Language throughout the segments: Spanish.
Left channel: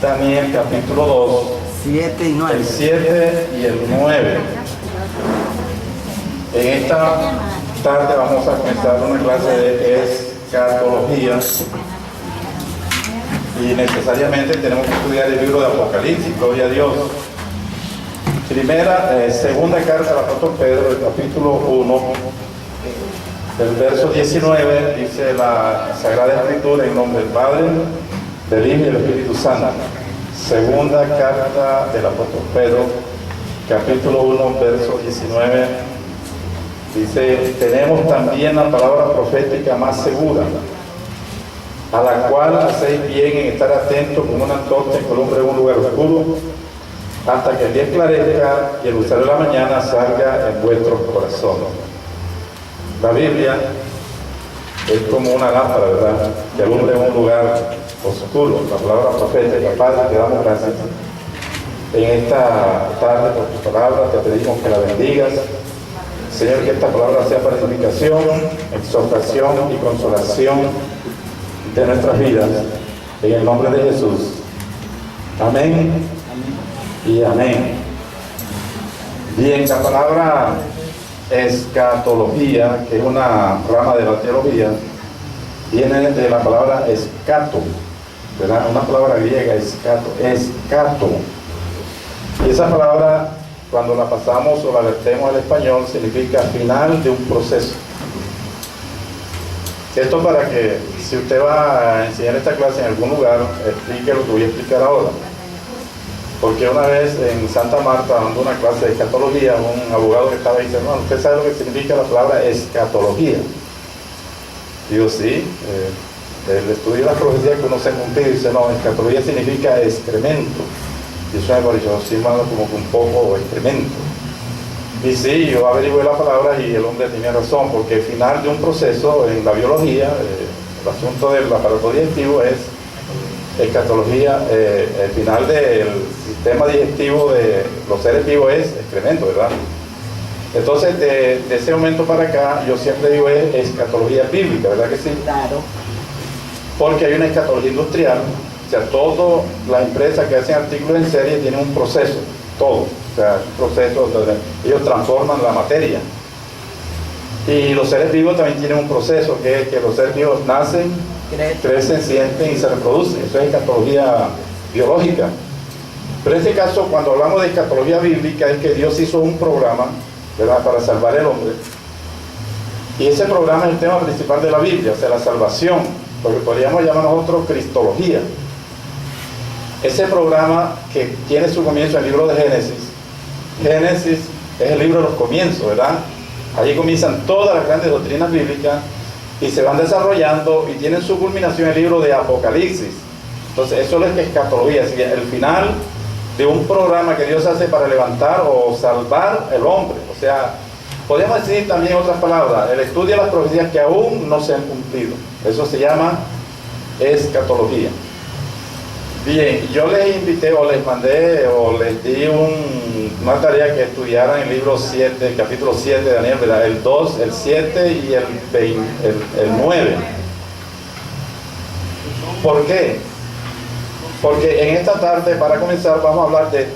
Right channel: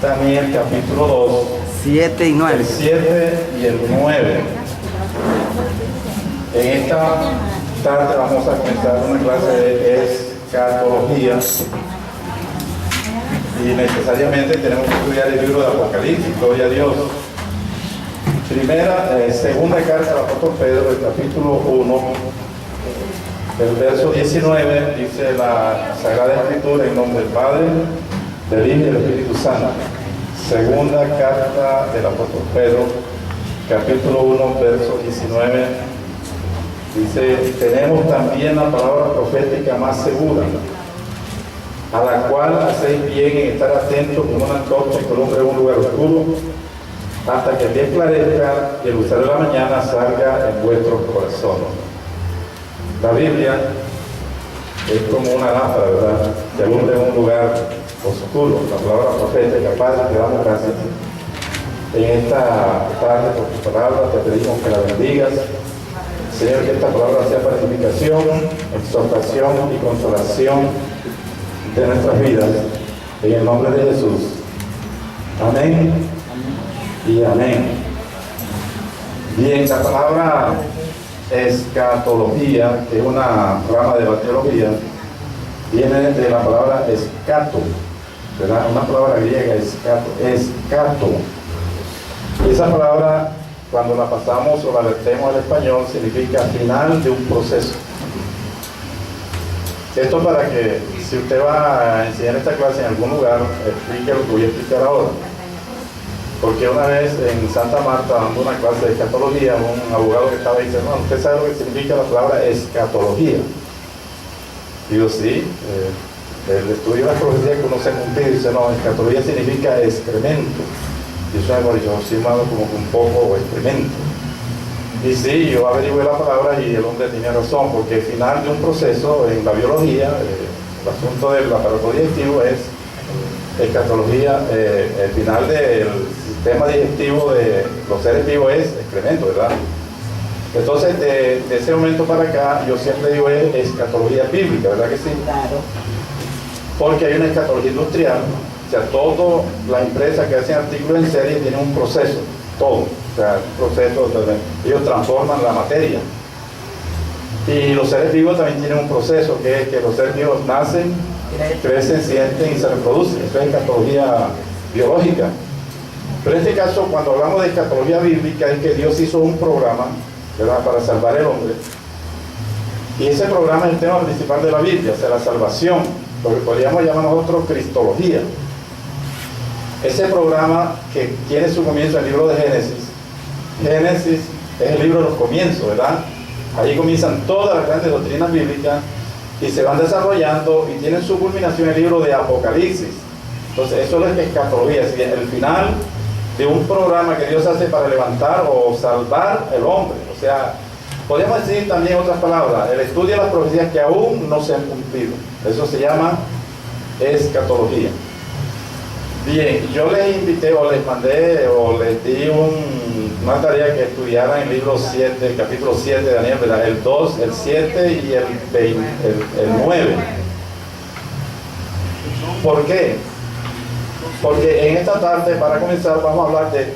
Daniel capítulo 2, 7 y 9. el 7 y el 9. En esta tarde vamos a comenzar una clase de escatología y necesariamente tenemos que estudiar el libro de Apocalipsis, gloria a Dios. Segunda carta al apóstol Pedro, el capítulo 1, el verso 19, dice la Sagrada Escritura en nombre del Padre, del Hijo y del Espíritu Santo. Segunda carta del apóstol Pedro, capítulo 1, verso 19, dice: tenemos también la palabra profética más segura, a la cual hacéis bien en estar atentos como una antorcha que alumbra en un lugar oscuro, hasta que el día esclarezca y el lucero de la mañana salga en vuestros corazones. La Biblia es como una lámpara, ¿verdad?, que alumbra en un lugar oscuro. La palabra profética. Padre, te damos gracias en esta tarde por tu palabra. Te pedimos que la bendigas, Señor, que esta palabra sea para edificación, exhortación y consolación de nuestras vidas, en el nombre de Jesús. Amén y amén. Bien, la palabra escatología, que es una rama de la teología, viene de la palabra escato, ¿verdad? Una palabra griega, escato. Y esa palabra, cuando la pasamos o la vertemos al español, significa final de un proceso. Esto para que, si usted va a enseñar esta clase en algún lugar, explique lo que voy a explicar ahora. Porque una vez en Santa Marta, dando una clase de escatología, un abogado que estaba ahí dice: no, ¿usted sabe lo que significa la palabra escatología? Digo, sí, el estudio de la profecía que uno se cumple, dice: no, escatología significa excremento. Y eso me pareció así, mano, como que un poco excremento. Y sí, yo averigué la palabra y el hombre tenía razón, porque el final de un proceso en la biología, el asunto del aparato digestivo es escatología, el final del sistema digestivo de los seres vivos es excremento, ¿verdad? Entonces, de ese momento para acá, yo siempre digo es escatología bíblica, ¿verdad que sí? Claro. Porque hay una escatología industrial, o sea, todas las empresas que hacen artículos en serie tienen un proceso, todo, o sea, un proceso donde ellos transforman la materia. Y los seres vivos también tienen un proceso, que es que los seres vivos nacen, crecen, sienten y se reproducen. Eso es escatología biológica. Pero en este caso, cuando hablamos de escatología bíblica, es que Dios hizo un programa, ¿verdad?, para salvar al hombre. Y ese programa es el tema principal de la Biblia, o sea, la salvación, lo que podríamos llamar nosotros cristología. Ese programa que tiene su comienzo en el libro de Génesis. Génesis es el libro de los comienzos, ¿verdad? Allí comienzan todas las grandes doctrinas bíblicas y se van desarrollando y tienen su culminación en el libro de Apocalipsis. Entonces, eso es escatología, es el final de un programa que Dios hace para levantar o salvar al hombre. O sea, podríamos decir también otras palabras, el estudio de las profecías que aún no se han cumplido. Eso se llama escatología. Bien, yo les invité o les mandé o les di una tarea que estudiaran el libro 7, el capítulo 7 de Daniel, ¿verdad? El 2, el 7 y el 9. ¿Por qué? Porque en esta tarde, para comenzar, vamos a hablar de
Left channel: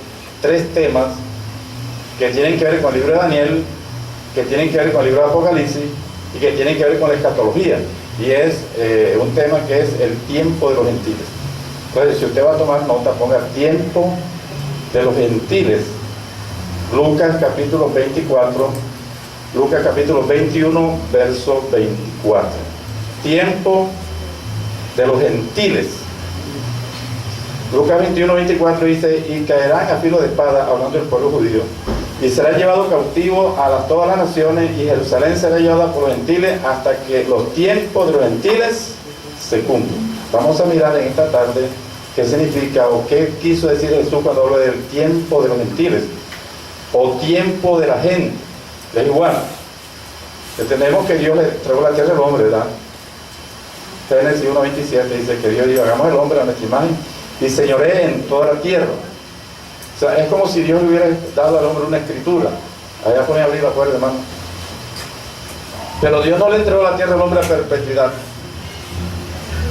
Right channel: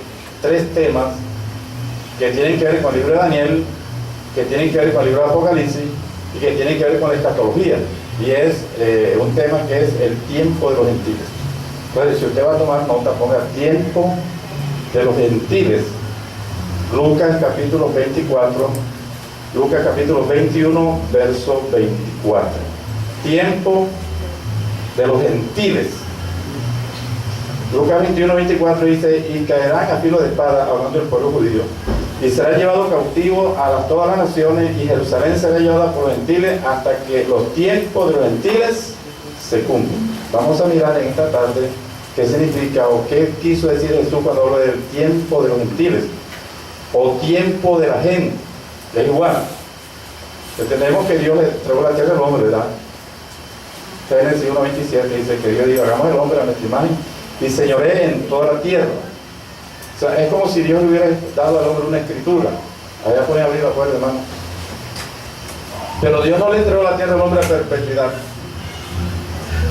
3 temas que tienen que ver con el libro de Daniel, que tienen que ver con el libro de Apocalipsis y que tienen que ver con la escatología. Y es un tema que es el tiempo de los gentiles. Entonces, si usted va a tomar nota, ponga tiempo de los gentiles. Lucas capítulo 24, Lucas capítulo 21, verso 24. Tiempo de los gentiles. Lucas 21, 24 dice: y caerán a filo de espada, hablando del pueblo judío, y será llevado cautivo a todas las naciones, y Jerusalén será llevada por los gentiles hasta que los tiempos de los gentiles se cumplan. Vamos a mirar en esta tarde qué significa o qué quiso decir Jesús cuando habló del tiempo de los gentiles o tiempo de la gente. Es igual. Entendemos que Dios le entregó la tierra al hombre, ¿verdad? Génesis 1:27 dice que Dios dijo: hagamos el hombre a nuestra imagen y señoree en toda la tierra. O sea, es como si Dios le hubiera dado al hombre una escritura. Allá pueden abrir la puerta, hermano. Pero Dios no le entregó la tierra al hombre a perpetuidad.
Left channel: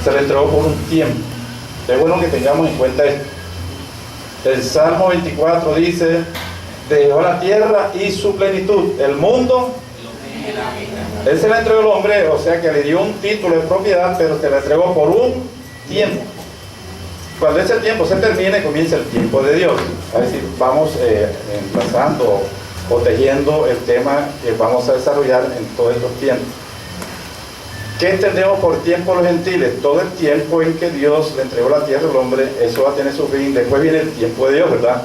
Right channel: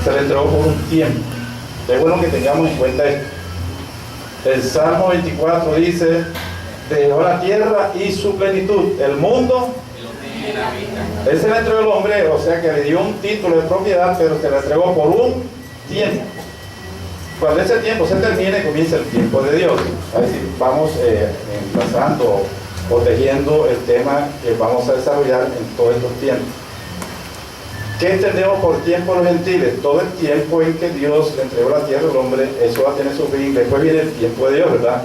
Se le entregó por un tiempo. Es bueno que tengamos en cuenta esto. El Salmo 24 dice: dejó la tierra y su plenitud, el mundo. Él se le entregó al hombre, o sea que le dio un título de propiedad, pero se le entregó por un tiempo. Cuando ese tiempo se termine, comienza el tiempo de Dios. Es decir, vamos enlazando o tejiendo el tema que vamos a desarrollar en todos estos tiempos. ¿Qué entendemos por tiempo a los gentiles? Todo el tiempo en que Dios le entregó la tierra al hombre, eso va a tener su fin. Después viene el tiempo de Dios, ¿verdad?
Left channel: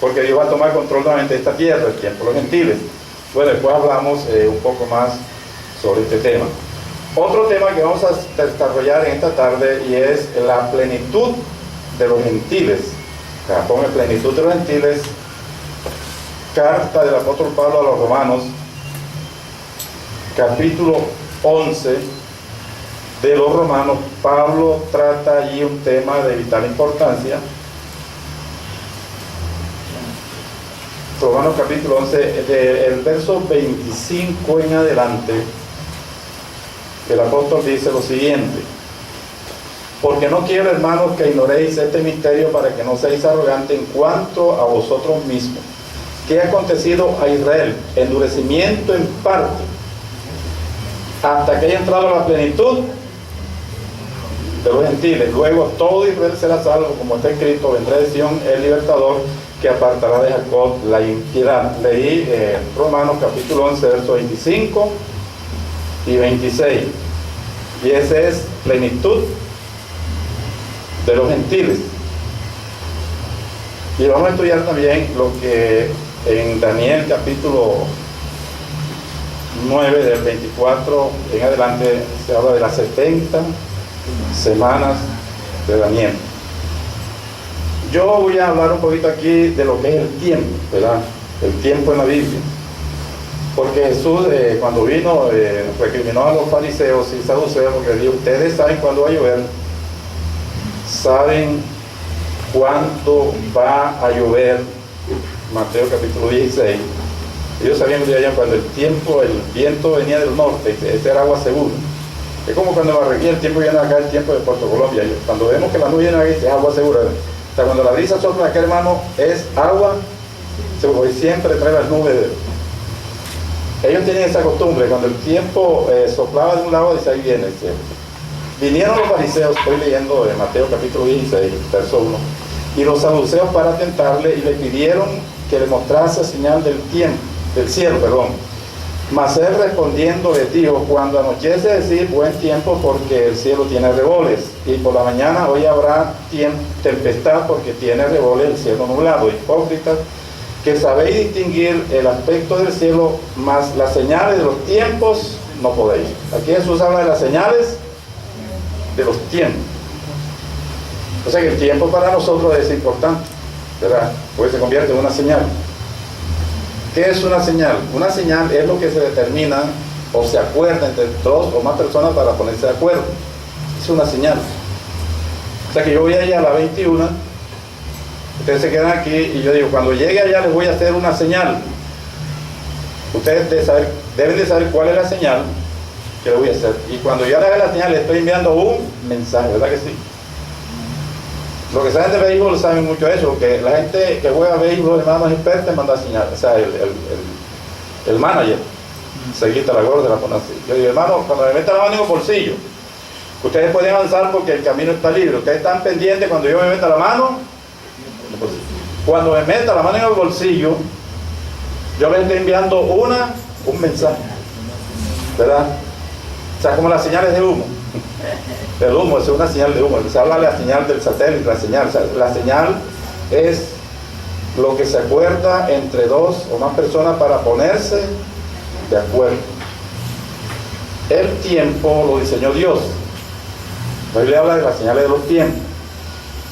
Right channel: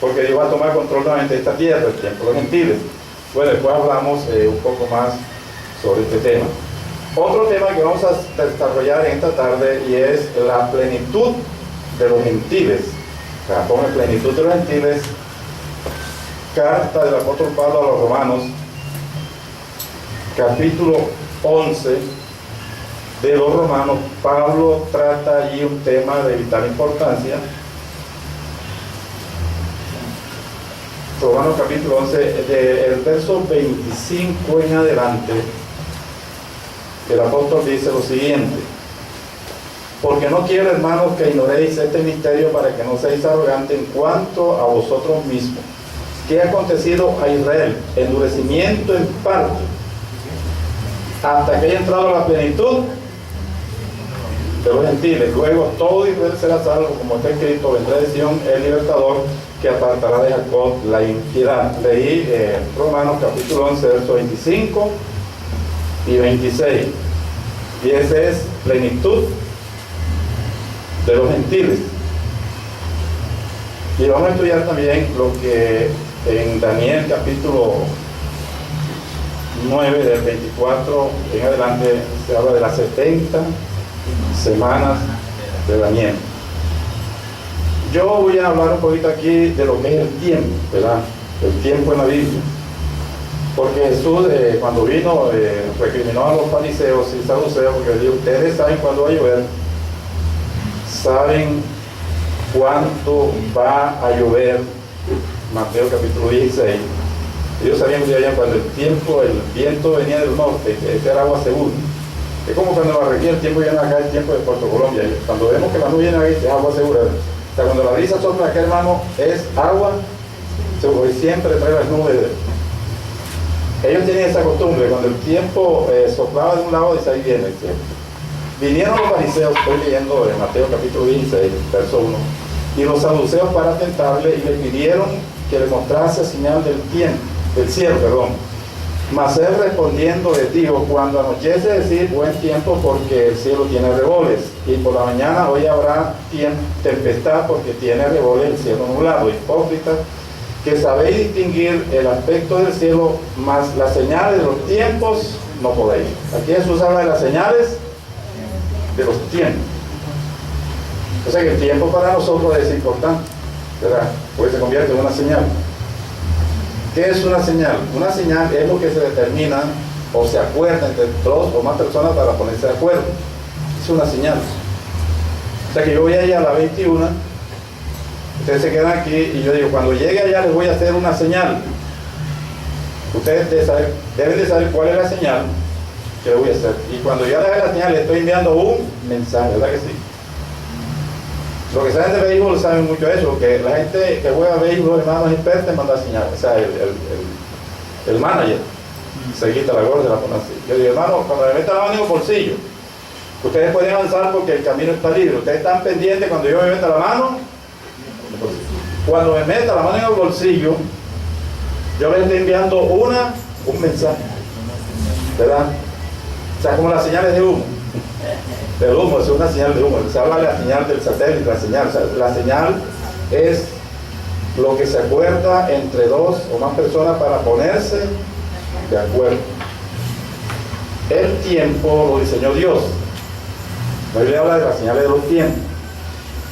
Porque Dios va a tomar control nuevamente de esta tierra, el tiempo de los gentiles. Bueno, después hablamos un poco más sobre este tema. Otro tema que vamos a desarrollar en esta tarde y es la plenitud de los gentiles. Acá pone plenitud de los gentiles, carta del apóstol Pablo a los Romanos, capítulo 11 de los Romanos. Pablo trata allí un tema de vital importancia. Romanos capítulo 11, el verso 25 en adelante, el apóstol dice lo siguiente: porque no quiero, hermanos, que ignoréis este misterio, para que no seáis arrogantes en cuanto a vosotros mismos. ¿Qué ha acontecido a Israel? Endurecimiento en parte, hasta que haya entrado a la plenitud de los gentiles. Luego todo Israel será salvo, como está escrito: vendrá de Sión el libertador, que apartará de Jacob la impiedad. Leí Romanos capítulo 11, versos 25 y 26. Y esa es plenitud de los gentiles. Y vamos a estudiar también lo que en Daniel capítulo 9, del 24 en adelante, se habla de las 70 semanas de Daniel. Yo voy a hablar un poquito aquí de lo que es el tiempo, ¿verdad? El tiempo en la Biblia. Porque Jesús, cuando vino, recriminó a los fariseos y saduceos, porque dijo: ustedes saben cuándo va a llover, saben cuánto va a llover. Mateo capítulo 16. Ellos sabían que allá cuando el viento venía del norte, ese era agua segura. Es como cuando en Barranquilla el tiempo viene acá, el tiempo de Puerto Colombia. Cuando vemos que la nube viene aquí, es agua segura. O sea, cuando la brisa sopla acá, hermano, es agua segura. Y siempre trae las nubes. Ellos tenían esa costumbre: cuando el tiempo soplaba de un lado, dice: ahí viene el cielo. Vinieron los fariseos, estoy leyendo en Mateo capítulo 16, verso 1, y los saduceos para tentarle, y le pidieron que le mostrase señal del cielo. Mas él respondiendo les dijo: cuando anochece, decir buen tiempo, porque el cielo tiene revoles, y por la mañana hoy habrá tempestad, porque tiene revoles el cielo nublado. Hipócritas, que sabéis distinguir el aspecto del cielo, mas las señales de los tiempos no podéis. Aquí Jesús habla de las señales de los tiempos. O sea que el tiempo para nosotros es importante, ¿verdad? Porque se convierte en una señal. ¿Qué es una señal? Una señal es lo que se determina o se acuerda entre dos o más personas para ponerse de acuerdo. Es una señal. O sea que yo voy allá a la 21, ustedes se quedan aquí y yo digo: cuando llegue allá les voy a hacer una señal. Ustedes deben de saber cuál es la señal que les voy a hacer. Y cuando yo le haga la señal, les estoy enviando un mensaje, ¿verdad que sí? Los que saben de béisbol saben mucho eso, que la gente que juega béisbol, hermano, es experta en mandar señales. O sea, el manager se quita la gorra y la pone así. Yo digo: hermano, cuando me meta la mano en el bolsillo, ustedes pueden avanzar porque el camino está libre. Ustedes están pendientes cuando yo me meta la mano. Cuando me meta la mano en el bolsillo, yo les estoy enviando un mensaje, ¿verdad? O sea, como las señales de humo. El humo es una señal de humo. Se habla de la señal del satélite, la señal. O sea, la señal es lo que se acuerda entre dos o más personas para ponerse de acuerdo. El tiempo lo diseñó Dios. La Biblia habla de las señales de los tiempos.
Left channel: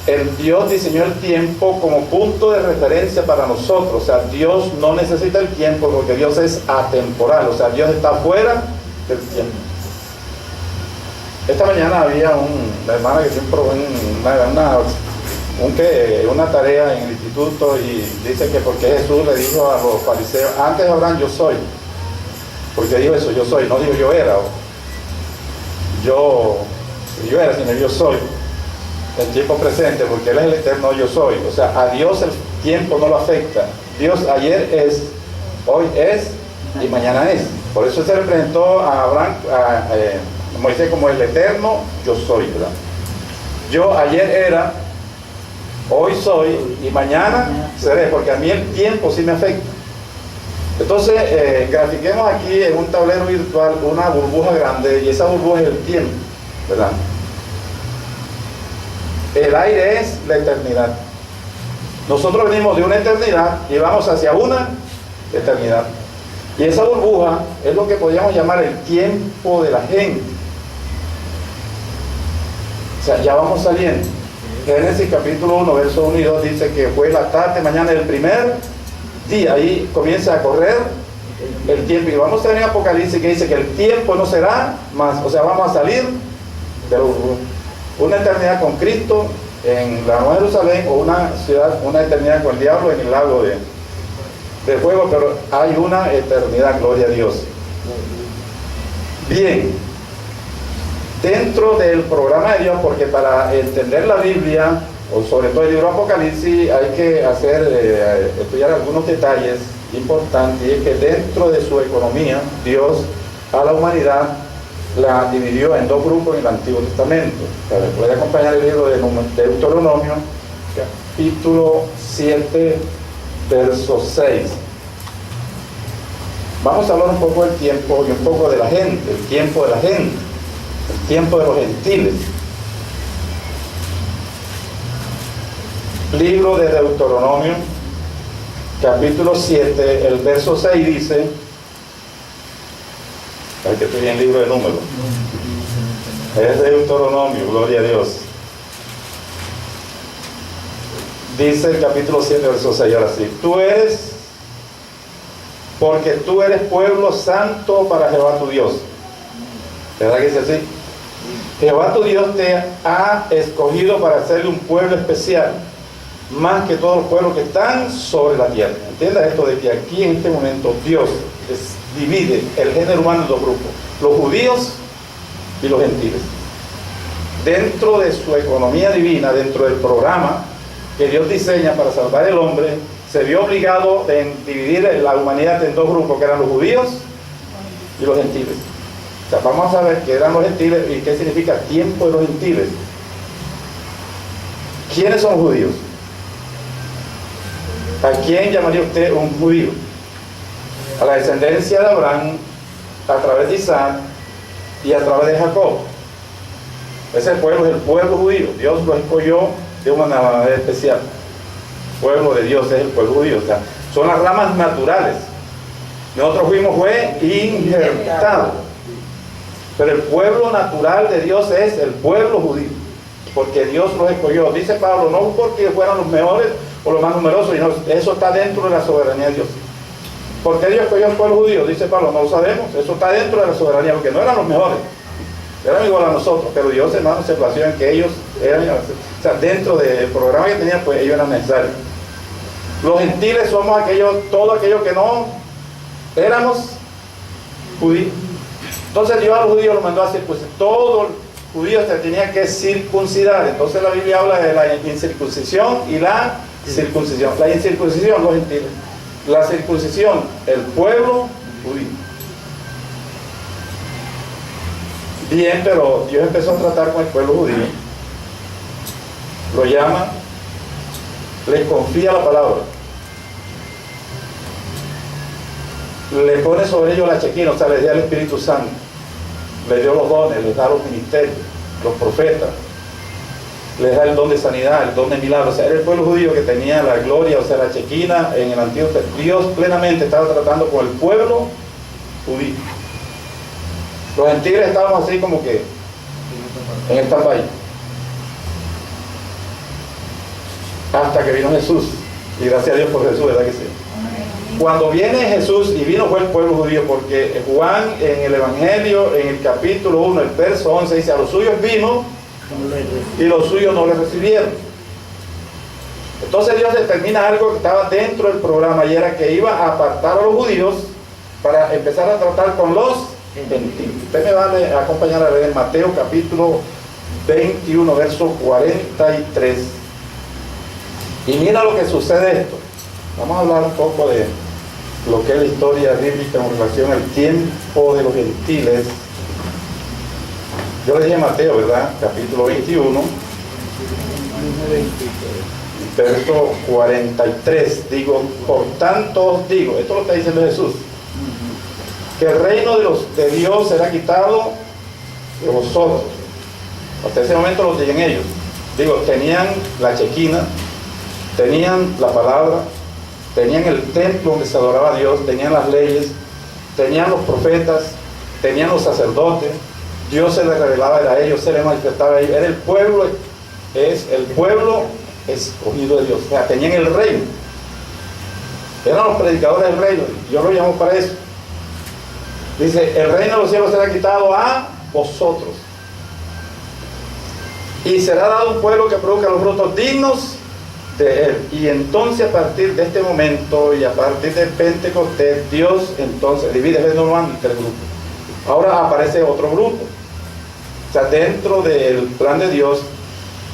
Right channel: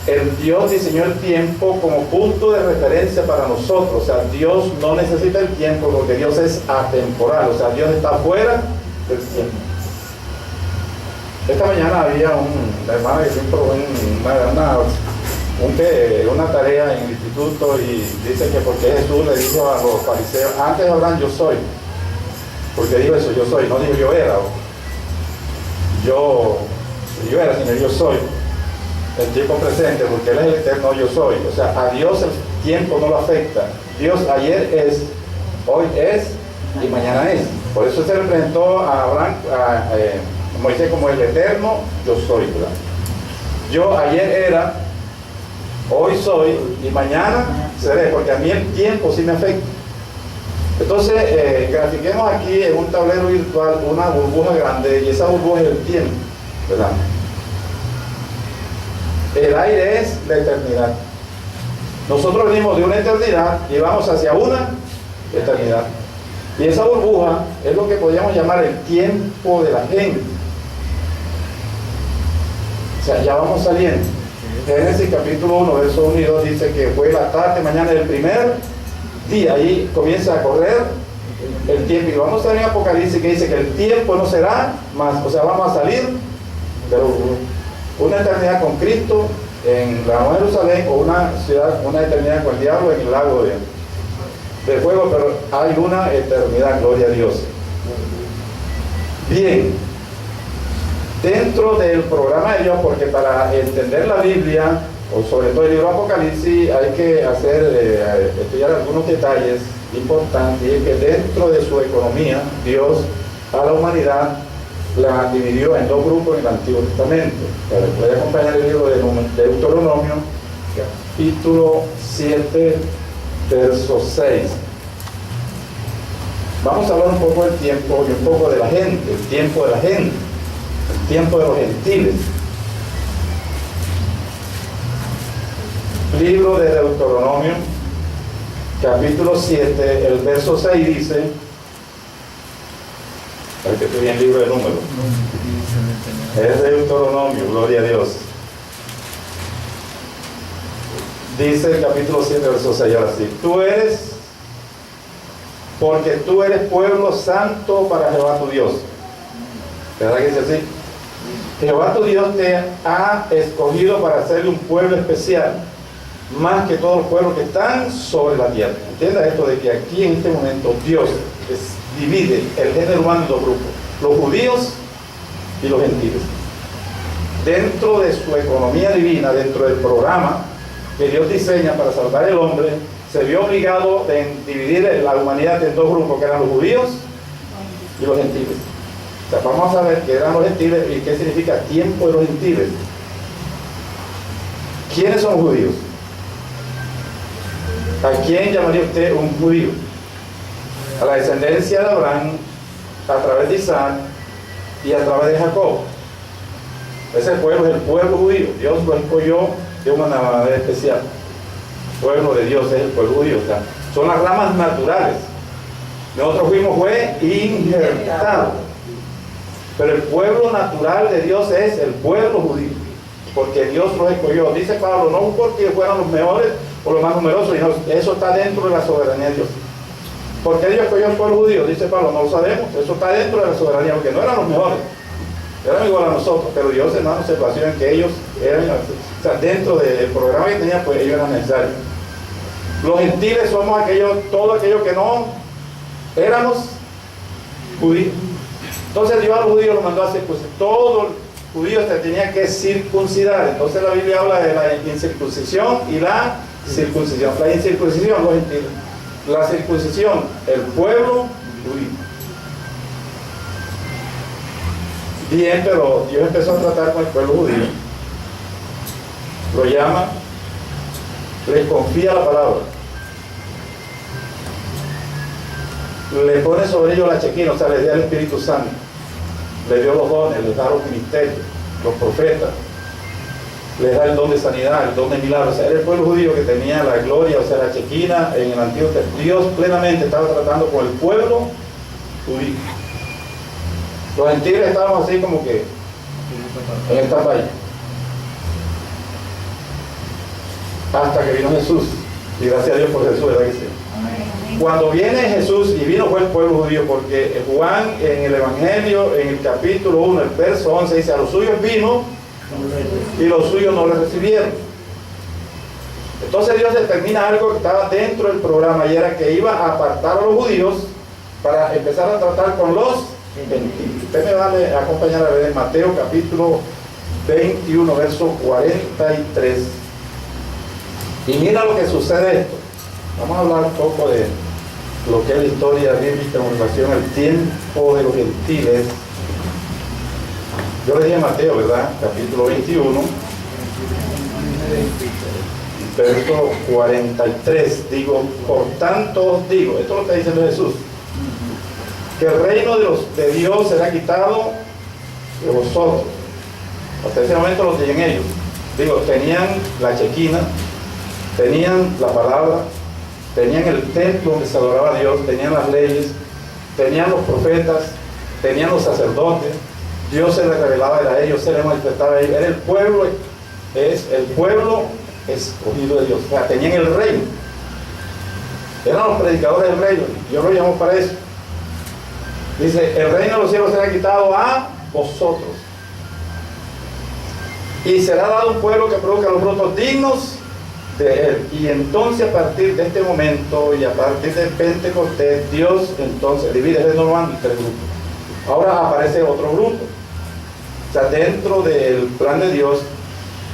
El Dios diseñó el tiempo como punto de referencia para nosotros. O sea, Dios no necesita el tiempo porque Dios es atemporal. O sea, Dios está fuera del tiempo. Esta mañana había una hermana que siempre una tarea en el instituto y dice que porque Jesús le dijo a los fariseos: antes Abraham yo soy. Porque dijo eso, yo soy, no dijo yo era, sino yo soy. el tiempo presente, porque Él es el eterno yo soy. O sea, a Dios el tiempo no lo afecta. Dios ayer es, hoy es y mañana es. Por eso se representó a Abraham, a Moisés como el eterno yo soy, ¿verdad? Yo ayer era, hoy soy y mañana seré, porque a mí el tiempo sí me afecta. Entonces, grafiquemos aquí en un tablero virtual una burbuja grande, y esa burbuja es el tiempo, ¿verdad? El aire es la eternidad. Nosotros venimos de una eternidad y vamos hacia una eternidad. Y esa burbuja es lo que podríamos llamar el tiempo de la gente. O sea, ya vamos saliendo. Génesis capítulo 1, verso 1 y 2 dice que fue la tarde, mañana del primer día. Ahí comienza a correr el tiempo. Y vamos a ver en Apocalipsis que dice que el tiempo no será más. O sea, vamos a salir de la burbuja. Una eternidad con Cristo en la Nueva Jerusalén, o una ciudad, una eternidad con el diablo en el lago de fuego, pero hay una eternidad, gloria a Dios. Bien, dentro del programa de Dios, porque para entender la Biblia, o sobre todo el libro Apocalipsis, hay que estudiar algunos detalles importantes, y es que dentro de su economía, Dios a la humanidad la dividió en dos grupos en el Antiguo Testamento. Puede acompañar el libro de Deuteronomio, capítulo 7, verso 6. Vamos a hablar un poco del tiempo y un poco de la gente, el tiempo de la gente, el tiempo de los gentiles. Libro de Deuteronomio, capítulo 7, el verso 6 dice, para que esté bien libro de números, es Deuteronomio, gloria a Dios. Dice el capítulo 7, verso 6, ahora sí, porque tú eres pueblo santo para Jehová tu Dios. ¿Verdad que es así? Jehová tu Dios te ha escogido para hacerle un pueblo especial, más que todos los pueblos que están sobre la tierra. Entienda esto de que aquí en este momento Dios divide el género humano en dos grupos, los judíos y los gentiles. Dentro de su economía divina, dentro del programa que Dios diseña para salvar el hombre, se vio obligado a dividir la humanidad en dos grupos, que eran los judíos y los gentiles. O sea, vamos a ver qué eran los gentiles y qué significa tiempo de los gentiles. ¿Quiénes son los judíos? ¿A quién llamaría usted un judío? A la descendencia de Abraham, a través de Isaac y a través de Jacob. Ese pueblo es el pueblo judío. Dios lo escogió de una manera especial. El pueblo de Dios es el pueblo judío. O sea, son las ramas naturales. Nosotros fue injertado. Pero el pueblo natural de Dios es el pueblo judío, porque Dios los escogió. Dice Pablo, no porque fueran los mejores o los más numerosos, sino eso está dentro de la soberanía de Dios. ¿Por qué Dios escogió al pueblo judío? Dice Pablo, no lo sabemos. Eso está dentro de la soberanía, porque no eran los mejores, eran igual a nosotros, pero Dios, hermano, se plació en que ellos eran, o sea, dentro del programa que tenían, pues ellos eran necesarios. Los gentiles somos todos aquellos que no éramos judíos. Entonces Dios a los judíos los mandó a circuncidar. Todo judío se tenía que circuncidar. Entonces la Biblia habla de la incircuncisión y la circuncisión. La incircuncisión, los gentiles. La circuncisión, el pueblo judío. Bien, pero Dios empezó a tratar con el pueblo judío. Lo llama, les confía la palabra. Le pone sobre ellos la chequina, o sea, les dio el Espíritu Santo. Le dio los dones, les da los ministerios, los profetas, les da el don de sanidad, el don de milagros. O sea, era el pueblo judío que tenía la gloria, o sea, la chequina en el Antiguo Testamento. Dios plenamente estaba tratando con el pueblo judío. Los gentiles estábamos así como que en esta país. Hasta que vino Jesús. Y gracias a Dios por Jesús, ¿verdad que sí? Cuando viene Jesús, y vino fue el pueblo judío, porque Juan en el Evangelio, en el capítulo 1, el verso 11, dice, a los suyos vino y los suyos no le recibieron. Entonces Dios determina algo que estaba dentro del programa, y era que iba a apartar a los judíos para empezar a tratar con los gentiles. Usted me va a acompañar a ver en Mateo capítulo 21, verso 43. Y mira lo que sucede esto. Vamos a hablar un poco de lo que es la historia bíblica en relación al tiempo de los gentiles. Yo le dije a Mateo, ¿verdad? Capítulo 21, verso 43. Digo, por tanto os digo, esto lo está diciendo Jesús, que el reino de Dios será quitado de vosotros. Hasta ese momento lo tenían ellos. Digo, tenían la chequina, tenían la palabra, tenían el templo donde se adoraba a Dios, tenían las leyes, tenían los profetas, tenían los sacerdotes. Dios se les revelaba a ellos, se les manifestaba a ellos. Era el pueblo, es el pueblo escogido de Dios. O sea, tenían el reino. Eran los predicadores del reino. Yo lo llamo para eso. Dice, el reino de los cielos será quitado a vosotros. Y será dado un pueblo que produzca los frutos dignos de él. Y entonces a partir de este momento y a partir del Pentecostés, Dios entonces divide el reino humano en tres grupos. Ahora aparece otro grupo. O sea, dentro del plan de Dios,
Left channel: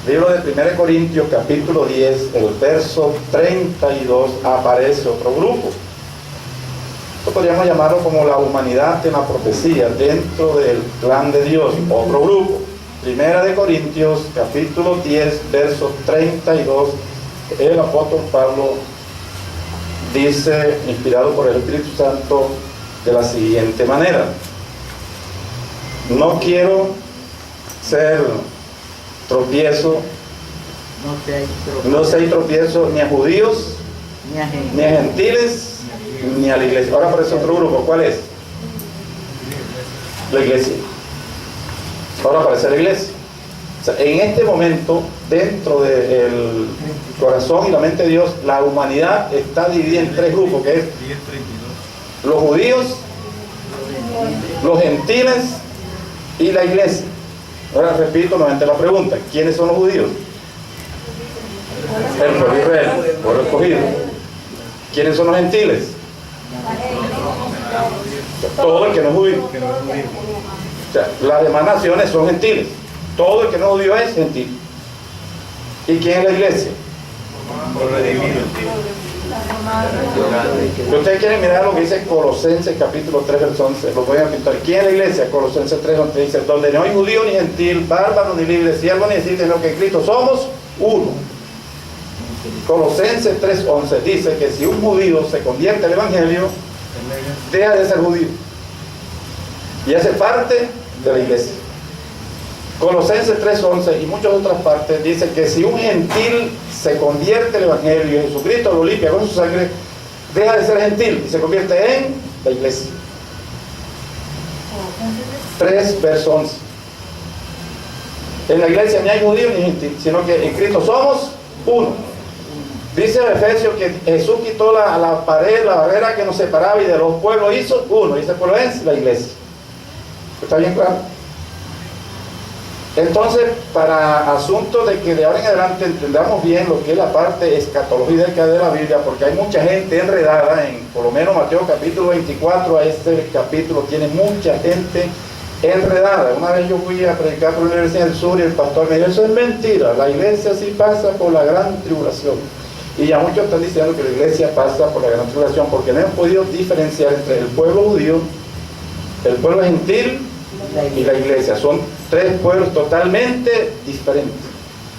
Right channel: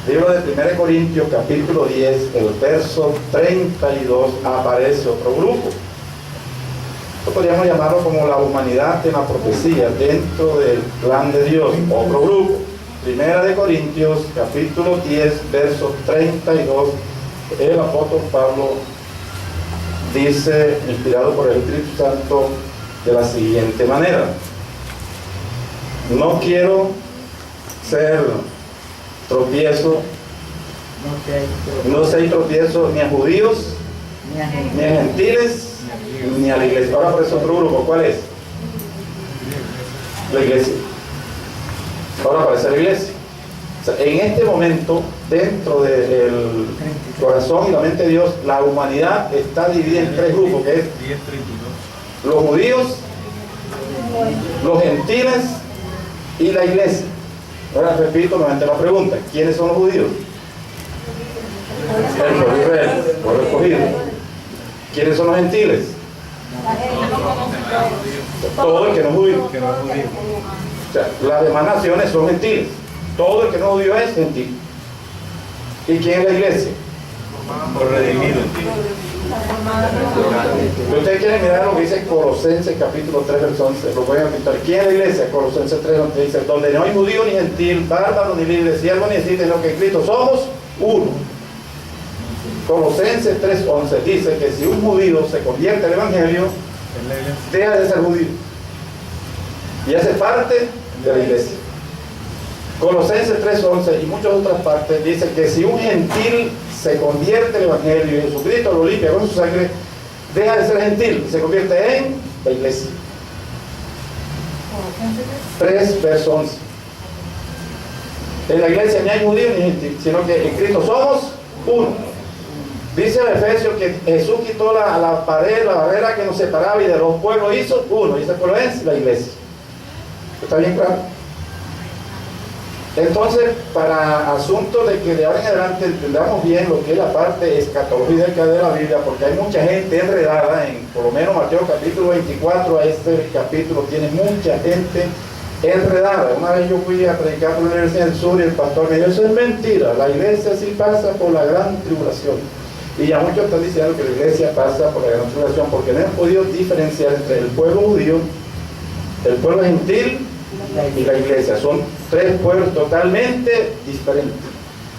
libro de 1 Corintios, capítulo 10, el verso 32, aparece otro grupo. Esto podríamos llamarlo como la humanidad en la profecía, dentro del plan de Dios, otro grupo. 1 Corintios, capítulo 10, verso 32, el apóstol Pablo dice, inspirado por el Espíritu Santo, de la siguiente manera: no quiero ser tropiezo, no seáis tropiezo ni a judíos, ni a gentiles, ni a la iglesia. Ahora aparece otro grupo, ¿cuál es? La iglesia. Ahora aparece la iglesia. O sea, en este momento, dentro del corazón y la mente de Dios, la humanidad está dividida en tres grupos, que es los judíos, los gentiles y la iglesia. Ahora repito nuevamente la pregunta: ¿quiénes son los judíos? El pueblo de Israel, el pueblo escogido. ¿Quiénes son los gentiles? Todo el que no es judío. O sea, las demás naciones son gentiles. Todo el que no es judío es gentil. ¿Y quién es la iglesia? Por redimido. Ustedes quieren mirar lo que dice Colosenses capítulo 3, verso 11. Lo voy a pintar. ¿Quién es la iglesia? Colosenses 3, donde dice: donde no hay judío ni gentil, bárbaro ni libre, siervo ni esclavo, sino que en Cristo somos uno. Colosenses 3:11 dice que si un judío se convierte al evangelio, deja de ser judío y hace parte de la iglesia. Colosenses 3:11 y muchas otras partes dice que si un gentil se convierte al evangelio y Jesucristo lo limpia con su sangre, deja de ser gentil y se convierte en la iglesia. 3, verso 11. En la iglesia ni hay judío ni gentil, sino que en Cristo somos uno. Dice en Efesios que Jesús quitó la pared, la barrera que nos separaba, y de los pueblos hizo uno, y ese pueblo es la iglesia. ¿Está bien claro? Entonces, para asunto de que de ahora en adelante entendamos bien lo que es la parte escatológica de la Biblia, porque hay mucha gente enredada en, por lo menos Mateo capítulo 24, a este capítulo tiene mucha gente enredada. Una vez yo fui a predicar por la Universidad del Sur y el pastor me dijo: eso es mentira, la iglesia sí pasa por la gran tribulación. Y ya muchos están diciendo que la iglesia pasa por la gran tribulación porque no han podido diferenciar entre el pueblo judío, el pueblo gentil y la iglesia. Son tres pueblos totalmente diferentes.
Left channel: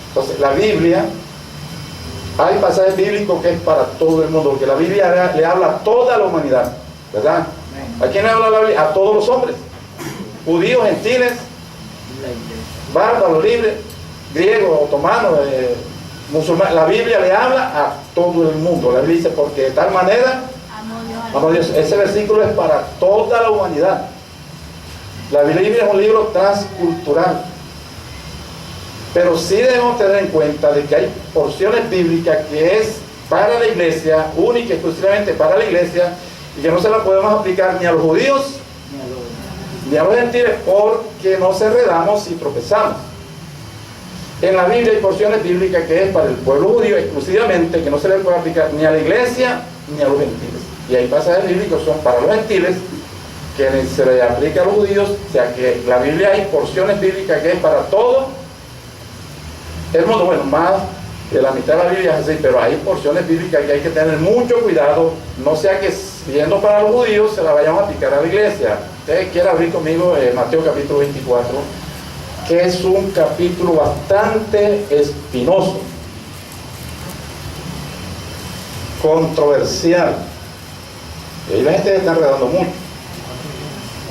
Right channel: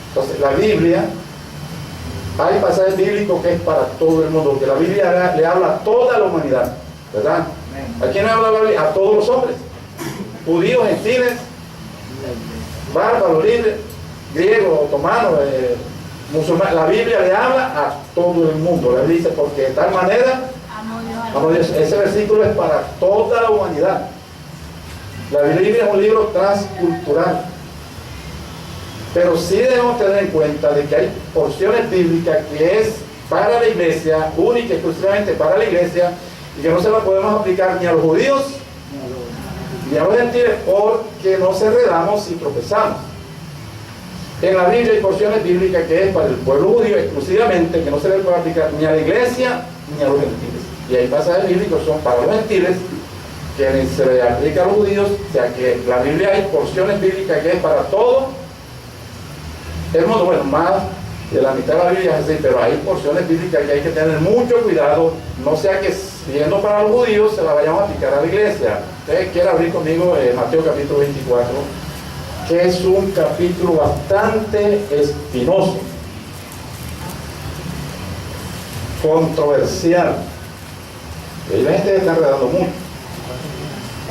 Entonces la Biblia, hay pasajes bíblicos que es para todo el mundo, porque la Biblia le habla a toda la humanidad, ¿verdad? ¿A quién le habla la Biblia? A todos los hombres, judíos, gentiles, bárbaros, libres, griegos, otomanos, musulmanes. La Biblia le habla a todo el mundo. La Biblia dice: porque de tal manera amó Dios. Ese versículo es para toda la humanidad. La Biblia es un libro transcultural, pero sí debemos tener en cuenta de que hay porciones bíblicas que es para la iglesia, única y exclusivamente para la iglesia, y que no se la podemos aplicar ni a los judíos ni a los gentiles, porque nos enredamos y tropezamos. En la Biblia hay porciones bíblicas que es para el pueblo judío exclusivamente, que no se le puede aplicar ni a la iglesia ni a los gentiles, y hay pasajes bíblicos que son para los gentiles que se le aplica a los judíos. O sea que la Biblia hay porciones bíblicas que es para todo El mundo, bueno, más de la mitad de la Biblia es así, pero hay porciones bíblicas que hay que tener mucho cuidado, no sea que siendo para los judíos se la vayamos a aplicar a la iglesia. Ustedes quieren abrir conmigo Mateo capítulo 24, que es un capítulo bastante espinoso, controversial, y ahí la gente se está enredando mucho.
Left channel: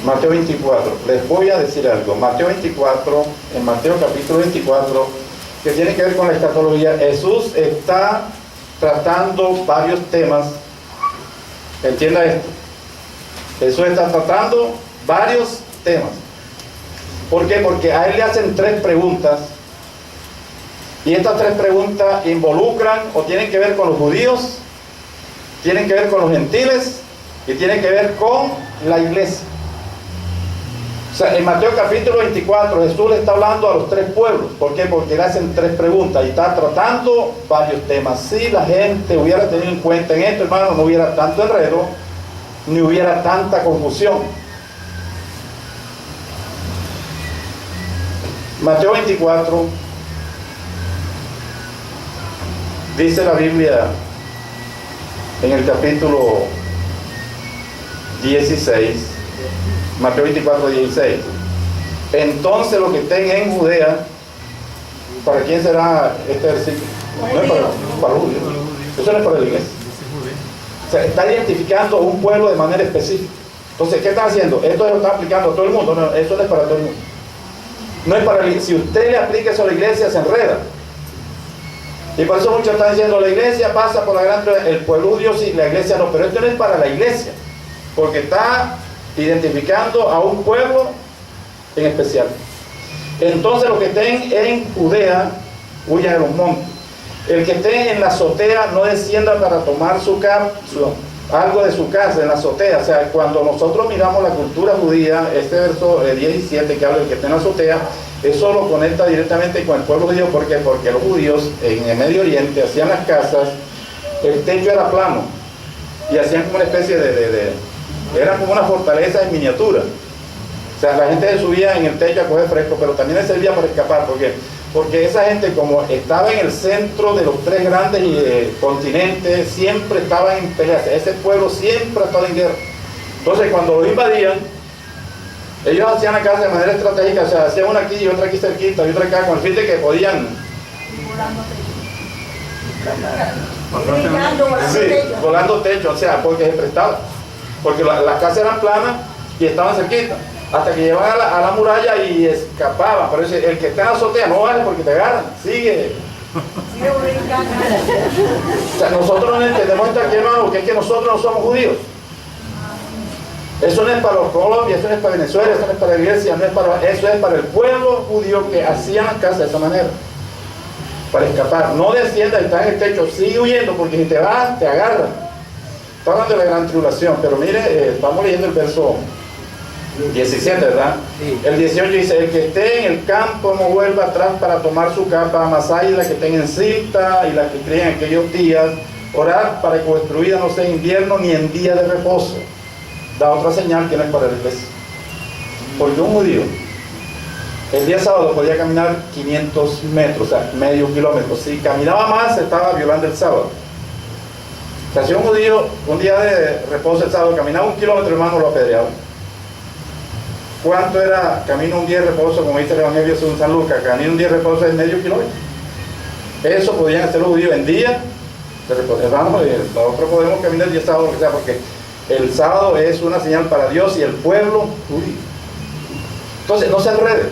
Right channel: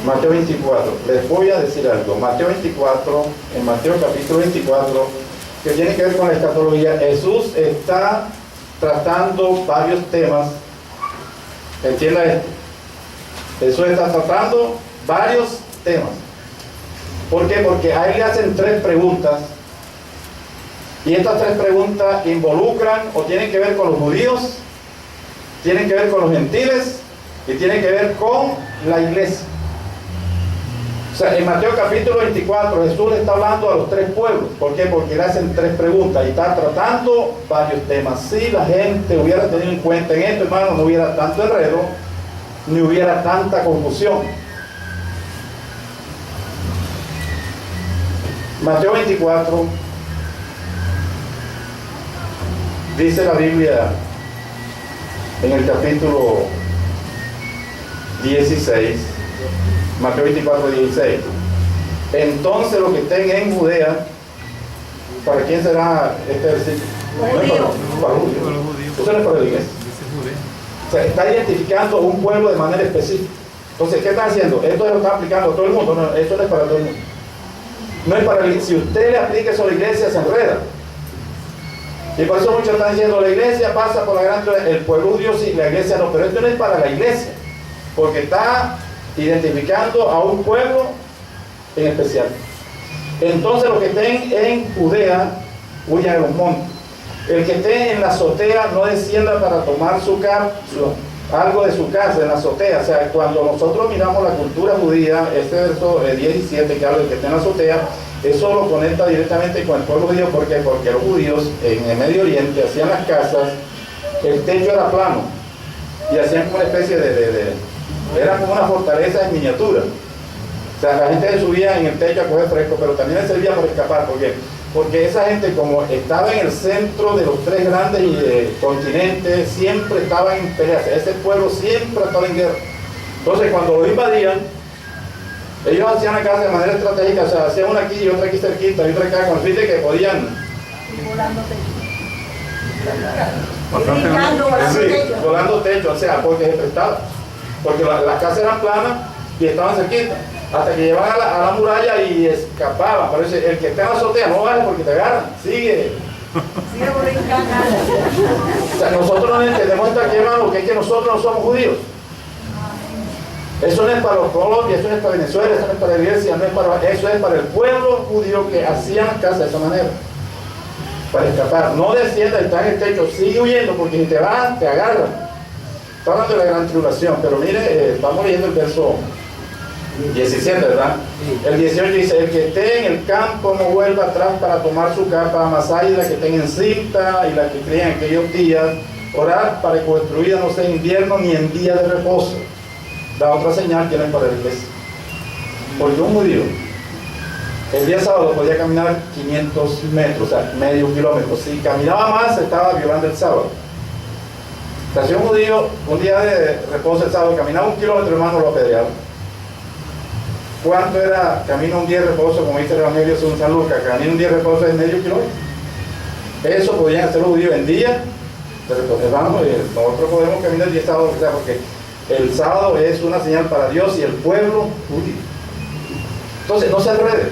Mateo 24, les voy a decir algo. Mateo 24, en Mateo capítulo 24, que tiene que ver con la escatología, Jesús está tratando varios temas. Entienda esto, Jesús está tratando varios temas. ¿Por qué? Porque a él le hacen 3 preguntas, y estas 3 preguntas involucran o tienen que ver con los judíos, tienen que ver con los gentiles y tienen que ver con la iglesia. O sea, en Mateo capítulo 24 Jesús le está hablando a los 3 pueblos. ¿Por qué? Porque le hacen 3 preguntas y está tratando varios temas. Si la gente hubiera tenido en cuenta en esto, hermano, no hubiera tanto enredo, ni hubiera tanta confusión. Mateo 24, dice la Biblia en el capítulo 16, Mateo 24, 16. Entonces los que estén en Judea, ¿para quién será este versículo? No es para los judíos. Eso no es para la iglesia. O sea, está identificando un pueblo de manera específica. Entonces, ¿qué está haciendo? Esto lo está aplicando a todo el mundo. No, eso no es para todo el mundo. No es para, si usted le aplica eso a la iglesia, se enreda. Y por eso muchos están diciendo, la iglesia pasa por la gran, el pueblo judío sí, la iglesia no. Pero esto no es para la iglesia, porque está identificando a un pueblo en especial. Entonces los que estén en Judea, huyan a los montes. El que esté en la azotea, no descienda para tomar algo de su casa en la azotea. O sea, cuando nosotros miramos la cultura judía, este verso 17 que habla del que está en la azotea, eso lo conecta directamente con el pueblo judío. ¿Por qué? Porque los judíos en el Medio Oriente hacían las casas, el techo era plano y hacían como una especie era como una fortaleza en miniatura. O sea, la gente se subía en el techo a coger fresco, pero también les servía para escapar. ¿Por qué? Porque esa gente, como estaba en el centro de los 3 grandes continentes, siempre estaba en peleas. Ese pueblo siempre estaba en guerra. Entonces, cuando lo invadían, ellos hacían la casa de manera estratégica. O sea, hacían una aquí y otra aquí cerquita y otra acá, con el fin de que podían... volando techo, o sea, porque se prestaba. Porque las casas eran planas y estaban cerquitas, hasta que llevaban a la muralla y escapaban. Pero el que está en la azotea no vale porque te agarran, sigue. O sea, nosotros no entendemos esto aquí, hermano, porque es que nosotros no somos judíos. Eso no es para los Colombia, eso no es para Venezuela, eso no es para la iglesia, no es para, eso es para el pueblo judío que hacían las casas de esa manera, para escapar. No descienda y está en el techo, sigue huyendo, porque si te vas, te agarran. Está hablando de la gran tribulación, pero mire, estamos leyendo el verso 17, ¿verdad? Sí. El 18 dice, el que esté en el campo no vuelva atrás para tomar su capa, mas hay la que estén en cinta y la que críen en aquellos días, orar para que vuestra vida no sea invierno ni en día de reposo. Da otra señal que no es para la iglesia. Porque un judío, el día sábado podía caminar 500 metros, o sea, medio kilómetro. Si caminaba más, estaba violando el sábado. O sea, si un judío, un día de reposo el sábado, caminaba 1 kilómetro, hermano, lo apedreaba. ¿Cuánto era camino un día de reposo? Como dice el Evangelio según San Lucas, camino un día de reposo es medio kilómetro. Eso podían hacer los judíos en día de reposo. Hermano, nosotros podemos caminar el día sábado, o sea, porque el sábado es una señal para Dios y el pueblo judío. Entonces, no se enrede.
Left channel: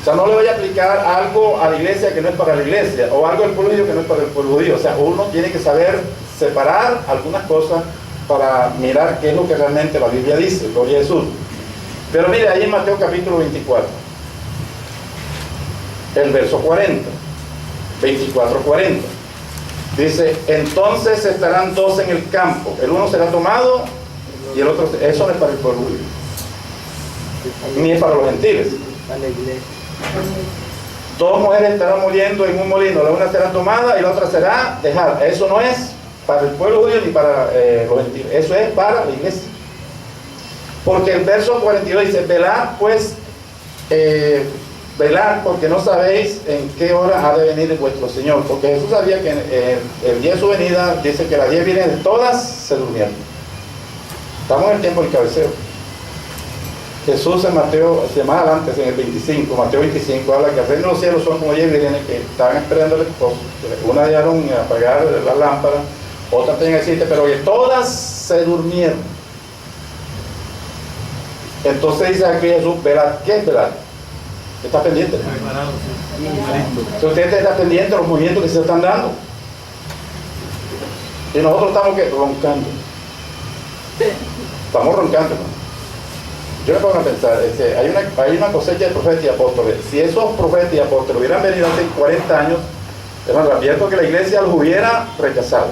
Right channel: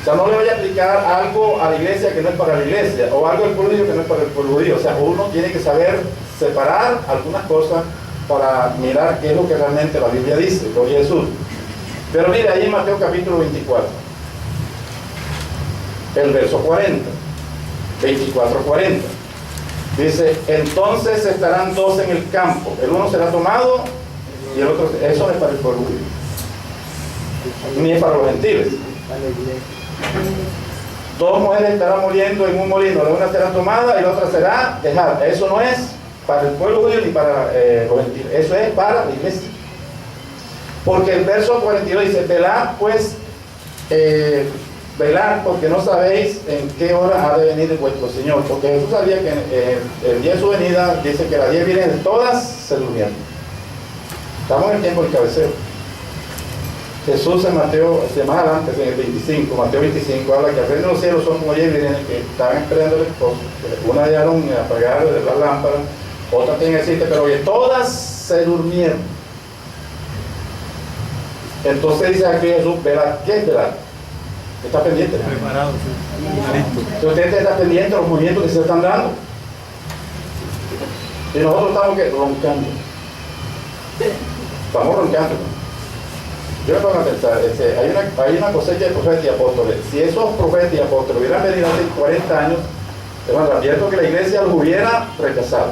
O sea, no le vaya a aplicar algo a la iglesia que no es para la iglesia, o algo al pueblo judío que no es para el pueblo judío. O sea, uno tiene que saber separar algunas cosas para mirar qué es lo que realmente la Biblia dice, gloria a Jesús. Pero mire, ahí en Mateo capítulo 24, el verso 40, 24-40, dice, entonces estarán 2 en el campo, el uno será tomado y el otro, eso no es para el pueblo judío, ni es para los gentiles. 2 mujeres estarán muriendo en un molino, la una será tomada y la otra será dejada. Eso no es para el pueblo judío ni para los gentiles, eso es para la iglesia. Porque el verso 42 dice, velad pues Velad porque no sabéis en qué hora ha de venir vuestro Señor. Porque Jesús sabía que el día de su venida, dice que las 10 vienen todas se durmieron. Estamos en el tiempo del cabeceo. Jesús en Mateo, más adelante, en el 25, Mateo 25, habla que al reino de los cielos son como 10 vírgenes que estaban esperando el esposo. Una dejaron apagar las lámparas, otra tenían aceite, pero que todas se durmieron. Entonces dice aquí Jesús, velad. ¿Qué es velad? Está pendiente. Preparado, sí. Si usted está pendiente de los movimientos que se están dando. Y nosotros estamos ¿qué? Roncando. Estamos roncando, hermano. Yo me pongo a pensar, hay una cosecha de profetas y apóstoles. Si esos profetas y apóstoles hubieran venido hace 40 años, hermano, advierto que la iglesia los hubiera rechazado.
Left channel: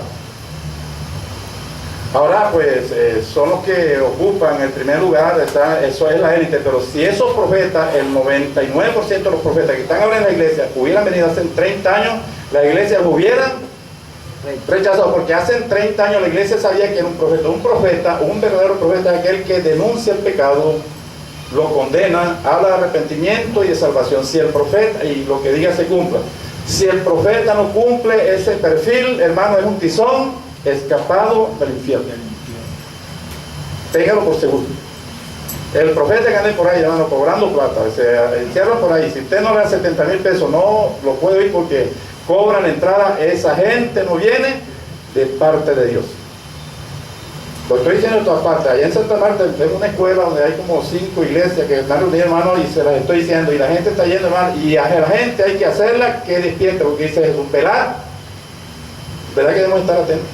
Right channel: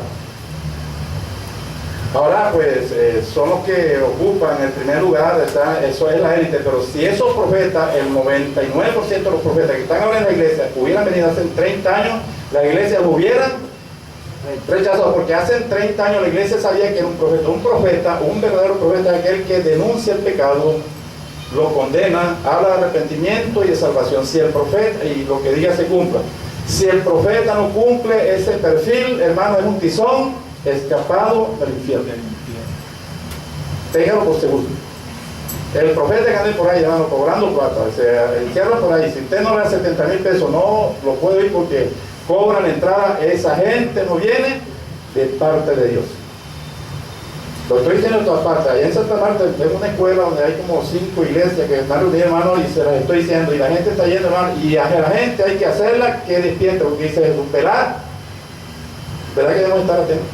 Ahora pues son los que ocupan el primer lugar, eso es la élite, pero si esos profetas, el 99% de los profetas que están ahora en la iglesia hubieran venido hace 30 años, la iglesia los hubiera rechazado, porque hace 30 años la iglesia sabía que era un profeta, un verdadero profeta es aquel que denuncia el pecado, lo condena, habla de arrepentimiento y de salvación. Si el profeta, y lo que diga se cumpla, si el profeta no cumple ese perfil, hermano, es un tizón escapado del infierno. Téngalo por seguro. El profeta que ande por ahí, hermano, cobrando plata, se encierra por ahí. Si usted no le da 70,000 pesos, no lo puede oír porque cobran la entrada. Esa gente no viene de parte de Dios. Lo estoy diciendo de todas partes. Allá en Santa Marta es una escuela donde hay como 5 iglesias que están reunidas, hermano, y se las estoy diciendo. Y la gente está yendo, hermano, y a la gente hay que hacerla que despierte, porque dice Jesús, velad. ¿Verdad que debemos estar atentos?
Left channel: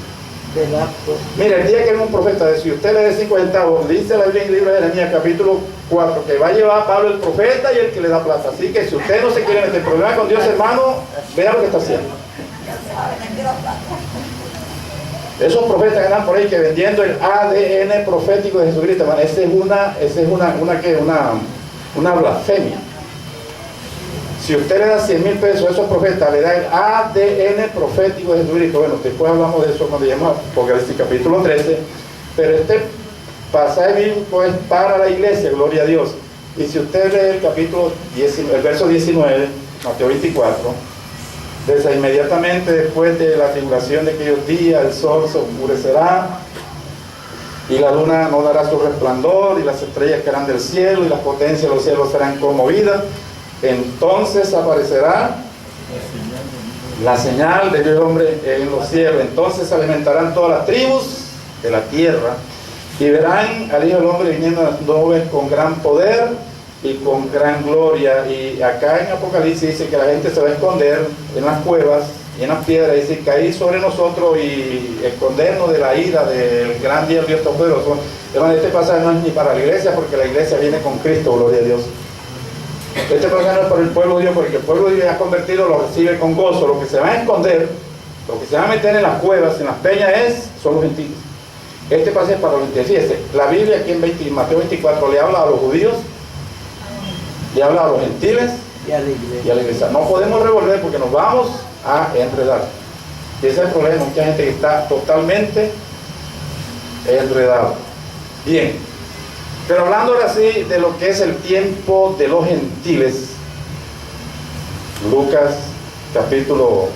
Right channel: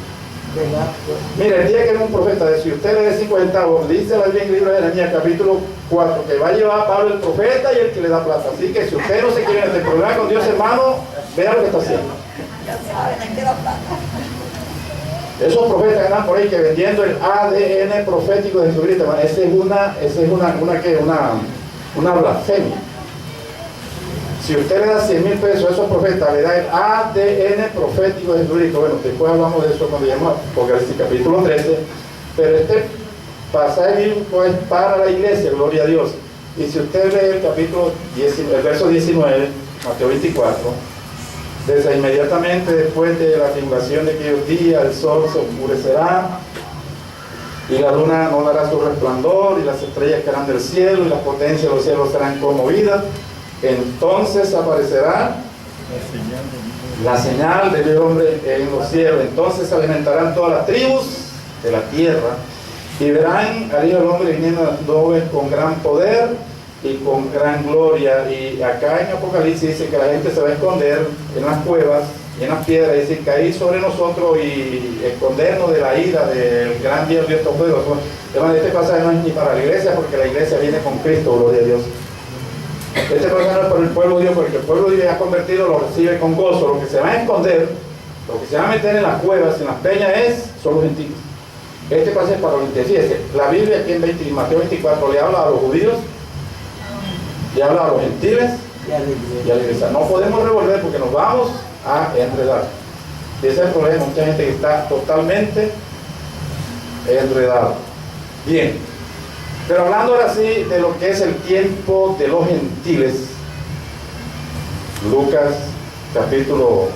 Mira, el día que era un profeta, si usted le dé 5 centavos, dice la Biblia en el libro de Jeremías, capítulo 4, que va a llevar a Pablo el profeta y el que le da plata. Así que si usted no se quiere meter problema con Dios, hermano, vea lo que está haciendo. Esos profetas que andan por ahí que vendiendo el ADN profético de Jesucristo, hermano, esa es una blasfemia. Si usted le da 100,000 pesos a esos profetas, le da el ADN profético de Jesucristo. Bueno, después hablamos de eso cuando lleguemos a Apocalipsis capítulo 13. Pero este pasaje bíblico es para la iglesia, gloria a Dios. Y si usted lee el verso 19, Mateo 24, desde inmediatamente después de la tribulación de aquellos días, el sol se oscurecerá, y la luna no dará su resplandor, y las estrellas caerán del cielo, y las potencias de los cielos serán conmovidas. Entonces aparecerá la señal del Hijo del Hombre en los cielos. Entonces se alimentarán todas las tribus de la tierra y verán al Hijo del Hombre viniendo en las nubes con gran poder y con gran gloria. Y acá en Apocalipsis dice que la gente se va a esconder en las cuevas y en las piedras, y dice, caer sobre nosotros y escondernos de la ira del gran día del Dios Todopoderoso. Este pasaje no es ni para la iglesia, porque la iglesia viene con Cristo, gloria a Dios. Este pasaje no es para el pueblo de Dios, porque el pueblo de Dios ya convertido lo recibe con gozo. Lo que se va a esconder, lo que se va a meter en las cuevas, en las peñas, son los gentiles. Este pasaje es para los gentiles. Fíjese, la Biblia aquí en Mateo 24 le habla a los judíos, le habla a los gentiles y a la iglesia. No podemos revolver porque nos vamos a enredar. Y ese es el problema, mucha gente que está totalmente enredada. Bien. Pero hablando ahora sí de lo que es el tiempo de los gentiles, Lucas capítulo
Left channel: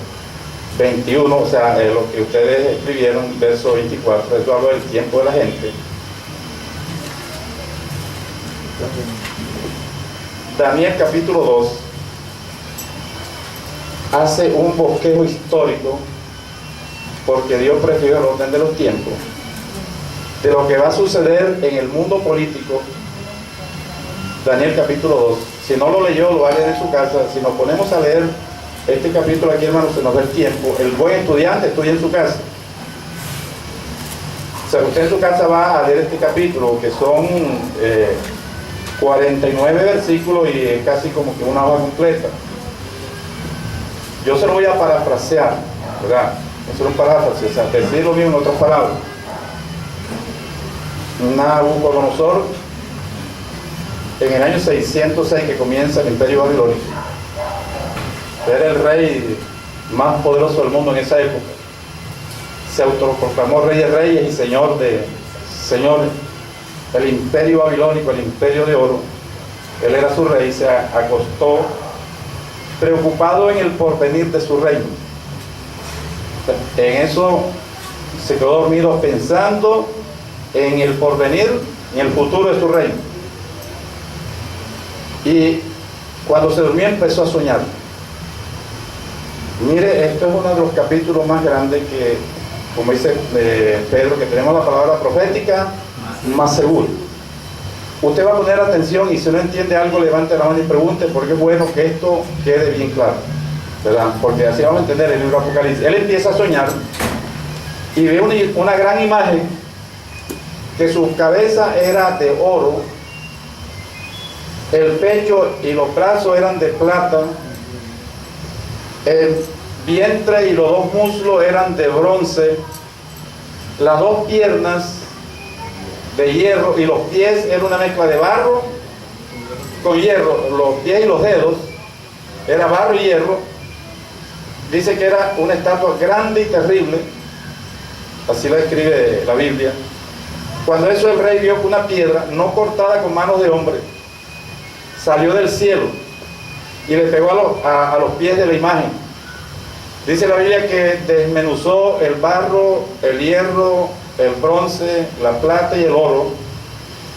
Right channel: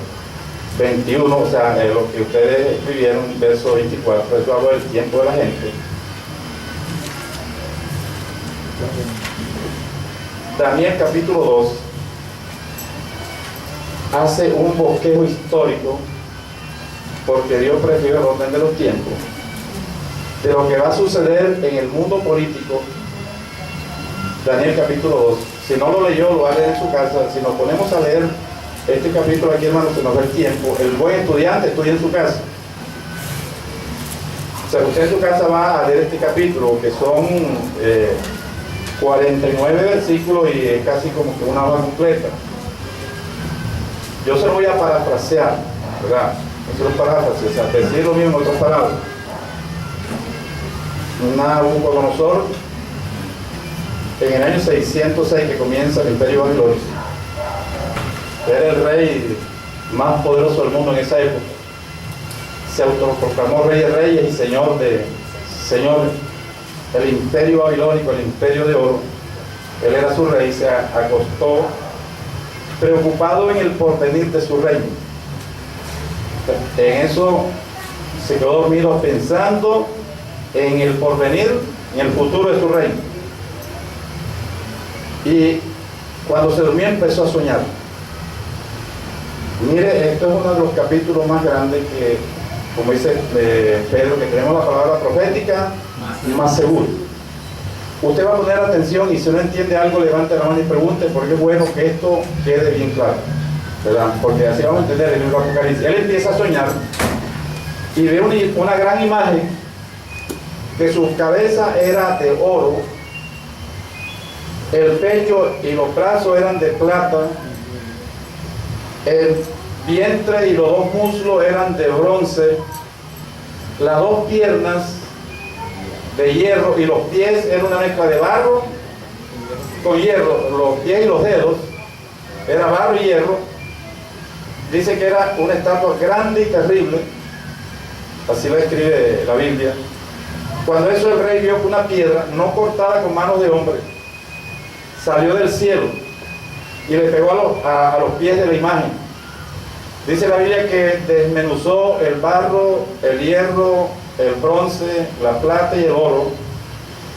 21, o sea, lo que ustedes escribieron, verso 24, eso habla del tiempo de la gente. Daniel capítulo 2 hace un bosquejo histórico, porque Dios prefirió el orden de los tiempos, de lo que va a suceder en el mundo político. Daniel capítulo 2, si no lo leyó, lo va a leer en su casa. Si nos ponemos a leer este capítulo aquí, hermano, se nos da el tiempo. El buen estudiante estudia en su casa. O sea, usted en su casa va a leer este capítulo, que son 49 versículos y es casi como que una hoja completa. Yo se lo voy a parafrasear, ¿verdad? Eso es un paráfrasis, o sea, decir lo mismo en otras palabras. Nabucodonosor, en el año 606 que comienza el imperio babilónico, era el rey más poderoso del mundo en esa época. Se autoproclamó rey de reyes y señor de señores. El imperio babilónico, el imperio de oro, él era su rey, se acostó preocupado en el porvenir de su reino. En eso se quedó dormido pensando en el porvenir, en el futuro de su reino. Y cuando se durmió empezó a soñar. Mire, esto es uno de los capítulos más grandes que, como dice Pedro, que tenemos la palabra profética más segura. Usted va a poner atención y si no entiende algo, levante la mano y pregunte, porque es bueno que esto quede bien claro, ¿verdad? Porque así vamos a entender el libro de Apocalipsis. Él empieza a soñar y ve una gran imagen, que su cabeza era de oro, el pecho y los brazos eran de plata, el vientre y los dos muslos eran de bronce, las dos piernas de hierro y los pies eran una mezcla de barro con hierro. Los pies y los dedos era barro y hierro. Dice que era una estatua grande y terrible, así la describe la Biblia. Cuando eso el rey vio que una piedra no cortada con manos de hombre salió del cielo y le pegó a los pies de la imagen. Dice la Biblia que desmenuzó el barro, el hierro, el bronce, la plata y el oro,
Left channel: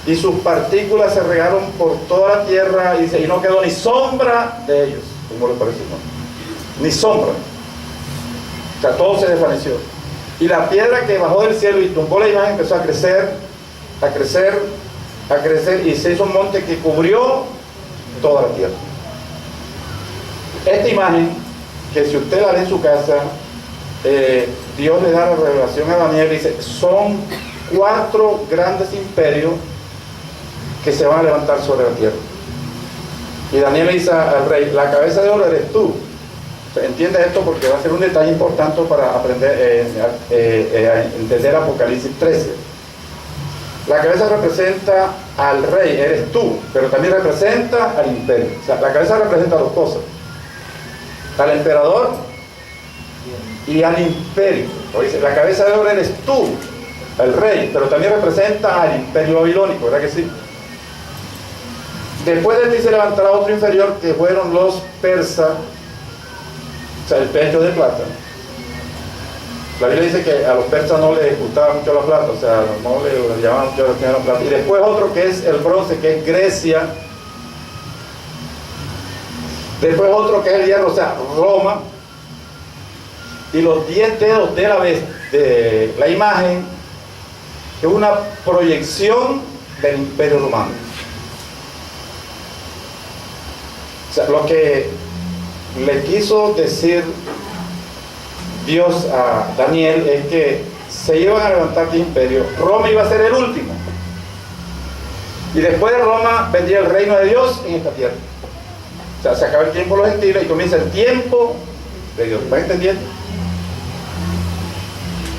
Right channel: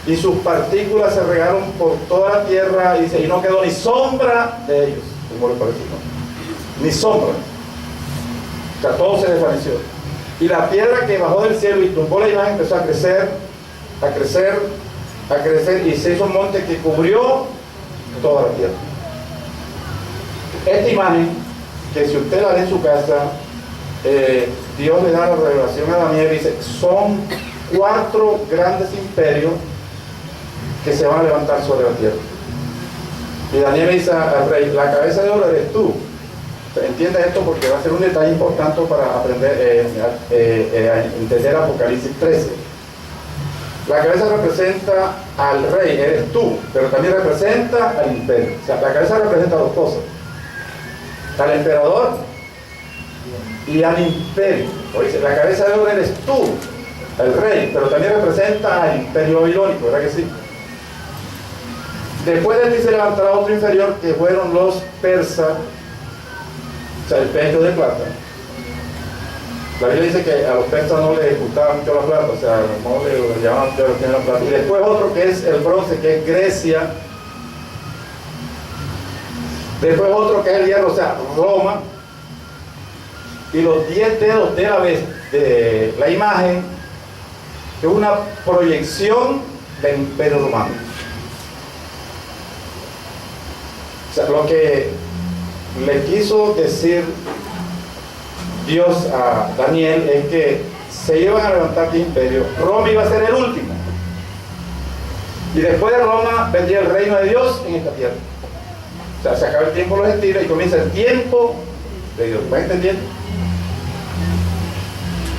y sus partículas se regaron por toda la tierra, y dice, y no quedó ni sombra de ellos. ¿Cómo le parece? ¿No? Ni sombra. O sea, todo se desvaneció. Y la piedra que bajó del cielo y tumbó la imagen empezó a crecer, a crecer, a crecer, y se hizo un monte que cubrió toda la tierra. Esta imagen, que si usted la ve en su casa, Dios le da la revelación a Daniel y dice, son 4 grandes imperios que se van a levantar sobre la tierra. Y Daniel le dice al rey, la cabeza de oro eres tú. Entiende esto porque va a ser un detalle importante para aprender a entender Apocalipsis 13. La cabeza representa al rey, eres tú, pero también representa al imperio. O sea, la cabeza representa 2 cosas: al emperador y al imperio. Oye, la cabeza de oro eres tú, el rey, pero también representa al imperio babilónico, ¿verdad que sí? Después de ti se levantará otro inferior, que fueron los persas, o sea, el pecho de plata. La Biblia dice que a los persas no les gustaba mucho la plata, o sea, no le llamaban mucho la plata. Y después otro que es el bronce, que es Grecia. Después otro que es el hierro, o sea, Roma. Y los 10 dedos de la imagen, que es una proyección del Imperio Romano. O sea, lo que le quiso decir Dios a Daniel es que se iban a levantar de imperio. Roma iba a ser el último. Y después de Roma vendría el reino de Dios en esta tierra. O sea, se acaba el tiempo de los gentiles y comienza el tiempo de Dios. ¿Va entendiendo?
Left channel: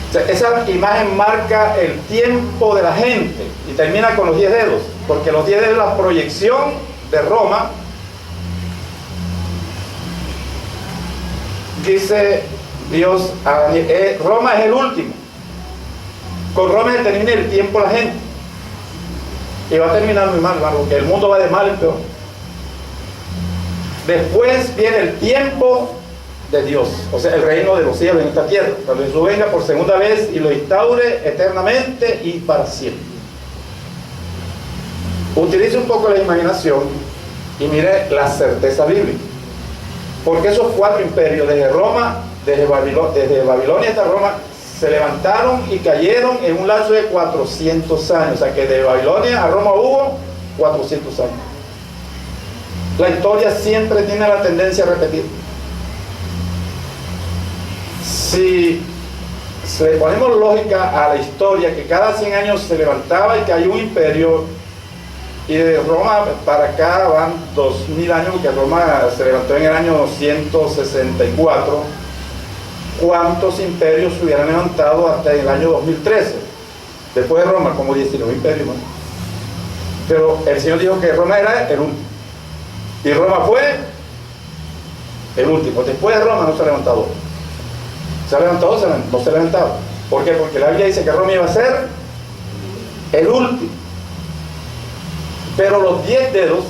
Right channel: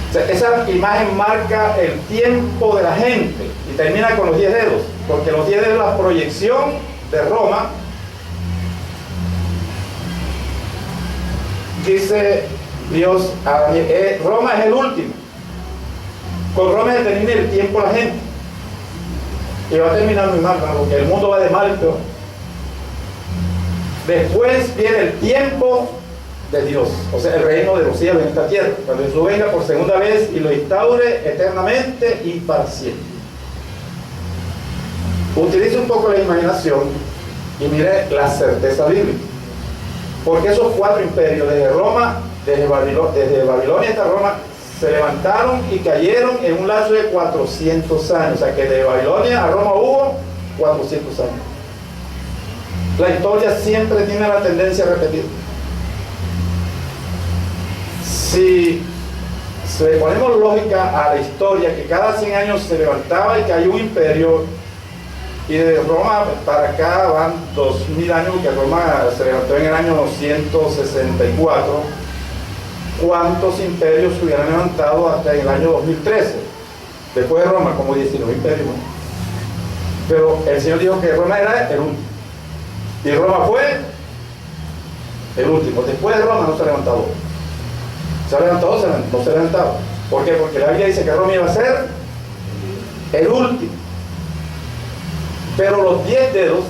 O sea, esa imagen marca el tiempo de la gente y termina con los 10 dedos, porque los 10 dedos es la proyección de Roma. Dice Dios a Daniel, Roma es el último. Con Roma se termina el tiempo de la gente. Y va a terminar muy mal, porque el mundo va de mal en peor. Después viene el tiempo de Dios, o sea, el reino de los cielos en esta tierra, cuando Jesús venga por segunda vez y lo instaure eternamente y para siempre. Utilice un poco la imaginación y mire la certeza bíblica, porque esos 4 imperios, desde Roma, desde Babilonia hasta Roma, se levantaron y cayeron en un lapso de 400 años, o sea que de Babilonia a Roma hubo 400 años. La historia siempre tiene la tendencia a repetir. Si le ponemos lógica a la historia, que cada 100 años se levantaba y cayó un imperio, y de Roma para acá van 2000 años, porque Roma se levantó en el año 164, ¿cuántos imperios se hubieran levantado hasta el año 2013? Después de Roma, como 19 imperios, ¿no? Pero el Señor dijo que Roma era el último, y Roma fue el último. Después de Roma no se ha levantado. ¿Se ha levantado? No se ha levantado. ¿Por qué? Porque la Biblia dice que Roma iba a ser el último. Pero los 10 dedos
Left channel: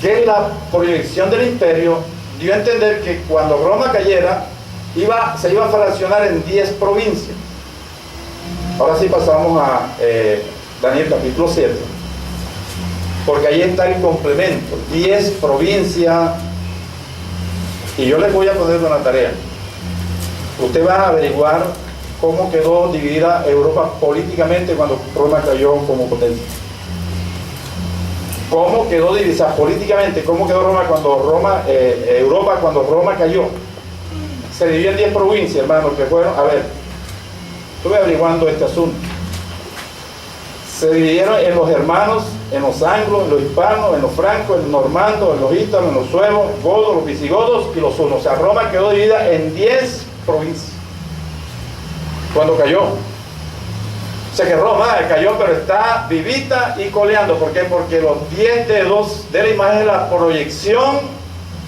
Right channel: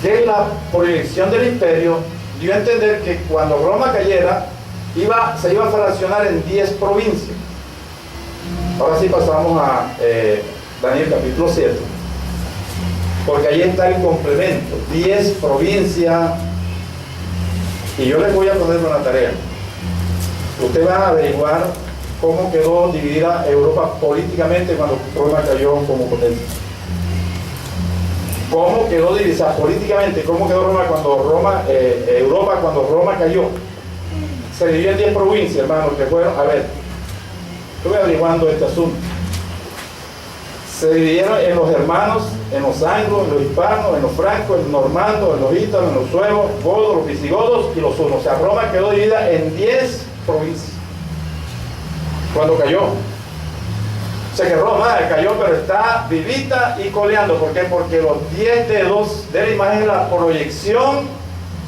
que la proyección del imperio dio a entender que cuando Roma cayera, se iba a fraccionar en 10 provincias. Ahora sí pasamos a Daniel capítulo 7, porque ahí está el complemento, 10 provincias, y yo les voy a poner una tarea. Usted va a averiguar cómo quedó dividida Europa políticamente cuando Roma cayó como potencia. ¿Cómo quedó dividida políticamente? ¿Cómo quedó Europa cuando Roma cayó? Se dividió en 10 provincias, hermanos, que fueron, a ver, estuve averiguando este asunto. Se dividieron en los germanos, en los anglos, en los hispanos, en los francos, en los normandos, en los ítalos, en los suevos, godos, los visigodos y los hunos. O sea, Roma quedó dividida en 10 provincias cuando cayó. O sea que Roma cayó, pero está vivita y coleando. ¿Por qué? Porque los 10 dedos de la imagen es la proyección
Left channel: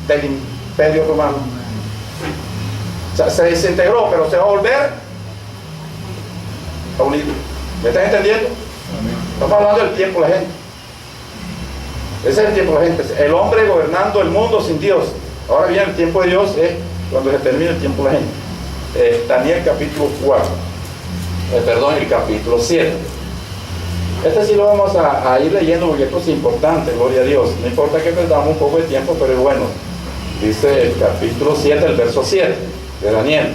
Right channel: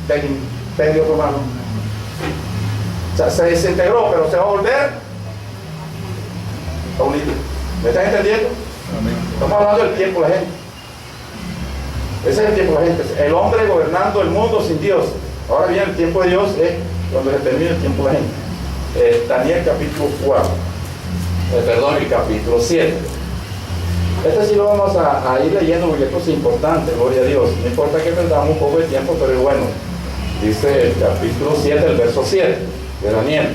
del imperio romano. O sea, se desintegró, pero se va a volver a unir. ¿Me están entendiendo? Estamos hablando del tiempo de la gente. Ese es el tiempo de la gente. El hombre gobernando el mundo sin Dios. Ahora bien, el tiempo de Dios es cuando se termina el tiempo de la gente. Daniel capítulo 4. El capítulo 7. Este sí lo vamos a ir leyendo porque esto es importante, gloria a Dios. No importa que perdamos un poco de tiempo, pero es bueno. Dice el capítulo 7, el verso 7 de Daniel.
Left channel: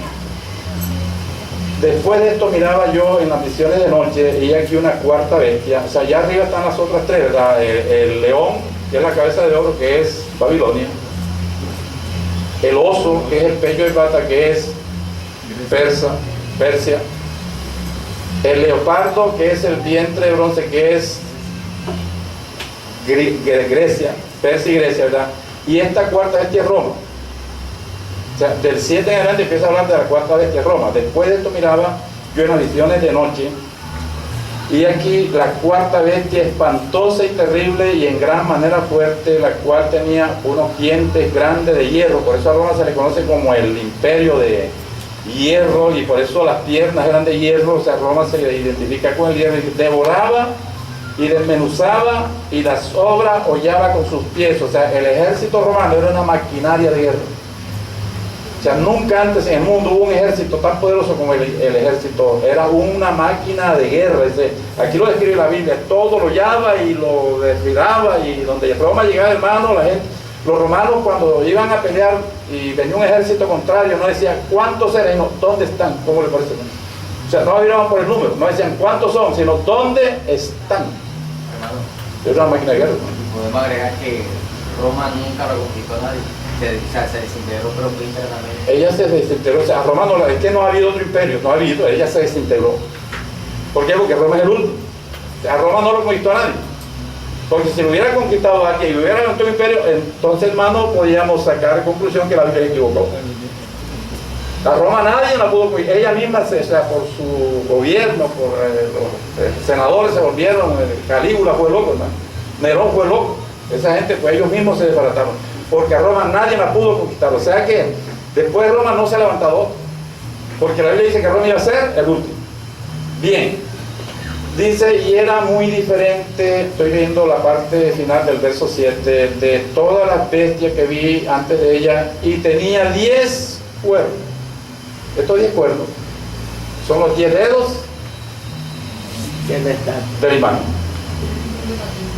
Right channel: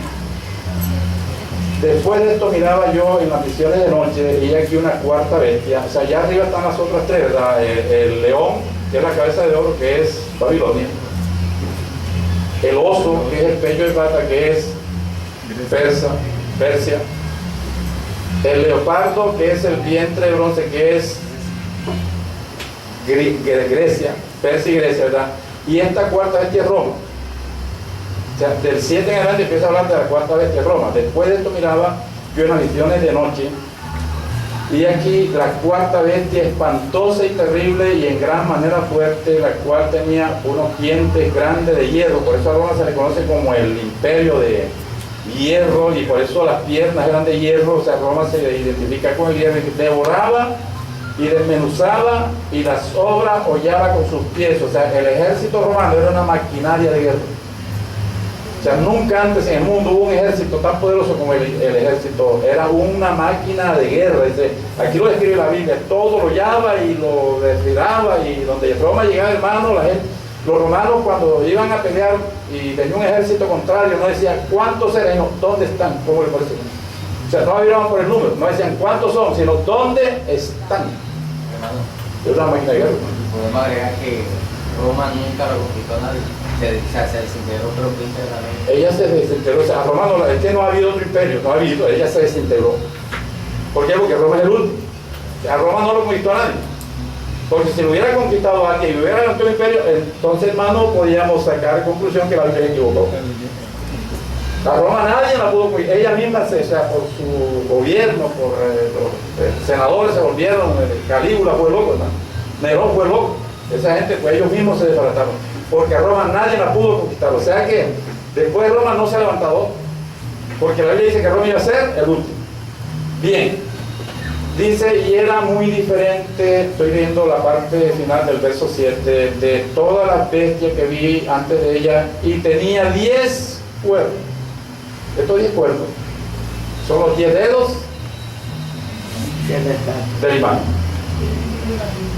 Después de esto miraba yo en las visiones de noche y aquí una cuarta bestia. O sea, allá arriba están las otras tres, ¿verdad? El león, que es la cabeza de oro, que es Babilonia. El oso, que es el pecho de plata, que es Persia. El leopardo, que es el vientre de bronce, que es Grecia, Persia y Grecia, ¿verdad? Y esta cuarta bestia es Roma. O sea, del 7 en adelante empieza a hablar de la cuarta bestia Roma. Después de esto miraba yo en las visiones de noche, y aquí la cuarta bestia espantosa y terrible y en gran manera fuerte, la cual tenía unos dientes grandes de hierro. Por eso a Roma se le conoce como el imperio de hierro, y por eso las piernas eran de hierro. O sea, Roma se identifica con el hierro. Devoraba y desmenuzaba, y las obras hollaba con sus pies. O sea, el ejército romano era una maquinaria de guerra. O sea, nunca antes en el mundo hubo un ejército tan poderoso como el ejército. Era una máquina de guerra. Dice, aquí lo describe la Biblia, todo lo hollaba y lo desfilaba, y donde Roma llegaba, hermano, los romanos cuando iban a pelear y venía un ejército contrario, no decían cuántos eran, sino dónde están. ¿Cómo le parece? O sea, no miraban por el número, no decían cuántos son, sino dónde están. Es una máquina de guerra. Podemos agregar que Roma nunca lo conquistó a nadie. Se desintegró, pero fue internamente. Ella se desintegró. O sea, a Roma es que no ha habido otro imperio, no ha habido, ella se desintegró. ¿Por qué? Porque Roma es el último. O sea, a Roma no lo conquistó a nadie. Porque si lo hubiera conquistado a alguien y hubiera ganado un imperio, entonces, hermano, podíamos sacar conclusión que la Biblia se equivocó. A Roma nadie la pudo conquistar. Ella misma, o sea, por su gobierno, por los senadores se volvieron, Calígula fue loco, hermano. Nerón fue loco. Esa gente, pues ellos mismos se desbarataron. Porque a Roma nadie la pudo conquistar. O sea que después de Roma no se ha levantado, porque la Biblia dice que Roma iba a ser el último. Bien, dice, y era muy diferente, estoy leyendo la parte final del verso 7, de todas las bestias que vi antes de ella, y tenía 10 cuernos. Estos 10 cuernos son los 10 dedos de la imagen.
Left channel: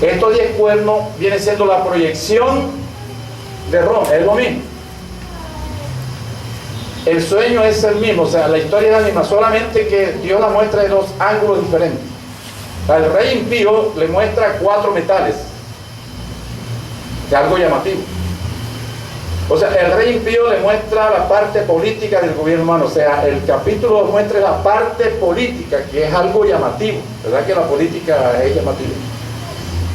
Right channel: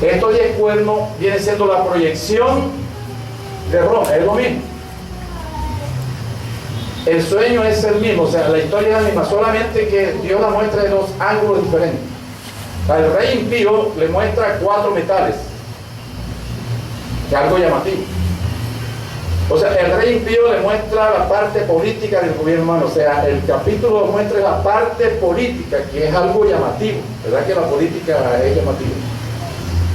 Estos 10 cuernos vienen siendo la proyección de Roma, es lo mismo. El sueño es el mismo, o sea, la historia es la misma, solamente que Dios la muestra de dos ángulos diferentes. El rey impío le muestra 4 metales, que es algo llamativo. O sea, el rey impío le muestra la parte política del gobierno humano. O sea, el capítulo muestra la parte política, que es algo llamativo. ¿Verdad que la política es llamativa?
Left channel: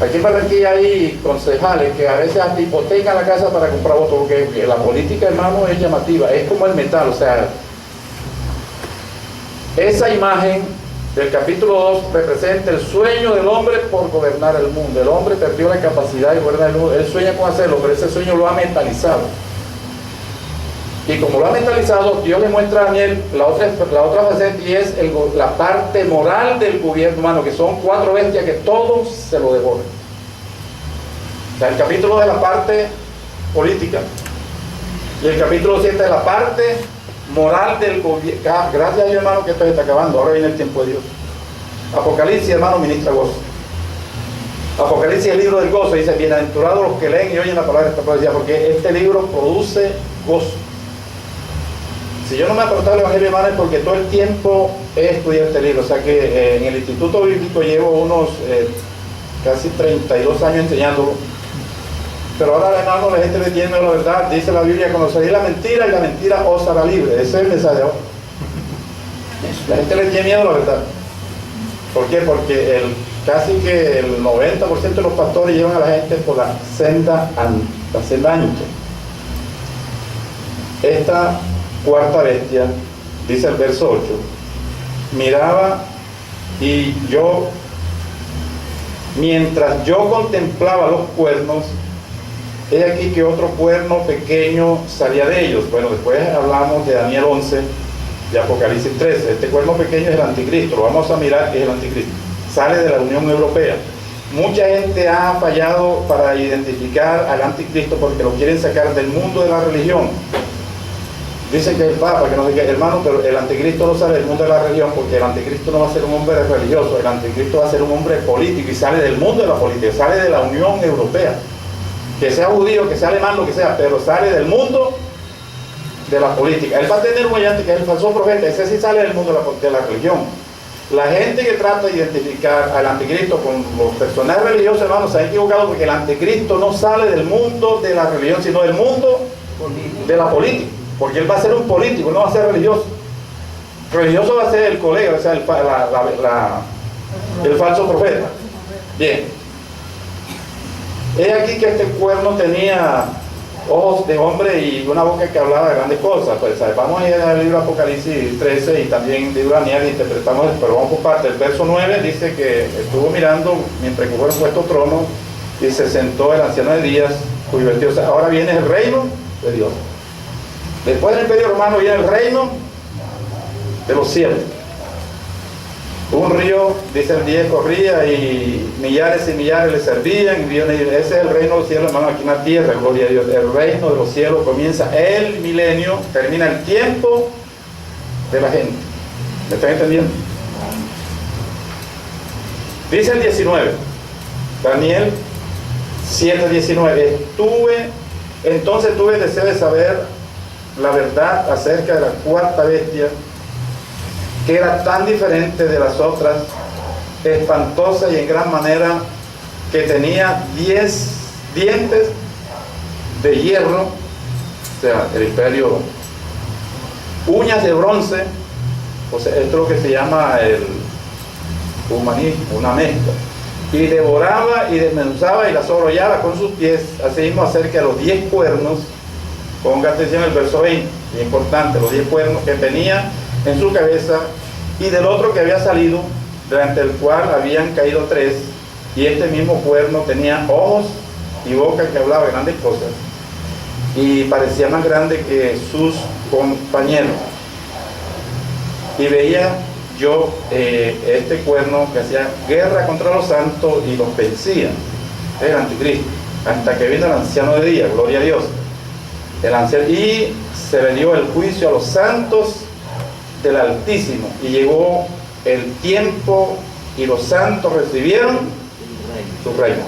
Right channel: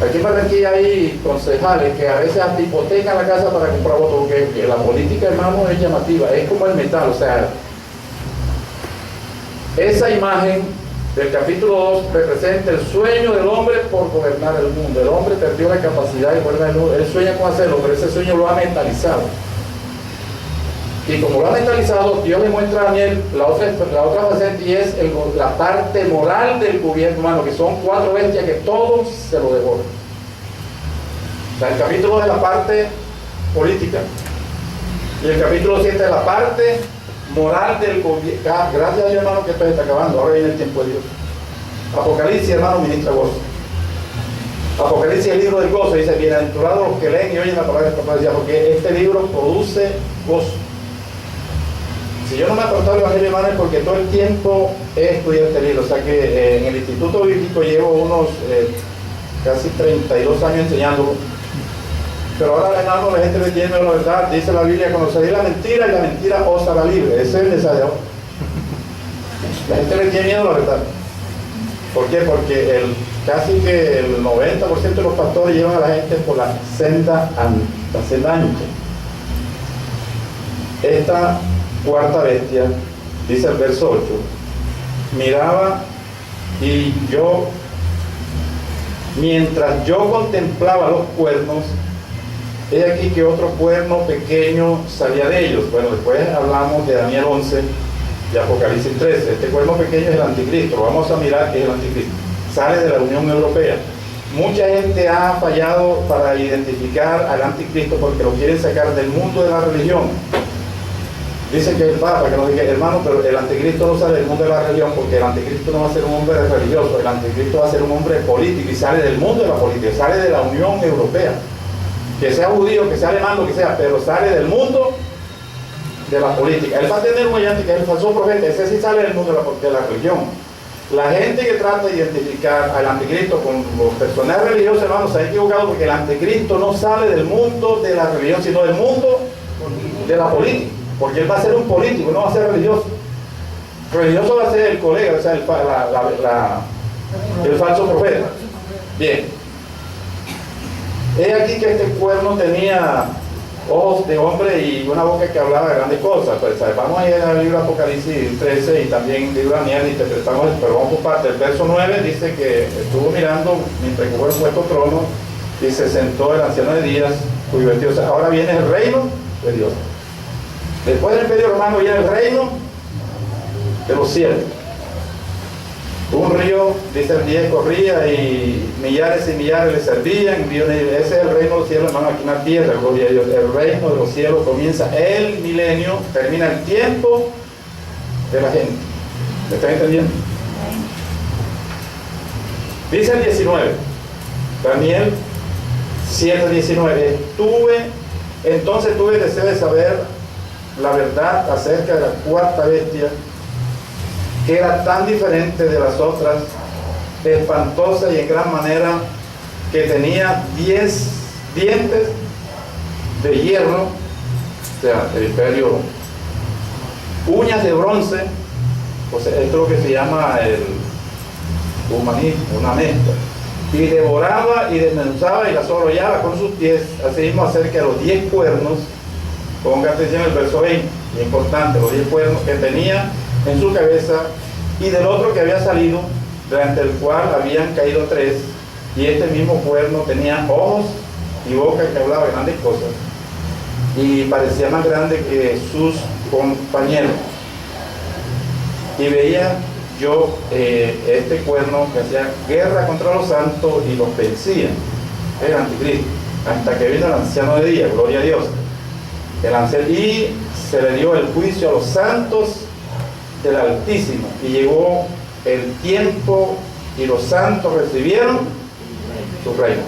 Aquí en Barranquilla hay concejales que a veces hasta hipotecan la casa para comprar votos, porque la política, hermano, es llamativa, es como el metal. O sea, esa imagen del capítulo 2 representa el sueño del hombre por gobernar el mundo. El hombre perdió la capacidad de gobernar el mundo. Él sueña con hacerlo, pero ese sueño lo ha mentalizado. Y como lo ha mentalizado, Dios le muestra a Daniel la otra faceta, y es la parte moral del gobierno humano, que son 4 bestias que todos se lo devoran. O sea, el capítulo de la parte política y el capítulo 7 de la parte moral del gobierno. Gracias a Dios, hermano, que esto se está acabando. Ahora viene el tiempo de Dios. Apocalipsis, hermano, ministra gozo. Apocalipsis, el libro del gozo, dice: bienaventurados los que leen y oyen la palabra de esta profecía, porque este libro produce gozo. Si yo no me he aportado el Evangelio, hermano, es porque todo el tiempo he estudiado este libro. O sea que en el Instituto Bíblico llevo unos casi 32 años enseñándolo. Pero ahora, hermano, la gente le tiene miedo a la verdad. Dice la Biblia: conoceréis la mentira y la mentira os hará libre. Ese es el mensaje de ahora. La gente le tiene miedo a la verdad. ¿Por qué? Porque casi que el 90% de los pastores llevan a la gente por la senda ancha. Esta cuarta bestia, dice el verso 8, miraba y yo, mientras yo contemplaba los cuernos, he aquí que otro cuerno pequeño salía de ellos. Bueno, después hablamos de Daniel 11, de Apocalipsis 13. Este cuerno pequeño es el anticristo. Lo vamos a mirar que es el anticristo. Sale de la Unión Europea. Mucha gente ha fallado para identificar al anticristo porque lo quieren sacar del mundo de la religión. Dicen que el Papa, que nos diga: hermano, pero el anticristo no sale del mundo de la religión, porque el anticristo no va a ser un hombre religioso, el anticristo va a ser un hombre político, y sale del mundo de la política, sale de la Unión Europea. Que sea judío, que sea alemán, lo que sea, pero sale del mundo de la política. Él va a tener un ayante que es el falso profeta, ese sí sale del mundo de la religión. La gente que trata de identificar al anticristo con los personajes religiosos, hermanos, se ha equivocado, porque el anticristo no sale del mundo de la religión, sino del mundo de la política, porque él va a ser un político, no va a ser religioso. Religioso va a ser el colega, o sea, el falso profeta. Bien. He aquí que este cuerno tenía ojos de hombre y una boca que hablaba de grandes cosas. Pues, ¿sabes? Vamos a ir al libro Apocalipsis 13 y también el libro Daniel, interpretamos, pero vamos por parte. El verso 9 dice que estuvo mirando mientras que fueron puestos tronos y se sentó el anciano de días, cuyo vestido. O sea, ahora viene el reino de Dios. Después del Imperio Romano viene el reino de los cielos. Un río, dice el 10, corría y millares le servían. Ese es el reino de los cielos, hermano, aquí en la tierra, gloria a Dios. El reino de los cielos comienza el milenio, termina el tiempo de la gente. ¿Me están entendiendo? Dice el 19, Daniel 7:19, entonces tuve deseo de saber la verdad acerca de la cuarta bestia, que era tan diferente de las otras, espantosa y en gran manera, que tenía 10 dientes de hierro, o sea, el imperio, uñas de bronce, o sea, esto es lo que se llama el humanismo, una mezcla, y devoraba y desmenuzaba y las arrollaba con sus pies. Asimismo, acerca de los 10 cuernos, ponga atención el verso 20, y importante, los 10 cuernos que tenía en su cabeza, y del otro que había salido, durante el cual habían caído 3, y este mismo cuerno tenía ojos y boca que hablaba grandes cosas, y parecía más grande que sus compañeros. Y veía yo este cuerno que hacía guerra contra los santos y los vencía, el anticristo, hasta que vino el anciano de día, gloria a Dios, y se le dio el juicio a los santos del Altísimo, y llegó el tiempo y los santos recibieron su reino.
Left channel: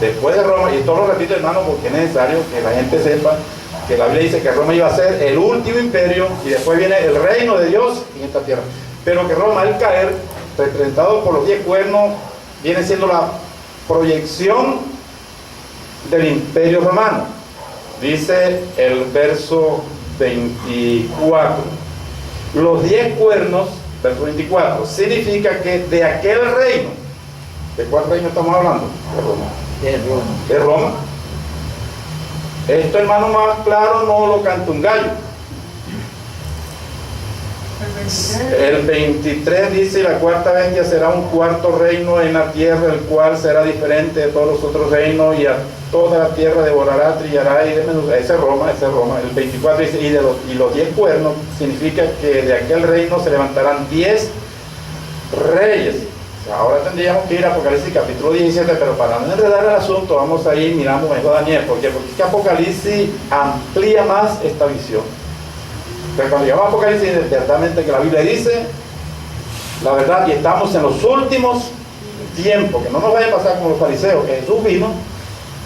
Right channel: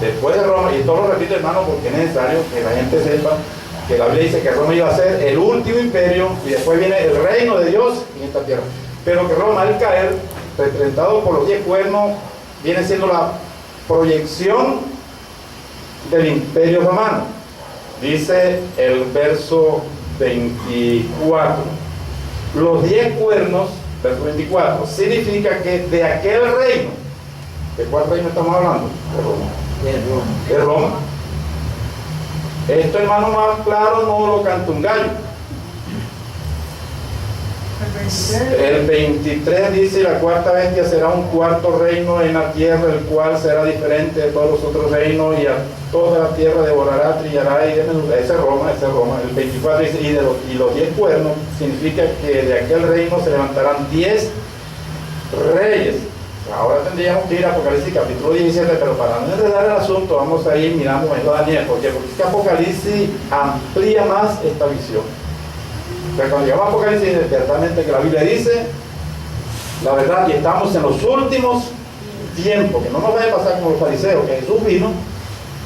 Después de Roma, y esto lo repito, hermano, porque es necesario que la gente sepa que la Biblia dice que Roma iba a ser el último imperio, y después viene el reino de Dios en esta tierra. Pero que Roma, al caer, representado por los 10 cuernos, viene siendo la proyección del imperio romano. Dice el verso 24, los 10 cuernos, verso 24, significa que de aquel reino, ¿de cuál reino estamos hablando? De Roma. De Roma. Esto, hermano, más claro no lo canta un gallo. El 23 dice: la cuarta bestia será un cuarto reino en la tierra, el cual será diferente de todos los otros reinos, y a toda la tierra devorará, trillará y desmenuzará. Ese es Roma. El 24 dice: y los 10 cuernos significa que de aquel reino se levantarán 10 reyes Ahora tendríamos que ir a Apocalipsis capítulo 17, pero para no enredar el asunto, vamos a ir, miramos mejor a Daniel. ¿Por qué? Porque es que Apocalipsis amplía más esta visión. Pero cuando llegamos a Apocalipsis, ciertamente que la Biblia dice la verdad, y estamos en los últimos tiempos, que no nos vaya a pasar como los fariseos, que Jesús vino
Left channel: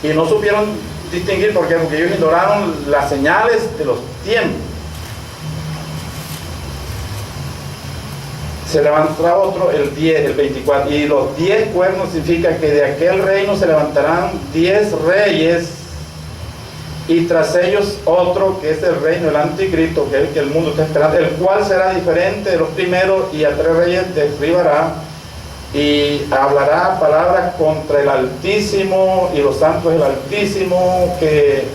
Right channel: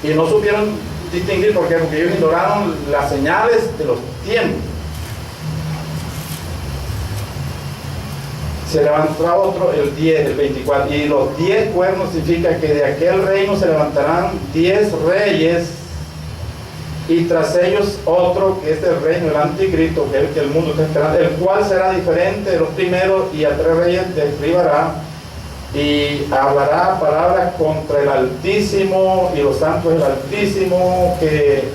y no supieron distinguir. ¿Por qué? Porque ellos ignoraron las señales de los tiempos. Se levantará otro el 10, el 24, y los 10 cuernos significa que de aquel reino se levantarán 10 reyes, y tras ellos otro, que es el reino del anticristo, que es el que el mundo está esperando, el cual será diferente de los primeros, y a 3 reyes derribará, y hablará palabras contra el Altísimo y los santos del Altísimo, que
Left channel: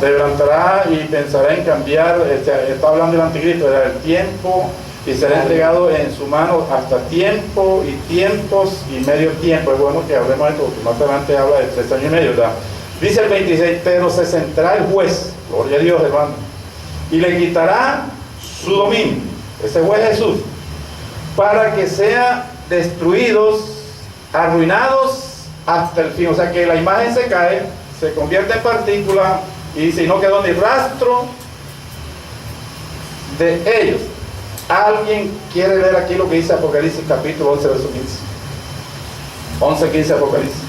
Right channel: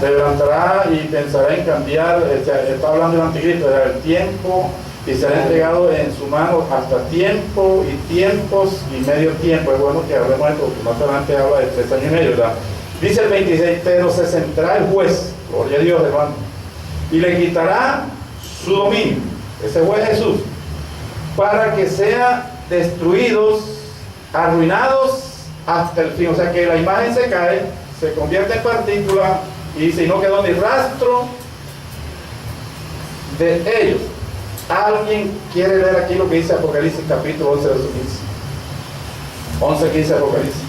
se levantará y pensará en cambiar. Está hablando del anticristo, del tiempo, y será entregado en su mano hasta tiempo y tiempos y medio tiempo. Es bueno que hablemos de esto, porque más adelante habla de 3 años y medio, ¿verdad? Dice el 26, pero se sentará el juez, gloria a Dios, hermano, y le quitará su dominio, ese juez es Jesús, para que sean destruidos, arruinados hasta el fin. O sea que la imagen se cae, se convierte en partícula, y dice, y no quedó ni rastro de ellos. ¿Alguien quiere leer aquí lo que dice Apocalipsis capítulo 11, verso 15? 11, 15 Apocalipsis.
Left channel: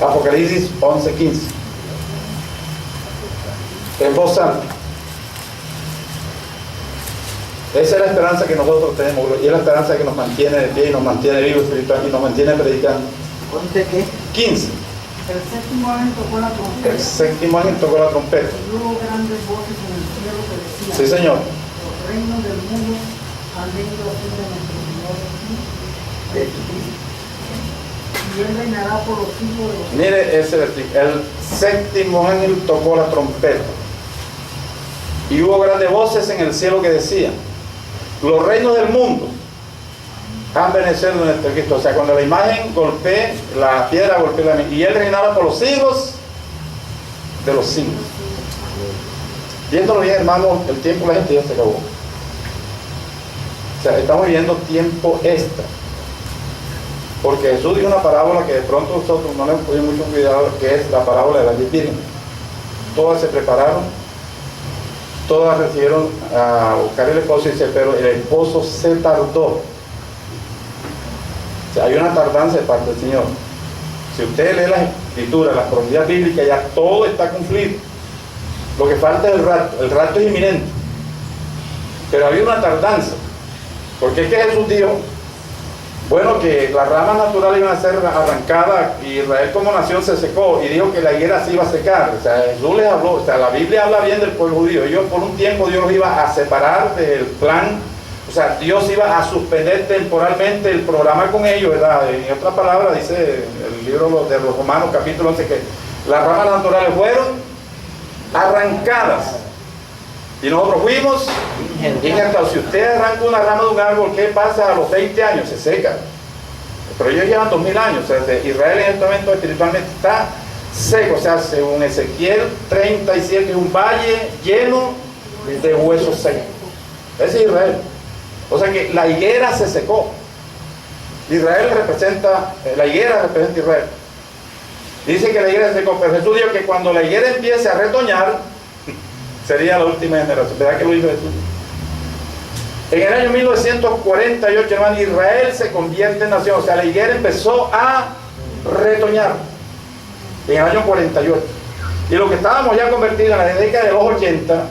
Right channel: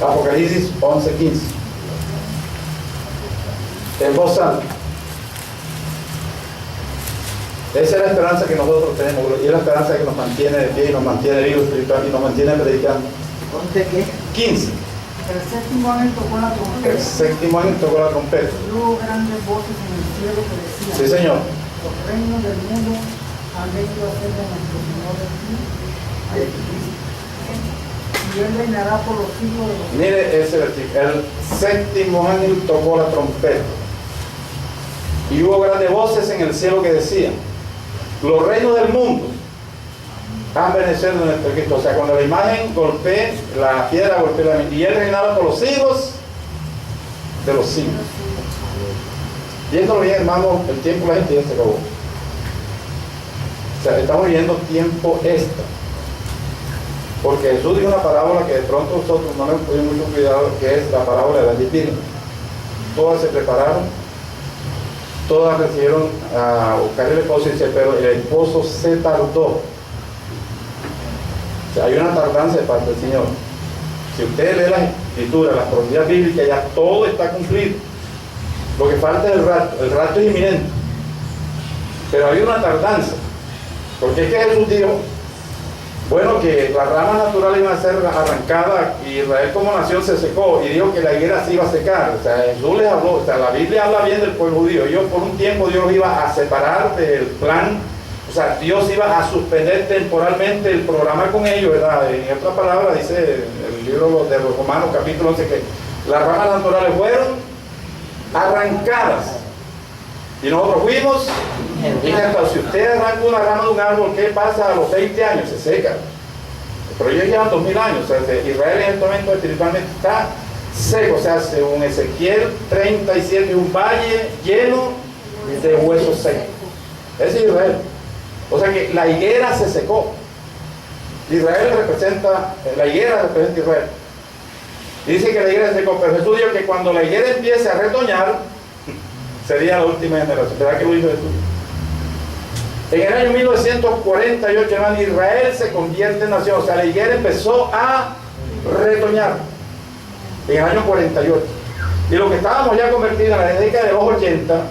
Apocalipsis 11, 15. En voz alta. Esa es la esperanza que nosotros tenemos, y es la esperanza que nos mantiene de pie y nos mantiene vivos espiritualmente y nos mantiene predicando. ¿Ponte qué? 15. El séptimo ángel tocó la trompeta. El séptimo ángel tocó la trompeta. Y hubo grandes voces en el cielo que decían: Sí, Señor. Los reinos del mundo han venido a ser de nuestro Señor Jesucristo, y Él reinará por los siglos de los siglos. Mire ese versículo. El séptimo ángel tocó la trompeta. Y hubo grandes voces en el cielo que decían: los reinos del mundo han venido de nuestro Cristo. O sea, cuando la imagen golpea, la piedra golpea la, y Él reinaba por los siglos de los siglos. Viéndolo bien, hermano, el tiempo de la gente ya se acabó. O sea, estamos viviendo tiempo extra. Porque Jesús dio una parábola que de pronto nosotros no le pusimos mucho cuidado, que es la parábola de las 10 vírgenes. Todas se prepararon, todas recibieron a buscar el esposo, y dice, pero el esposo se tardó. O sea, hay una tardanza de parte del Señor. Si usted lee las escrituras, las profecías bíblicas, ya todo está cumplido. Lo que falta es el rapto es inminente. Pero había una tardanza. Porque es que Jesús dijo, bueno, que las ramas naturales iban a ser arrancadas, y Israel como nación se secó, y dijo que la higuera se iba a secar. O sea, Jesús les habló, o sea, la Biblia habla bien del pueblo judío. Ellos por un tiempo Dios los iba a separar del plan. O sea, Dios iba a suspender temporalmente el programa con ellos, ¿verdad? En otra palabra, dice el libro de los Romanos capítulo 11, que las ramas naturales fueron arrancadas. Y nosotros fuimos, y si usted arranca una rama de un árbol, ¿qué pasa a los 20 años? Se seca. Pero ellos llevan 2000 años. O sea, Israel en este momento espiritualmente está seco. O sea, según Ezequiel 37, un valle lleno de huesos secos. Ese es Israel. O sea que la higuera se secó. Israel representa, la higuera representa Israel. Dice que la higuera se secó, pero Jesús dijo que cuando la higuera empiece a retoñar, sería la última generación. ¿Verdad que lo dijo Jesús? En el año 1948, hermano, Israel se convierte en nación. O sea, la higuera empezó a retoñar en el año 48. Y lo que estábamos ya convertidos en la década de los 80,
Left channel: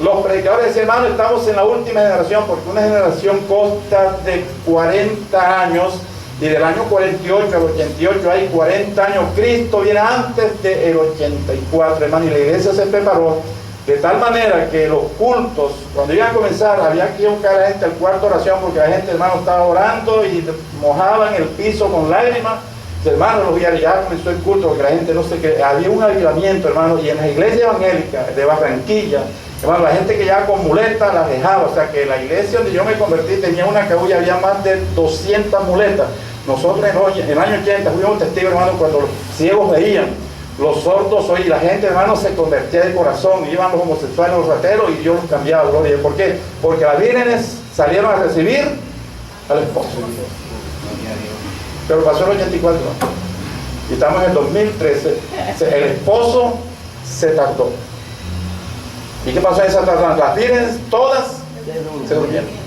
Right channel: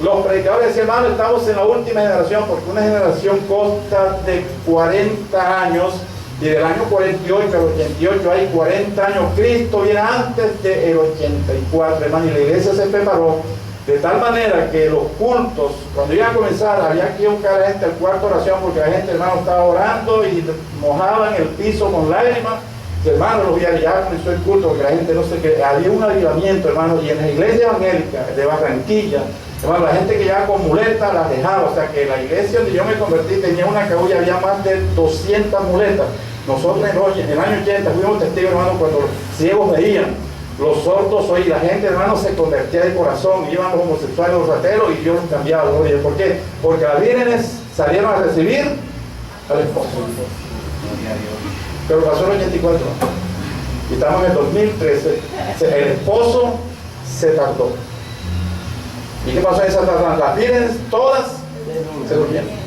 los predicadores decían, hermano, estamos en la última generación, porque una generación consta de 40 años, y del año 48 al 88 hay 40 años. Cristo viene antes del 84, hermano, y la iglesia se preparó de tal manera que los cultos, cuando iban a comenzar, había que buscar a la gente al cuarto de oración, porque la gente, hermano, estaba orando y mojaban el piso con lágrimas. Hermano, los días ya comenzó el culto, porque la gente no sé qué, había un avivamiento, hermano, y en la iglesia evangélica de Barranquilla, hermano, la gente que ya con muletas las dejaba. O sea que la iglesia donde yo me convertí tenía una cabulla, había más de 200 muletas. Nosotros en el año 80 fuimos testigos, hermano, cuando los ciegos veían, los sordos oían, la gente, hermano, se convertía de corazón, iban los homosexuales, los rateros, y Dios los cambiaba. ¿Por qué? Porque las vírgenes salieron a recibir al esposo. Gloria a Dios. Pero pasó el 84 y estamos en el 2013. El esposo se tardó. ¿Y qué pasó en esa tardanza? Las vírgenes todas se durmieron.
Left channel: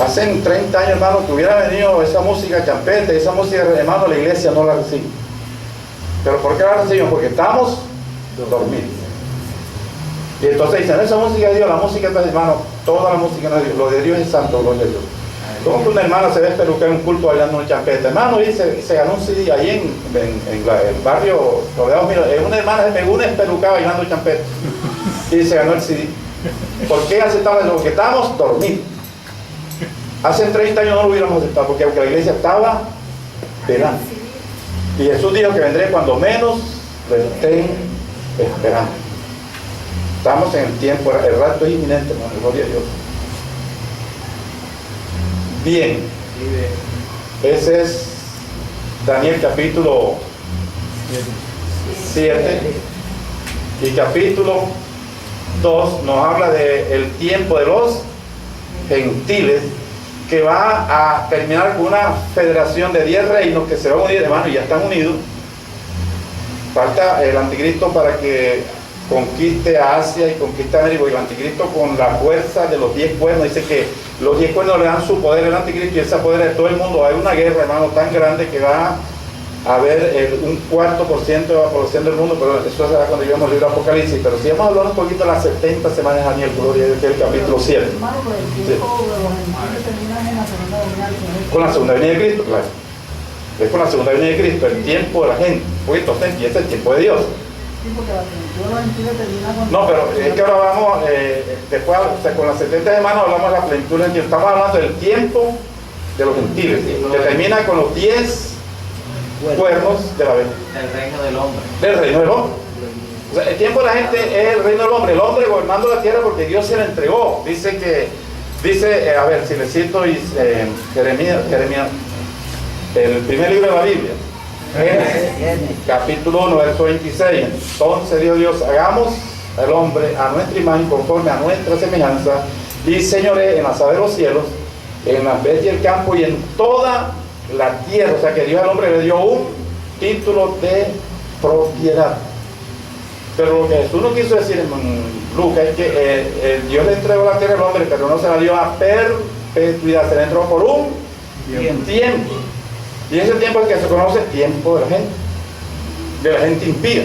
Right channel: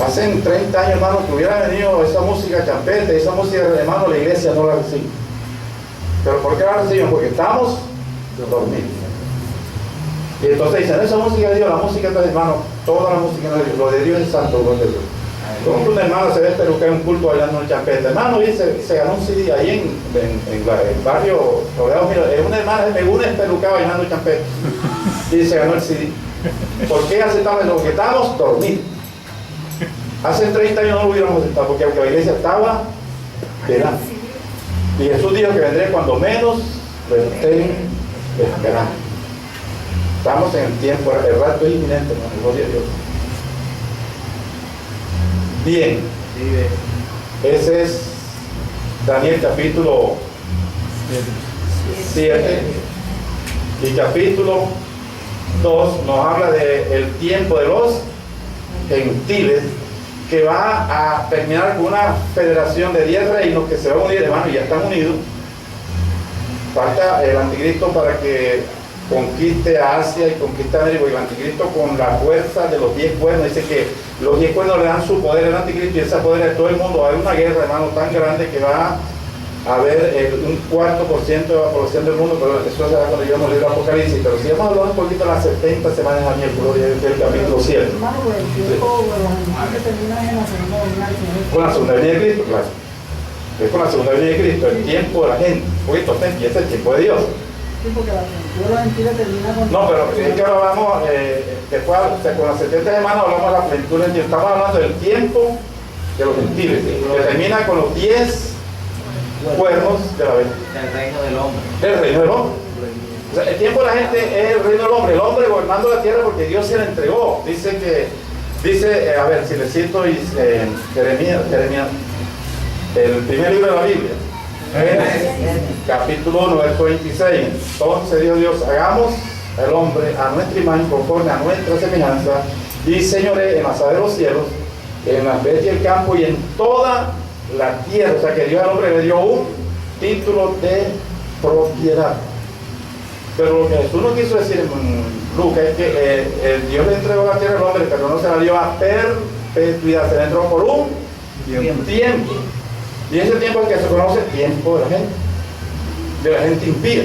Hace 30 años, hermano, que hubiera venido esa música champete, esa música, hermano, la iglesia no la recibe. ¿Pero por qué la recibimos? Porque estamos dormidos. Y entonces dicen, esa música de Dios, la música de hermano, toda la música de Dios, lo de Dios es santo, lo de Dios. ¿Cómo que una hermana se ve peluquear en un culto bailando un champete? Hermano, y se ganó un CD ahí en el barrio rodeado. Mira, una hermana se pegó una espelucada bailando un champete y se ganó el CD. ¿Por qué aceptamos eso? Porque estábamos dormidos. Hace 30 años no lo hubiéramos aceptado, porque aunque la iglesia estaba velando. Y Jesús dijo que vendré cuando menos lo estén esperando. Estamos en el tiempo, el rato es inminente, hermano, gloria a Dios. Bien, ese es Daniel capítulo 7 y capítulo 2 nos habla del tiempo de los gentiles, que va a terminar con una federación de 10 reinos que se van a unir, hermano, y ya están unidos. Falta el anticristo para que conquiste a Asia y conquiste a América, y el anticristo con la fuerza de los 10 cuernos, dice que los 10 cuernos le dan su poder al anticristo y ese poder de todo el mundo. Va a haber una guerra, hermano, tan grande que va a haber un 4% de la población del mundo, pero eso será cuando lleguemos al libro de Apocalipsis. Pero si vamos a hablar un poquito de las 70 semanas de Daniel, gloria a Dios, que es el capítulo 7. Hermano, pero el tiempo de los animales termina en la segunda venida del Señor. Con la segunda venida de Cristo, claro. Es con la segunda venida de Cristo, el tiempo de la gente. Pues entonces empieza el tiempo de Dios. Sí, porque la plenitud de los gentiles termina con... No, pero es que ahora vamos, después, o sea, con las 70 semanas hablamos de la plenitud del gentiles. Estamos hablando del tiempo de los gentiles, que termina con los 10 cuernos de la bestia. Del reino del hombre. Del reino del hombre. O sea, el tiempo de la gente es el reino del hombre, el hombre gobernando la tierra porque Dios se la entregó. Dice, a ver, si le cito Jeremías, el primer libro de la Biblia, capítulo 1, verso 26. Entonces dijo Dios, hagamos al hombre a nuestra imagen, conforme a nuestra semejanza, y señoré en las aves de los cielos, en las bestias del campo y en toda la tierra. O sea que Dios al hombre le dio un título de propiedad. Pero lo que Jesús no quiso decir en Lucas es que Dios le entregó la tierra al hombre, pero no se la dio a perpetuidad, se la entregó por un tiempo. Y ese tiempo es el que se conoce tiempo de la gente impía.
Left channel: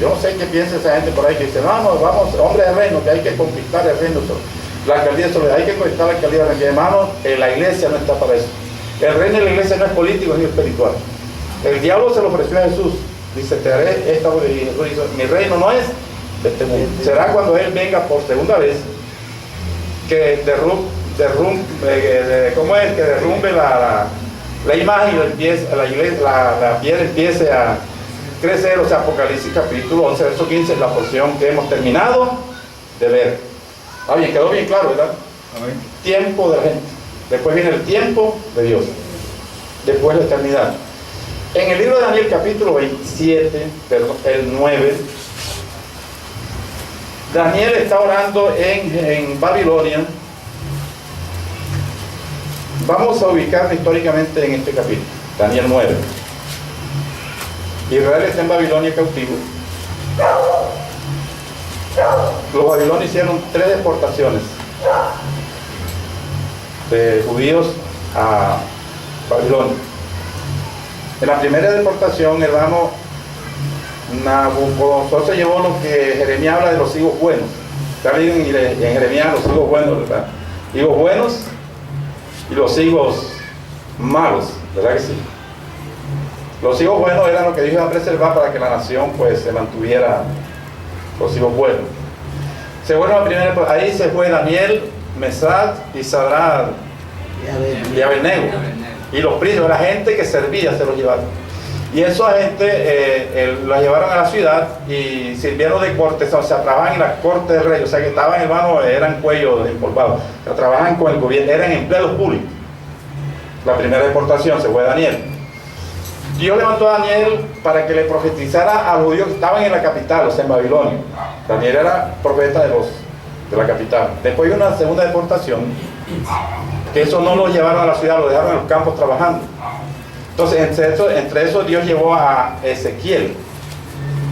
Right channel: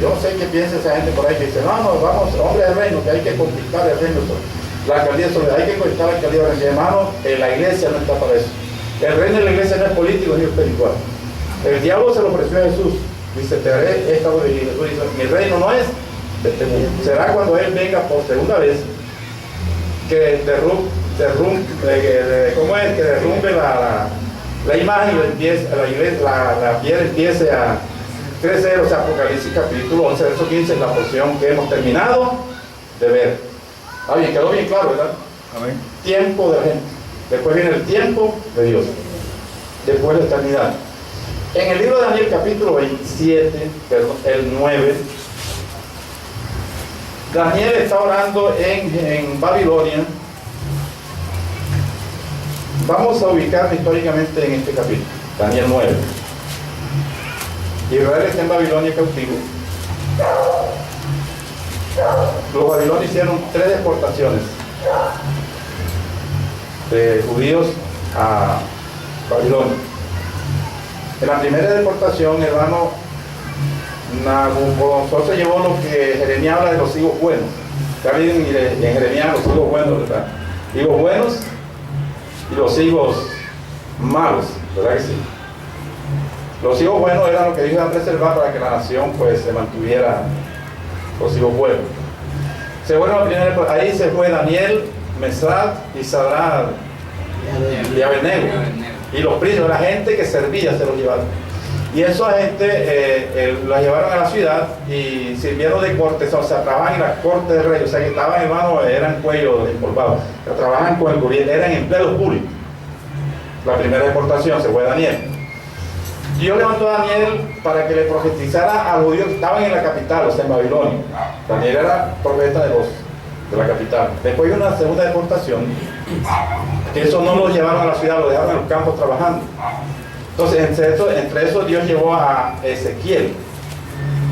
Yo no sé qué piensa esa gente por ahí que dice, no, vamos, hombre del reino, que hay que conquistar el reino. La alcaldía hay que conquistar la alcaldía del reino. Hermano, la iglesia no está para eso. El reino de la iglesia no es político ni espiritual. El diablo se lo ofreció a Jesús. Dice, te haré esta obra. Y Jesús dice, mi reino no es de este mundo. Será cuando Él venga por segunda vez que derrumbe la imagen y la piedra empiece a crecer. O sea, Apocalipsis capítulo 11, verso 15 es la porción que hemos terminado de ver. Bien, quedó bien claro, ¿verdad? Amén. Tiempo de la gente. Después viene el tiempo de Dios. Después la eternidad. En el libro de Daniel capítulo 27, perdón, el 9, Daniel está orando en Babilonia. Vamos a ubicarnos históricamente en este capítulo, Daniel 9. Israel está en Babilonia cautivo. Los babilonios hicieron 3 deportaciones de judíos a Babilonia. En la primera deportación, hermano, Nabucodonosor se llevó lo que Jeremías habla de los higos buenos. Está bien en Jeremías los higos buenos, ¿verdad? Higos buenos y los higos malos, ¿verdad que sí? Los higos buenos eran lo que Dios iba a preservar para que la nación pues se mantuviera los higos buenos. Se fueron a la primera, ahí se fue Daniel, Mesac y Sadrach y Abednego. Y los príncipes, la gente que servía, se los llevaron. Y esa gente la llevaron a la ciudad y sirvieron de cortes, o sea, trabajaban en la corte del rey, o sea, que estaban, hermano, eran cuellos empolvados, o sea, trabajaban con el gobierno, eran empleados públicos. La primera deportación se fue Daniel. Dios levantó a Daniel para que le profetizara a los judíos que estaban en la capital, o sea, en Babilonia. Daniel era profeta de los de la capital. Después de una segunda deportación, que eso no lo llevaron a la ciudad, lo dejaron en los campos trabajando. Entonces, entre eso Dios llevó a Ezequiel.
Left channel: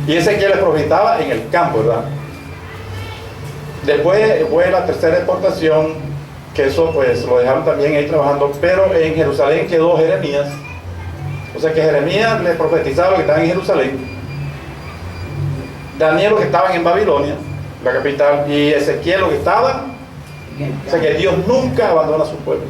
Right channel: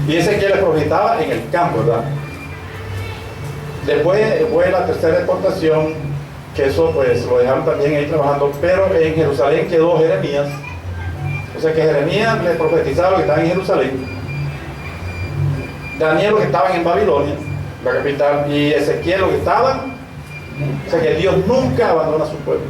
Y Ezequiel le profetaba en el campo, ¿verdad? Después fue la tercera deportación, que eso pues lo dejaron también ahí trabajando, pero en Jerusalén quedó Jeremías. O sea que Jeremías le profetizaba lo que estaban en Jerusalén, Daniel lo que estaban en Babilonia, la capital, y Ezequiel lo que estaban. O sea que Dios nunca abandona a su pueblo.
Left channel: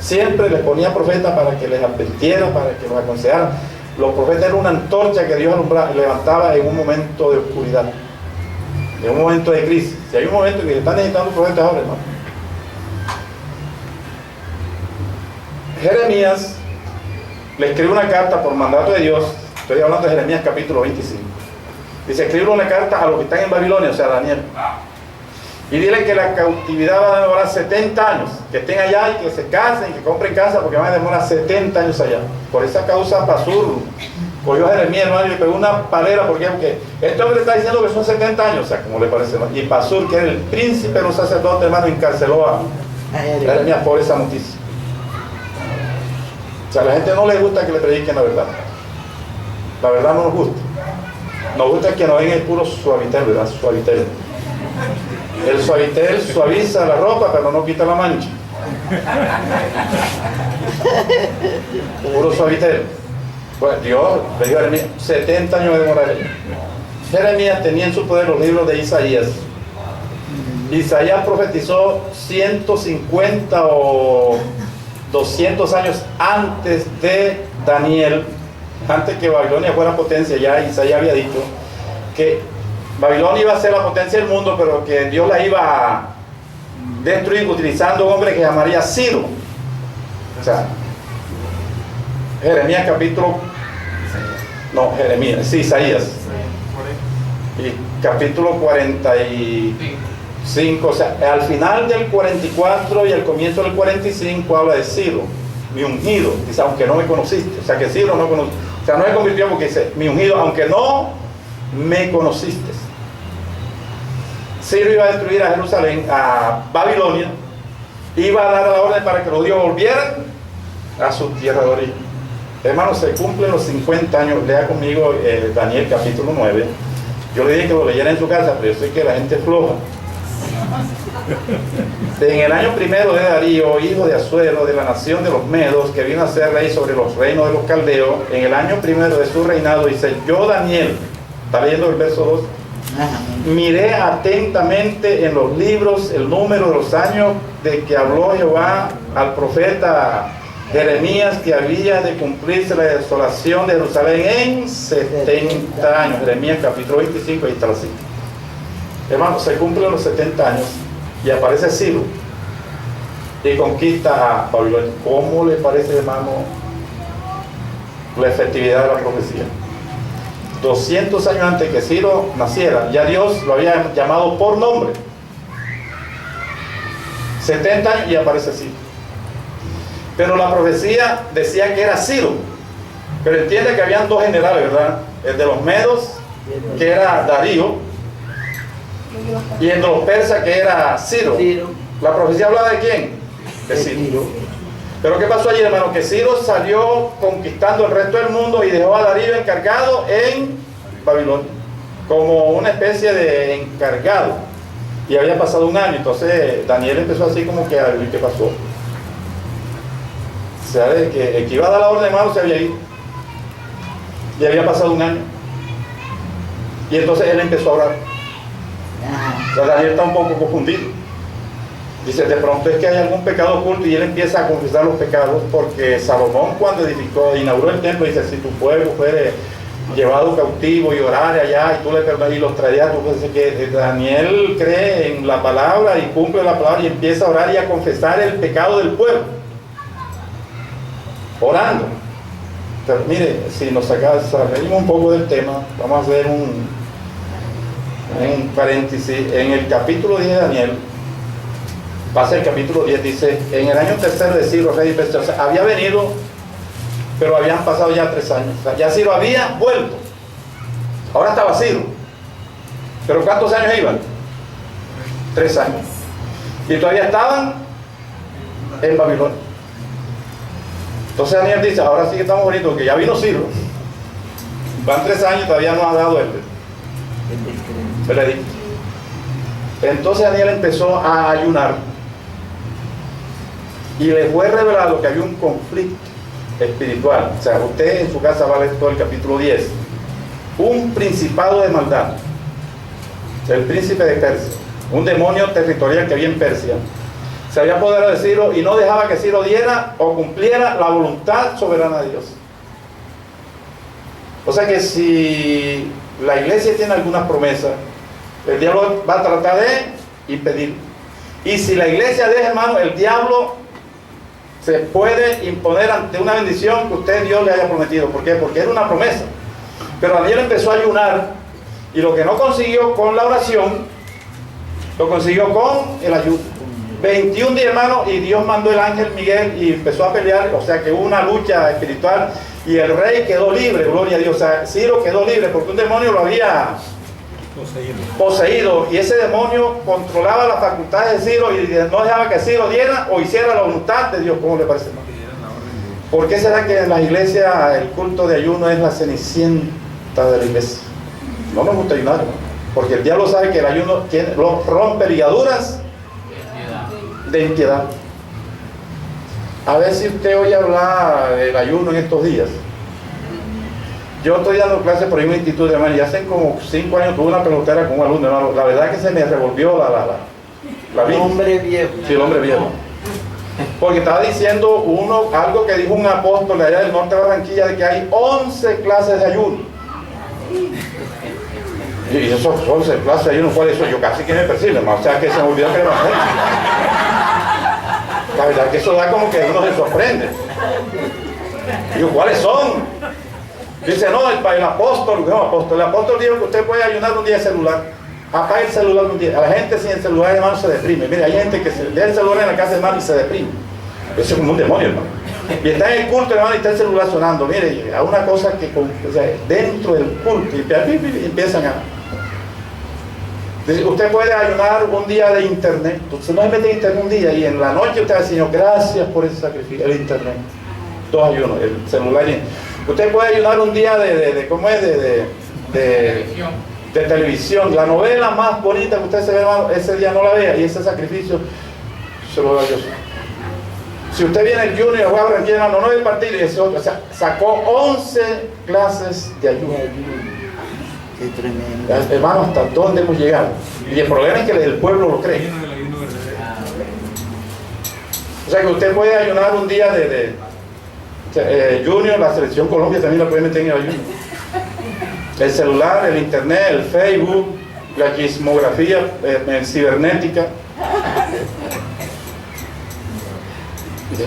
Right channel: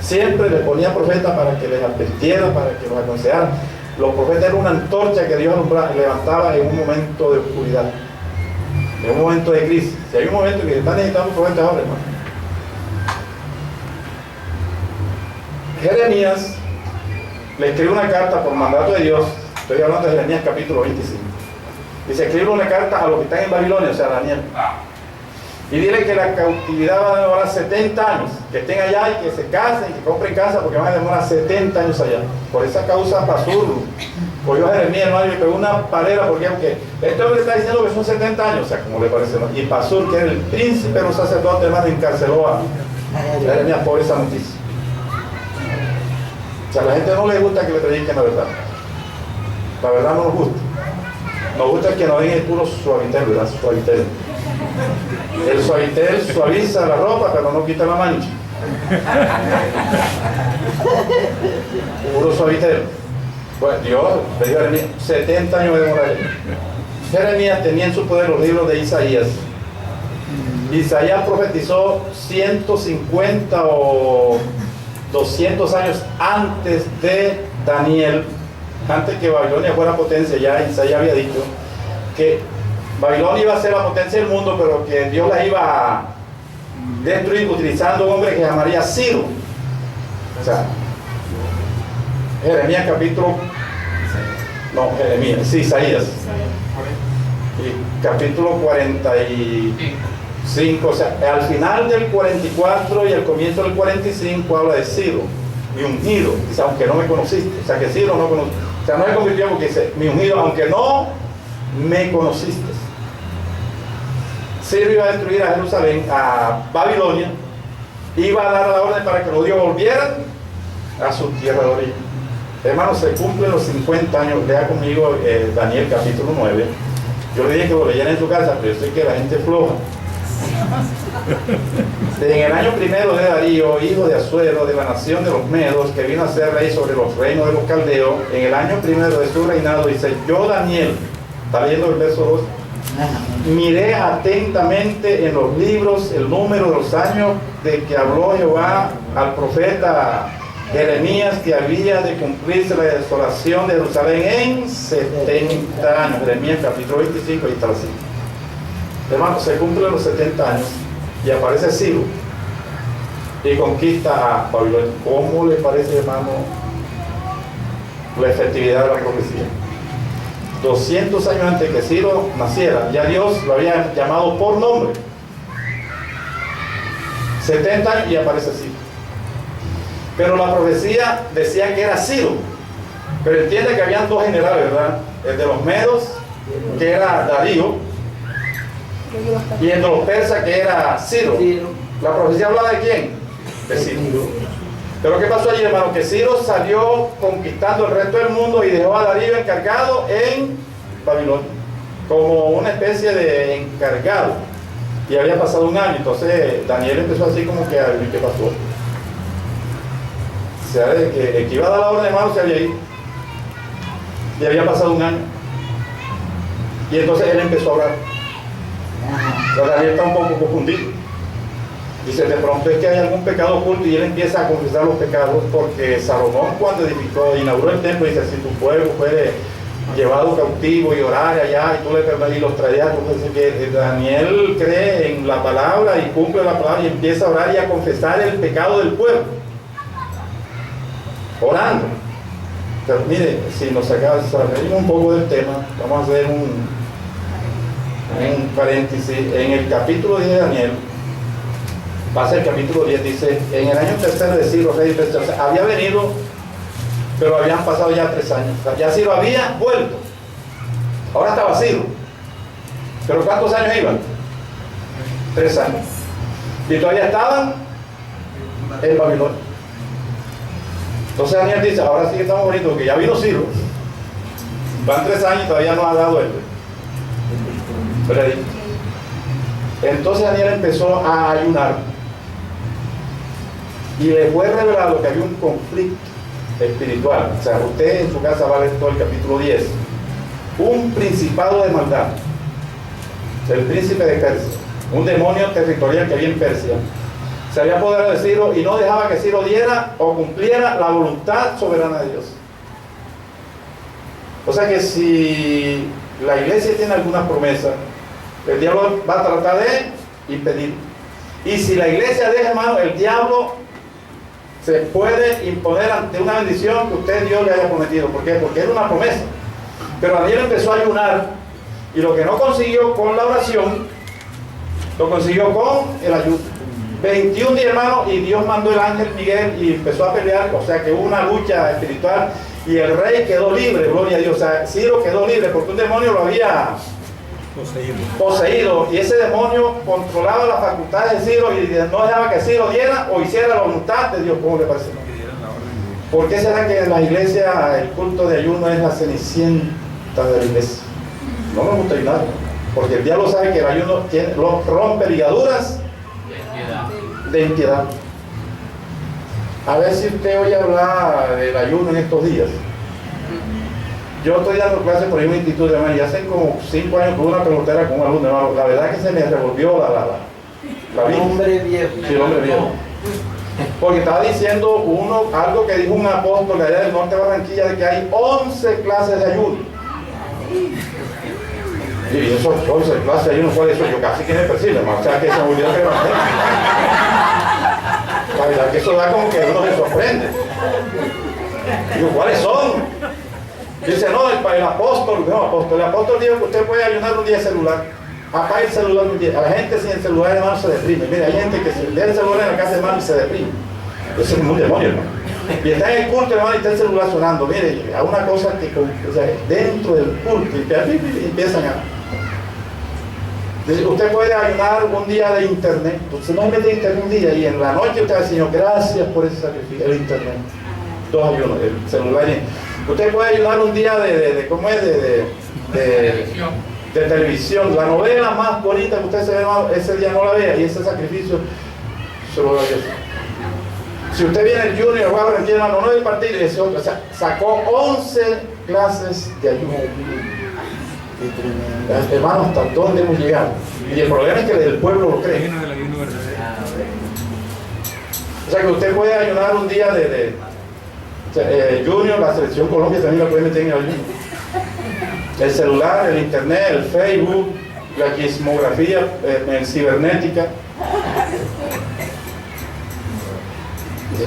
Siempre les ponía profetas para que les advirtiera, para que los aconsejara. Los profetas eran una antorcha que Dios levantaba en un momento de oscuridad, en un momento de crisis. Si hay un momento en que se están necesitando profetas ahora, hermano. Jeremías le escribe una carta por mandato de Dios. Estoy hablando de Jeremías capítulo 25. Dice, escribe una carta a los que están en Babilonia, o sea, a Daniel. Y dile que la cautividad va a demorar 70 años, que estén allá y que se casen y que compren casa, porque van a demorar 70 años allá. Por esa causa Pasur cogió a Jeremías, hermano, y le pegó una palera, porque aunque este hombre le está diciendo que son 70 años, o sea, como le parece, ¿no? Y Pasur, que era el príncipe de los sacerdotes, hermano, encarceló a Jeremías por esa noticia. O sea, a la gente no le gusta que le prediquen la verdad. La verdad no nos gusta. Nos gusta que nos den el puro suavitel, ¿verdad? Suavitel. El suavitel suaviza la ropa, pero no quita la mancha. Puro suavitel. Bueno, Dios le dijo a Jeremías, 70 años de demorar. Jeremías tenía en su poder los libros de Isaías. Isaías profetizó 150 o 200 años antes de Daniel, antes que Babilonia fuera potencia. Ya Isaías había dicho que Babilonia iba a ser la potencia del mundo, pero que Dios la iba a destruir utilizando un hombre que llamaría Ciro. O sea, Jeremías capítulo... No, Jeremías, sí, Isaías. Y capítulo 45, o sea, al final del 44 y al comienzo del 45 habla de Ciro, mi ungido. Dice, aunque no me conociste. O sea, que Ciro no conoce. O sea, no se convirtió porque dice, mi ungido, aunque no me conociste. Ciro iba a destruir a Jerusalén, a Babilonia, iba a dar la orden para que los judíos volvieran a su tierra de origen. Hermanos, se cumplen los 50 años. Lea conmigo Daniel capítulo 9. Yo le dije que lo leyera en su casa, pero yo sé que la gente es floja. En el año primero de Darío, hijo de Asuero, de la nación de los Medos, que vino a ser rey sobre los reinos de los caldeos, en el año primero de su reinado, dice, yo Daniel, está leyendo el verso 2, miré atentamente en los libros el número de los años de que habló Jehová al profeta Jeremías, que había de cumplirse la desolación de Jerusalén en 70 años. Jeremías capítulo 25, ahí está la cita. Hermanos, se cumplen los 70 años y aparece Ciro y conquista a Babilonia. ¿Cómo le parece, hermano, la efectividad de la profecía? 200 años antes que Ciro naciera, ya Dios lo había llamado por nombre. 70 años y aparece Ciro. Pero la profecía decía que era Ciro. Pero entiende que habían dos generales, ¿verdad? El de los Medos, que era Darío, y el de los persas, que era Ciro. La profecía hablaba de quién? De Ciro. Pero ¿qué pasó allí, hermano? Que Ciro salió conquistando el resto del mundo y dejó a Darío encargado en Babilonia, como una especie de encargado. Y había pasado un año, entonces Daniel empezó así como que a ver qué pasó. O sea, el que iba a dar la orden de mano se había ido. Y había pasado un año. Y entonces él empezó a orar. O sea, Daniel está un poco confundido. Dice, de pronto es que hay algún pecado oculto, y él empieza a confesar los pecados, porque Salomón, cuando inauguró el templo, dice, si tu pueblo fuere llevado cautivo y orar allá y tú le perdonas y los traías, tú dices que Daniel cree en la palabra y cumple la palabra y empieza a orar y a confesar el pecado del pueblo, orando. Pero mire, si nos salimos un poco del tema, vamos a hacer un paréntesis. En el capítulo 10 de Daniel, pasa el capítulo 10, dice, en el año tercero de Ciro, rey de Persia, o sea, había venido, pero habían pasado ya 3 años. O sea, ya Ciro había vuelto. Ahora estaba Ciro. Pero ¿cuántos años iban? 3 años. Y todavía estaban en Babilonia. Entonces Daniel dice, ahora sí que estamos bonitos, que ya vino Ciro. Van 3 años y todavía no ha dado el veredicto. Entonces Daniel empezó a ayunar. Y le fue revelado que había un conflicto espiritual. O sea, usted en su casa va a leer todo el capítulo 10. Un principado de maldad. El príncipe de Persia. Un demonio territorial que había en Persia. Se había apoderado de Ciro y no dejaba que Ciro diera o cumpliera la voluntad soberana de Dios. O sea que si la iglesia tiene algunas promesas, el diablo va a tratar de impedir. Y si la iglesia deja, hermano, el diablo se puede imponer ante una bendición que usted Dios le haya prometido. ¿Por qué? Porque era una promesa. Pero Daniel empezó a ayunar y lo que no consiguió con la oración, lo consiguió con el ayuno. 21 días, hermano, y Dios mandó el ángel Miguel y empezó a pelear. O sea que hubo una lucha espiritual y el rey quedó libre, gloria a Dios. O sea, Ciro quedó libre porque un demonio lo había poseído y ese demonio controlaba las facultades de Ciro y no dejaba que Ciro diera o hiciera la voluntad de Dios. ¿Cómo le parece? ¿Por qué será que en la iglesia el culto de ayuno es la cenicienta de la iglesia? No nos gusta ayunar, porque el diablo sabe que el ayuno rompe ligaduras de impiedad. A ver si usted oye hablar del ayuno en estos días. Yo estoy dando clases por ahí en un instituto, hermano, y hace como 5 años tuve una pelotera con un alumno, hermano. La verdad es que se me revolvió la vida. Hombre viejo. Sí, el hombre viejo. Porque estaba diciendo algo que dijo un apóstol de allá del norte de Barranquilla, de que hay 11 clases de ayuno. Y esos 11 clases de ayuno, ¿cuál es eso? Yo casi que me persigue, hermano. O sea que se me olvidó que era más. La verdad que eso da como que uno se sorprende. Digo, ¿cuáles son? Dice, no, el apóstol, el apóstol dijo que usted puede ayunar un día de celular. Apaga el celular un día. A la gente sin el celular, hermano, se deprime. Mira, hay gente que se deja el celular en la casa, hermano, y se deprime. Eso es como un demonio, hermano. Y está en el culto, hermano, y está el celular sonando. Mire, hay una cosa que, o sea, dentro del culto, y empiezan a... Dice, usted puede ayunar un día de internet. Entonces no se mete en internet un día y en la noche usted va a decir, Señor, gracias por ese sacrificio. El internet. 2 ayunos, el celular. Usted puede ayunar un día ¿cómo es? De televisión. La novela más bonita que usted se ve, ese día no la vea y ese sacrificio se lo da Dios. Si usted viene el Junior, juega a Barranquilla, hermano, no es el partido, y ese otro, o sea, sacó 11 clases de ayuno. Qué tremendo. Hermano, ¿hasta dónde hemos llegado? Y el problema es que el pueblo lo cree. O sea que usted puede ayunar un día Junior, la selección Colombia también la puede meter en el ayuno. El celular, el internet, el Facebook, la chismografía cibernética.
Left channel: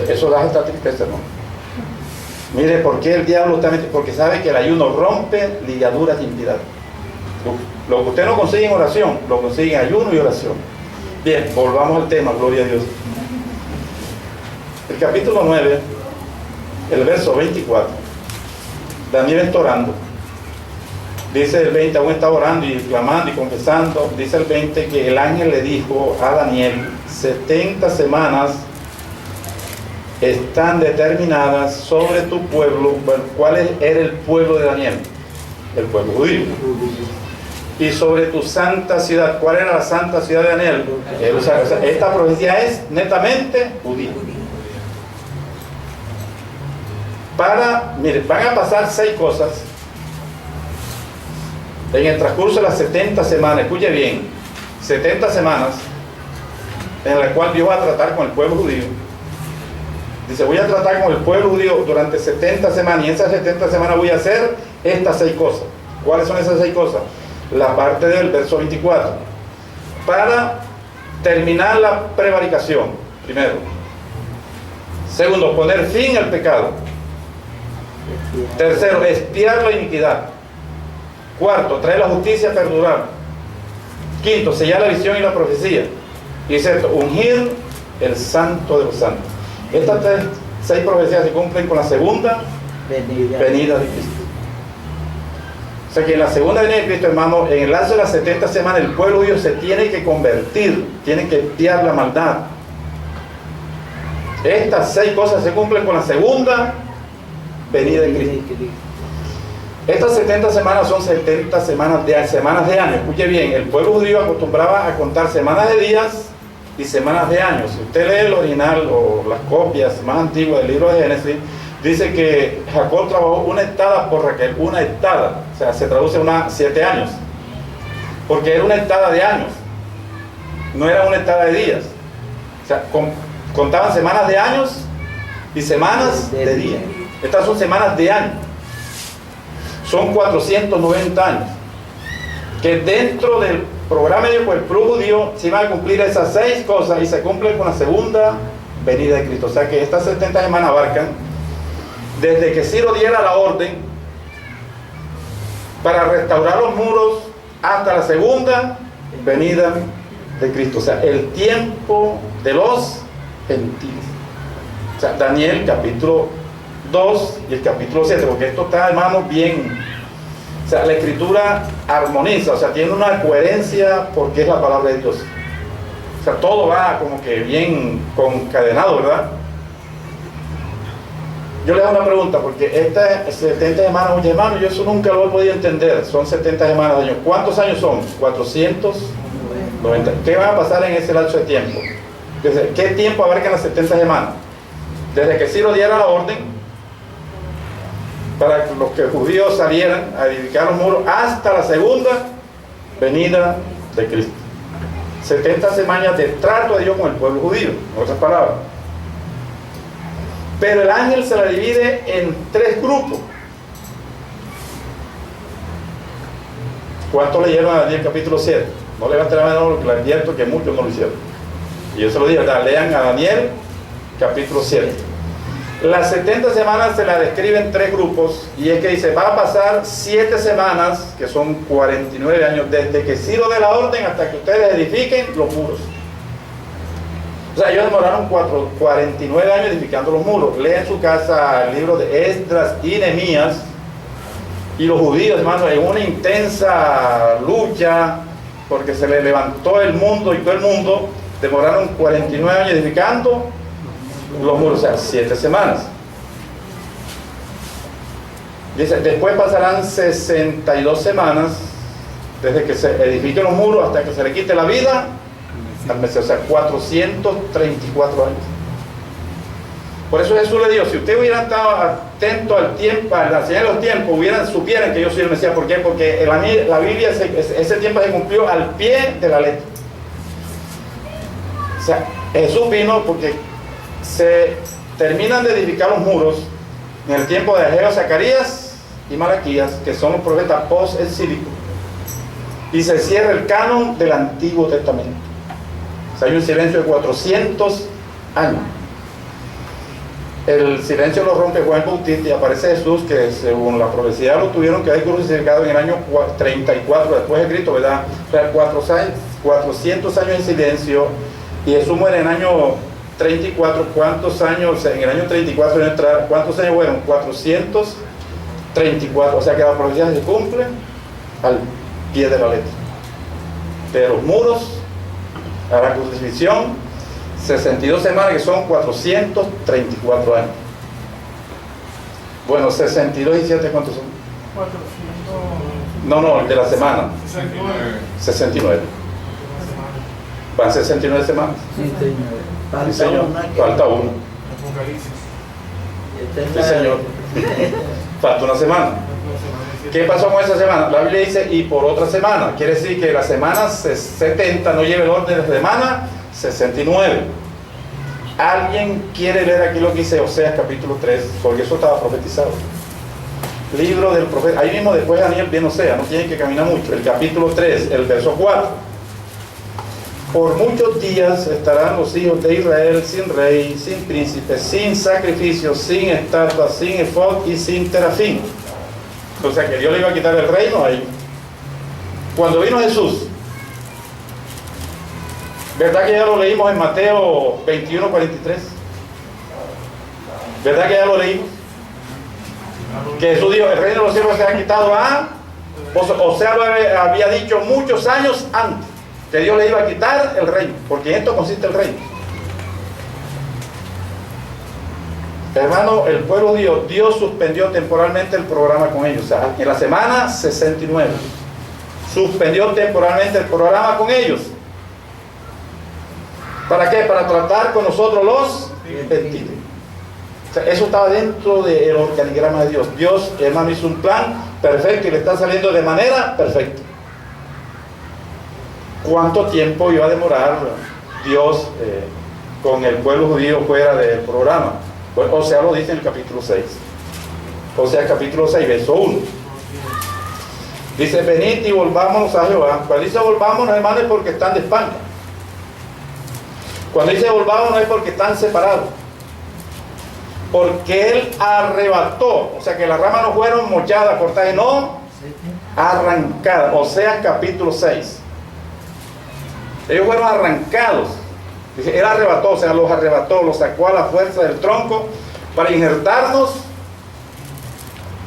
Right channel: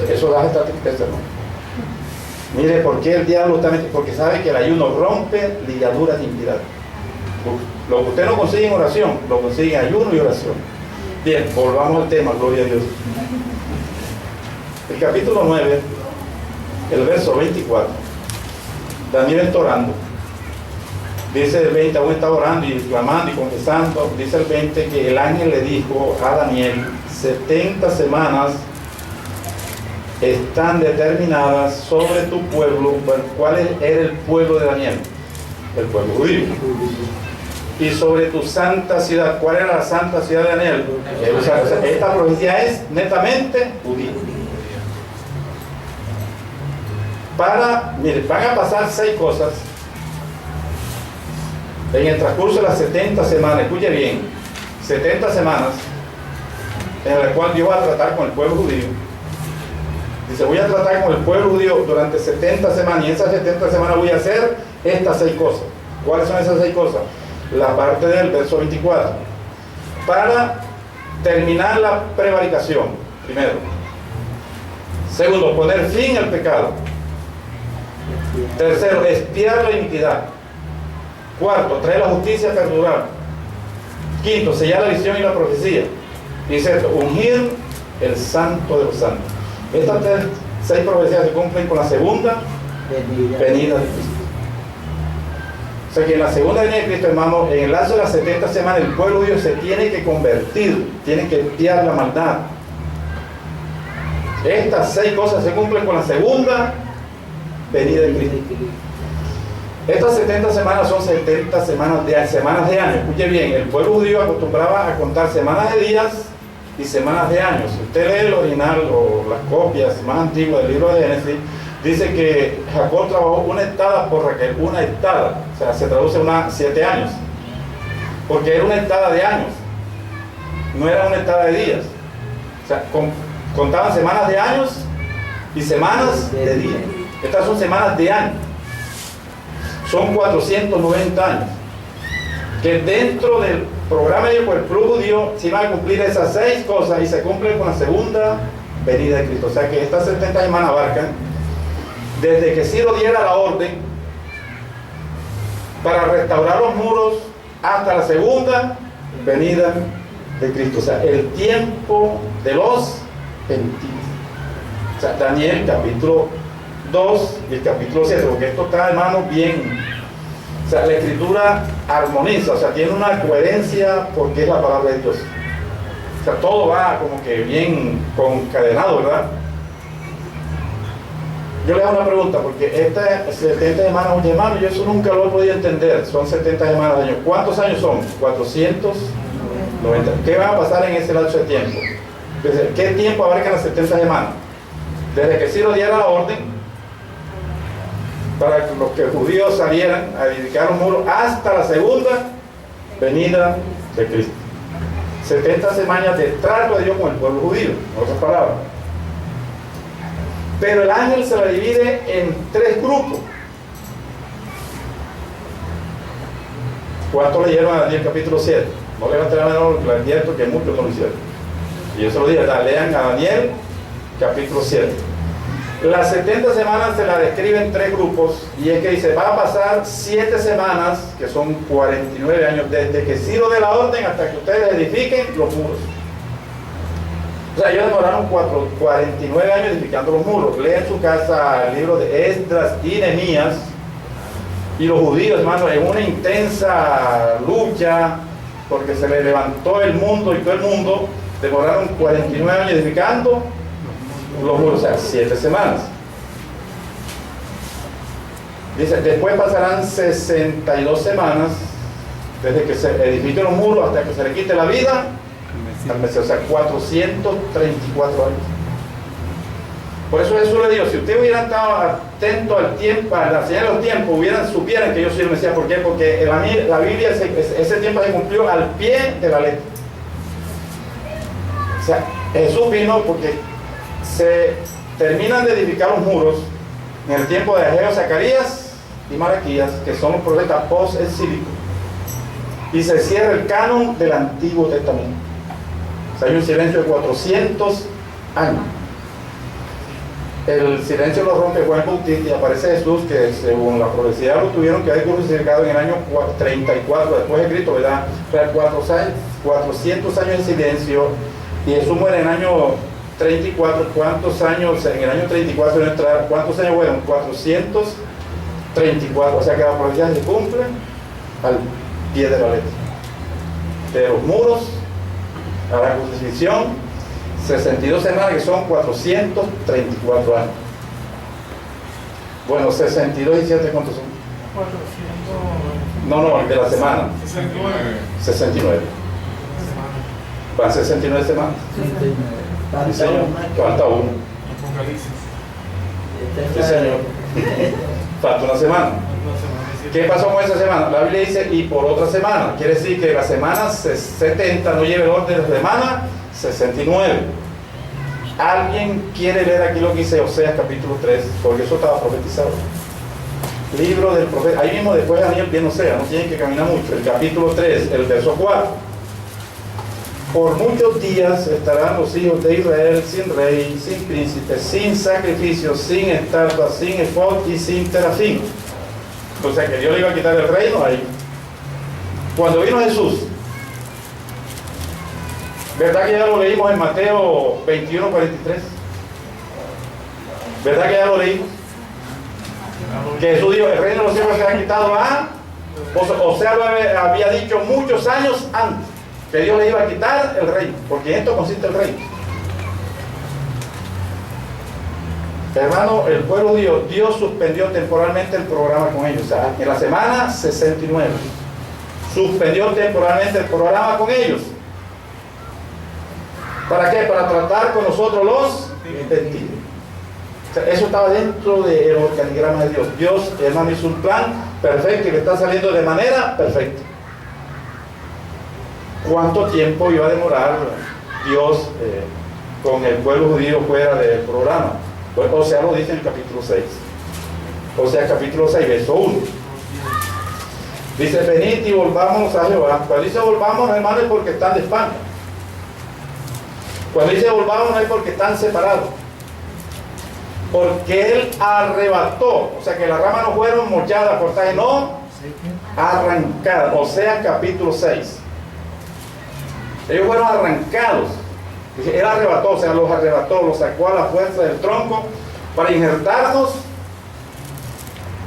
Eso da esta tristeza, ¿no? Mire, ¿por qué el diablo está metido? Porque sabe que el ayuno rompe ligaduras de impiedad. Lo que usted no consigue en oración, lo consigue en ayuno y oración. Bien, volvamos al tema, gloria a Dios. El capítulo 9, el verso 24. Daniel está orando. Dice el 20, aún está orando y clamando y confesando. Dice el 20 que el ángel le dijo a Daniel, 70 semanas están determinadas sobre tu pueblo. Bueno, ¿cuál era el pueblo de Daniel? El pueblo judío. Y sobre tu santa ciudad. ¿Cuál era la santa ciudad de Daniel? Jerusalén. O sea, esta profecía es netamente judía. Mire, van a pasar 6 cosas en el transcurso de las 70 semanas. Escuche bien, 70 semanas en las cuales Dios va a tratar con el pueblo judío. Dice, voy a tratar con el pueblo judío durante 70 semanas y en esas 70 semanas voy a hacer estas 6 cosas. ¿Cuáles son esas 6 cosas? La parte del verso 24. Para terminar la prevaricación, primero. Segundo, poner fin al pecado. Tercero, expiar la iniquidad. Cuarto, traer la justicia perdurable. Quinto, sellar la visión y la profecía. Y sexto, ungir el santo de los santos. Estas 6 profecías se cumplen con la segunda venida de Cristo. O sea que en la segunda venida de Cristo, hermano, en el lapso de las 70 semanas, el pueblo judío se tiene que convertir, tiene que expiar la maldad. Estas 6 cosas se cumplen con la segunda venida de Cristo. Estas 70 semanas son 70 semanas de año. Escuche bien, el pueblo judío acostumbraba a contar semanas de días y semanas de años. Si usted lee el original o las copias más antiguas del libro de Génesis, dice que Jacob trabajó una estada por Raquel, una estada, o sea, se traduce a 7 años, porque era una estada de años, no era una estada de días. O sea, contaban semanas de años y semanas de días. Estas son semanas de año. Son 490 años. Que dentro del programa de el pueblo judío se iban a cumplir esas 6 cosas y se cumplen con la segunda venida de Cristo. O sea que estas 70 semanas abarcan desde que Ciro diera la orden para restaurar los muros hasta la segunda venida de Cristo. O sea, el tiempo de los gentiles. O sea, Daniel capítulo 2 y el capítulo 7, porque esto está, hermano, bien. O sea, la escritura armoniza, o sea, tiene una coherencia porque es la palabra de Dios. O sea, todo va como que bien concadenado, ¿verdad? Yo le hago una pregunta, porque estas 70 semanas, oye hermano, yo eso nunca lo he podido entender. Son 70 semanas de año. ¿Cuántos años son? 490. ¿Qué va a pasar en ese lapso de tiempo? ¿Qué tiempo abarcan las 70 semanas? Desde que Ciro diera la orden para que los judíos salieran a edificar los muros hasta la segunda venida de Cristo. 70 semanas de trato de Dios con el pueblo judío, en otras palabras. Pero el ángel se la divide en 3 grupos. ¿Cuántos leyeron a Daniel capítulo 7? No levanten la mano, le advierto que muchos no lo hicieron. Y yo se lo digo, lean a Daniel capítulo 7. Las 70 semanas se la describen en 3 grupos, y es que dice, va a pasar 7 semanas, que son 49 años, desde que Ciro dé la orden hasta que ustedes edifiquen los muros. O sea, ellos demoraron 49 años edificando los muros. Leen en su casa el libro de Esdras y Nehemías, y los judíos, hermano, en una intensa lucha, porque se les levantó el mundo y todo el mundo, demoraron 49 años edificando los muros, o sea, 7 semanas. Dice, después pasarán 62 semanas desde que se edifiquen los muros hasta que se le quite la vida al Mesías, o sea, 434 años. Por eso Jesús le dijo, si ustedes hubieran estado atentos al tiempo, a la señal de los tiempos, supieran que yo soy el Mesías. ¿Por qué? Porque en la Biblia ese tiempo se cumplió al pie de la letra. O sea, Jesús vino porque se terminan de edificar los muros en el tiempo de Ageo, Zacarías y Malaquías, que son los profetas post-exílicos, y se cierra el canon del Antiguo Testamento. O sea, hay un silencio de 400 años. El silencio lo rompe Juan Bautista y aparece Jesús, que según la profecía lo tuvieron que haber crucificado en el año 34 después de Cristo, ¿verdad? O sea, 400 años en silencio, y Jesús muere en el año 34. ¿Cuántos años? En el año 34, ¿cuántos años fueron? 434. O sea que la profecía se cumple al pie de la letra. De los muros a la crucifixión, 62 semanas, que son 434 años. Bueno, 62 y 7, ¿cuántos son? 400. No, el de la semana. 69. Van 69 semanas. 69. Sí, señor. Falta uno. Sí, señor. Falta una semana. ¿Qué pasó con esa semana? La Biblia dice, y por otra semana. Quiere decir que la semana 70 no lleva el orden de la semana 69. ¿Alguien quiere leer aquí lo que dice Oseas capítulo 3? Porque eso estaba profetizado. Libro del profeta. Ahí mismo después de Daniel viene Oseas, no tienen que caminar mucho. El capítulo 3, el verso 4. Por muchos días estarán los hijos de Israel sin rey, sin príncipe, sin sacrificio, sin estatua, sin efod y sin terafín. O sea que Dios le iba a quitar el reino a ellos. Cuando vino Jesús, ¿verdad que ya lo leímos en Mateo 21:43? ¿Verdad que ya lo leímos? Que Jesús dijo, el reino de los cielos se ha quitado a Osea lo había dicho muchos años antes, que Dios le iba a quitar el reino, porque en esto consiste el reino. Hermano, el pueblo judío, Dios suspendió temporalmente el programa con ellos. O sea, en la semana 69 suspendió temporalmente el programa con ellos. ¿Para qué? Para tratar con nosotros los gentiles. O sea, eso estaba dentro del organigrama de Dios. Dios, hermano, hizo un plan perfecto y le está saliendo de manera perfecta. ¿Cuánto tiempo iba a demorar Dios con el pueblo judío fuera del programa? Pues, o sea, lo dice en el capítulo 6. O sea, capítulo 6, verso 1. Dice, venid y volvámonos a Jehová. Cuando dice volvámonos, hermano, es porque están de España. Cuando dice volvámonos es porque están separados. Porque Él arrebató, o sea que las ramas no fueron mochadas, cortadas, no arrancadas. O sea, capítulo 6. Ellos fueron arrancados. Él arrebató, o sea, los arrebató, los sacó a la fuerza del tronco para injertarnos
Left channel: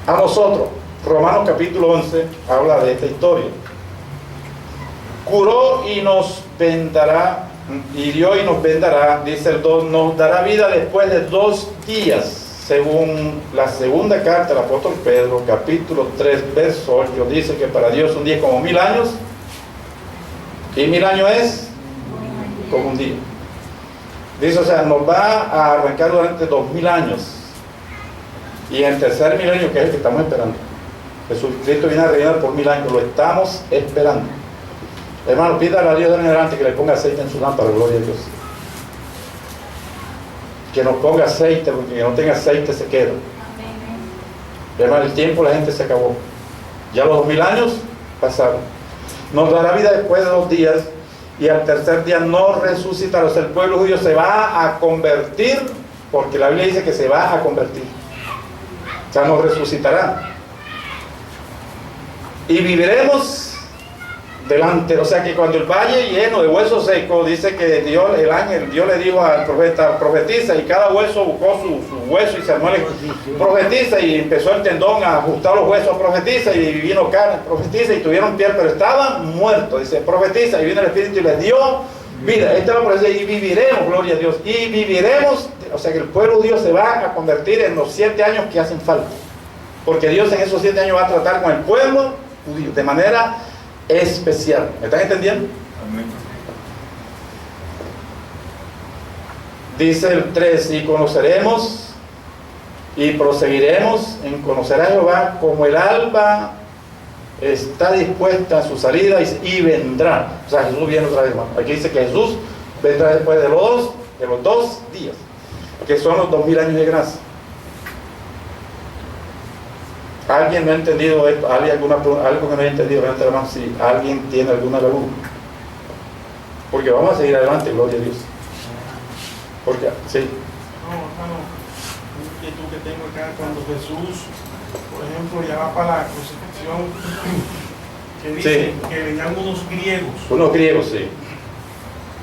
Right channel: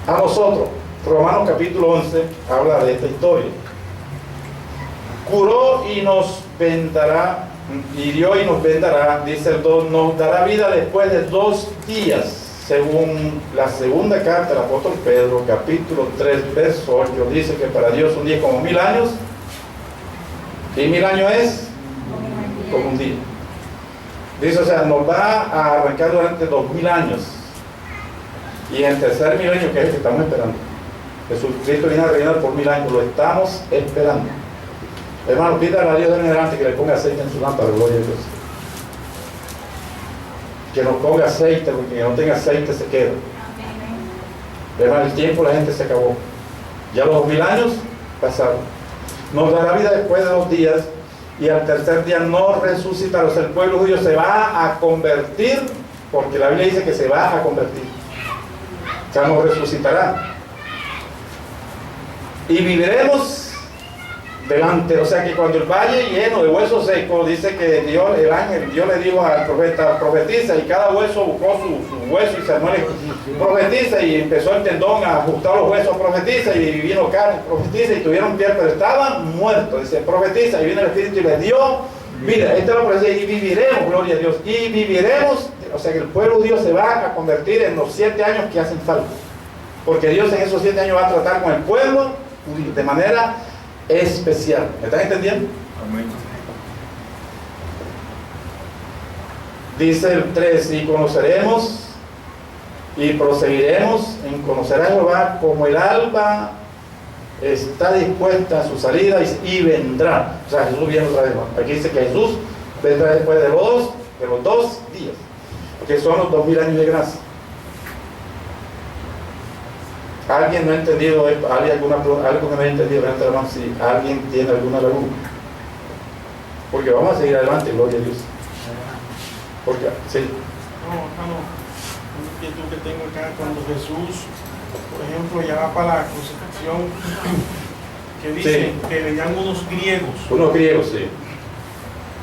a nosotros. Romanos capítulo 11 habla de esta historia. Curó y nos vendará, hirió y nos vendará, dice el 2, nos dará vida después de 2 días, según la segunda carta del apóstol Pedro, capítulo 3, verso 8, dice que para Dios un día es como 1000 años, y 1000 años es como un día. Dice, o sea, nos va a arrancar durante 2000 años. Y en el tercer milenio, que es el que estamos esperando, Jesucristo viene a reinar por 1000 años, lo estamos esperando. Hermano, pídale a Dios en adelante que le ponga aceite en su lámpara, gloria a Dios. Que nos ponga aceite, porque que no tenga aceite se queda. Hermano, el tiempo la gente se acabó. Ya los 2000 años pasaron. Nos dará vida después de 2 días. Y al tercer día no resucitará. O sea, el pueblo judío se va a convertir, porque la Biblia dice que se va a convertir. O sea, no resucitará. Y viviremos delante. O sea, que cuando el valle lleno de huesos secos, dice que Dios, el ángel, Dios le dijo al profeta, profetiza, y cada hueso buscó su hueso y se armó, profetiza, y empezó el tendón a ajustar los huesos, profetiza, y vino carne, profetiza, y tuvieron piel, pero estaban muertos. Dice, profetiza, y vino el Espíritu y les dio vida. Esta es la profecía, y viviremos, gloria a Dios, y viviremos. O sea que el pueblo judío se va a convertir en los 7 años que hacen falta, porque Dios en esos 7 años va a tratar con el pueblo judío de manera especial. ¿Me están entendiendo? Amén. Dice el 3, y conoceremos y proseguiremos en conocer a Jehová como el alba está dispuesta a su salida y vendrá. O sea, Jesús viene otra vez. Aquí dice que Jesús vendrá después de los 2 días, que son los 2000 años de gracia. ¿Alguien no ha entendido esto? ¿Algo que no ha entendido? Hermano, si alguien tiene alguna laguna. Porque vamos a seguir adelante, gloria a Dios. Porque, sí. No, acá no. Un inquietud que tengo acá cuando Jesús, por ejemplo, ya va para la crucifixión, que dice que venían unos griegos. Unos griegos, sí.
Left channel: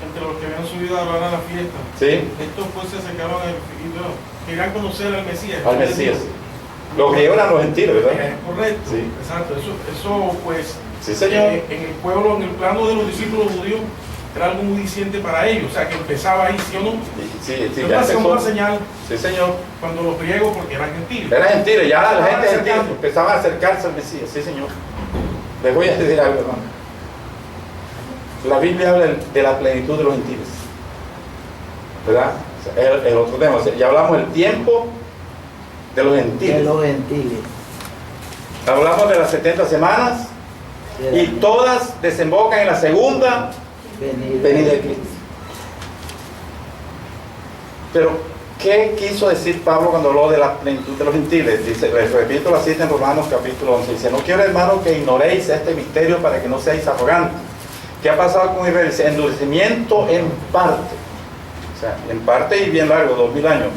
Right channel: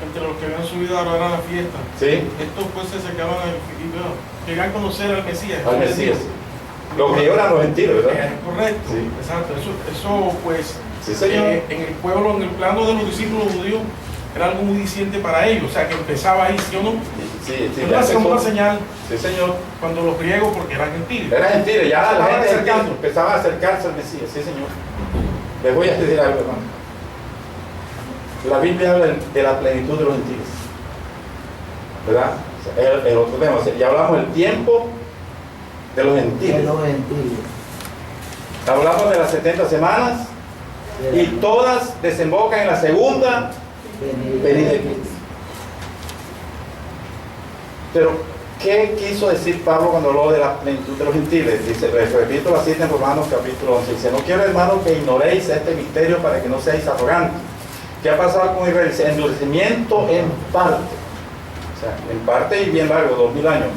Entre los que habían subido a hablar a la fiesta. Sí. Estos pues se acercaron y querían conocer al Mesías. Al Mesías. Los griegos eran los gentiles, ¿verdad? Correcto. Sí. Exacto. Eso pues, sí, señor. En el pueblo, en el plano de los discípulos judíos, era algo muy diciente para ellos. O sea, que empezaba ahí, ¿sí o no? Sí, era una señal. Sí, señor. Cuando los griegos, porque eran gentiles. Eran gentiles, ya la gente gentil empezaba a acercarse al Mesías. Sí, señor. Les voy a decir algo, hermano. La Biblia habla de la plenitud de los gentiles, ¿verdad? O sea, el otro tema. O sea, ya hablamos del tiempo de los gentiles. De los gentiles. Hablamos de las 70 semanas y todas desembocan en la segunda venida de Cristo. Pero, ¿qué quiso decir Pablo cuando habló de la plenitud de los gentiles? Dice, les repito la cita en Romanos capítulo 11. Dice, no quiero, hermanos, que ignoréis este misterio para que no seáis arrogantes. ¿Qué ha pasado con Israel? Dice, endurecimiento en parte. O sea, en parte y bien largo, 2000 años.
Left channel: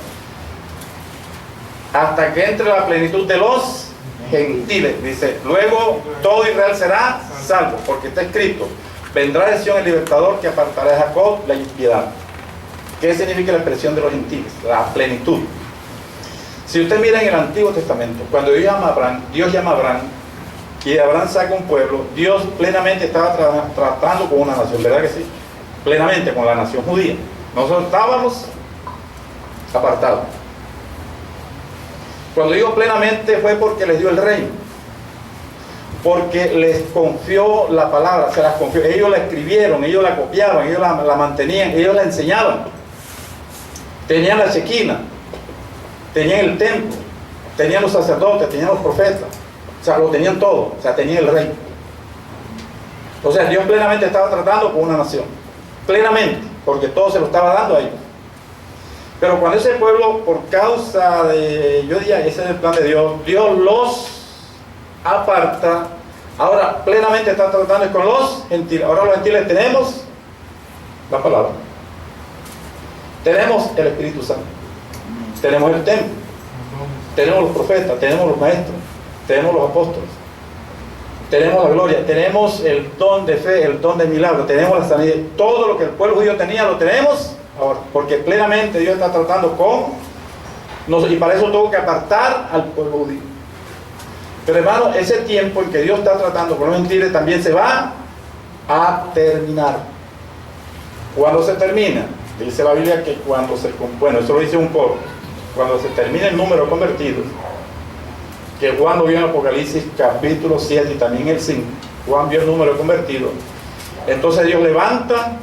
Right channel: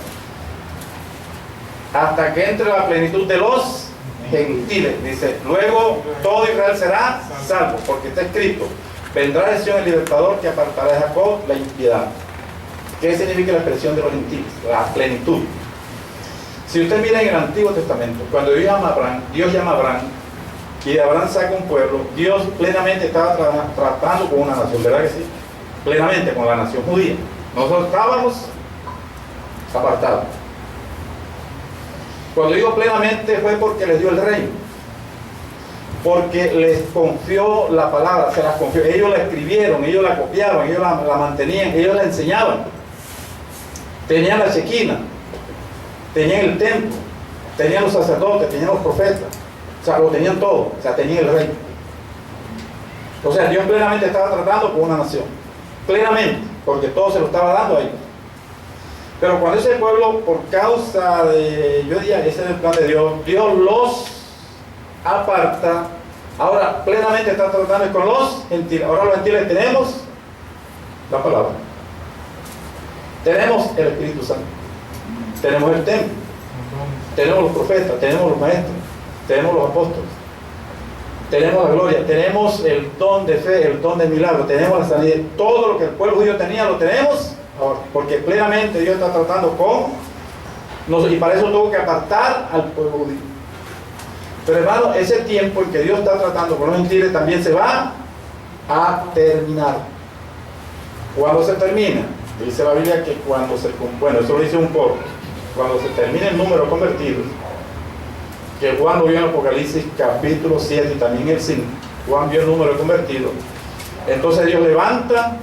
Hasta que entre la plenitud de los gentiles. Dice, luego todo Israel será salvo, porque está escrito, vendrá de Sion el libertador que apartará de Jacob la impiedad. ¿Qué significa la expresión de los gentiles? La plenitud. Si usted mira en el Antiguo Testamento, cuando Dios llama a Abraham, y de Abraham saca un pueblo, Dios plenamente estaba tratando con una nación, ¿verdad que sí? Plenamente con la nación judía. Nosotros estábamos apartados. Cuando digo plenamente fue porque les dio el reino, porque les confió la palabra, se las confió. Ellos la escribieron, ellos la copiaron, ellos la mantenían, ellos la enseñaban. Tenían la Shequina, tenían el templo, tenían los sacerdotes, tenían los profetas, o sea, lo tenían todo, o sea, tenían el reino. O sea, Dios plenamente estaba tratando con una nación, plenamente, porque todo se lo estaba dando a ellos. Pero cuando ese pueblo, por causa de, yo diría, ese es el plan de Dios, Dios los aparta, ahora plenamente está tratando con los gentiles. Ahora los gentiles tenemos la palabra, tenemos el Espíritu Santo, tenemos el templo, tenemos los profetas, tenemos los maestros, tenemos los apóstoles, tenemos la gloria, tenemos el don de fe, el don de milagro, tenemos la sanidad. Todo lo que el pueblo judío tenía lo tenemos ahora, porque plenamente Dios está tratando con nosotros, y para eso tuvo que apartar al pueblo judío. Pero hermano, ese tiempo en que Dios está tratando con los gentiles también se va a terminar. ¿Cuándo se termina? Dice la Biblia que cuando se, bueno, eso lo dice un poco, cuando se termine el número de convertidos, que Juan lo vio en Apocalipsis capítulo 7 y también el 5, Juan vio el número de convertidos, entonces Dios levanta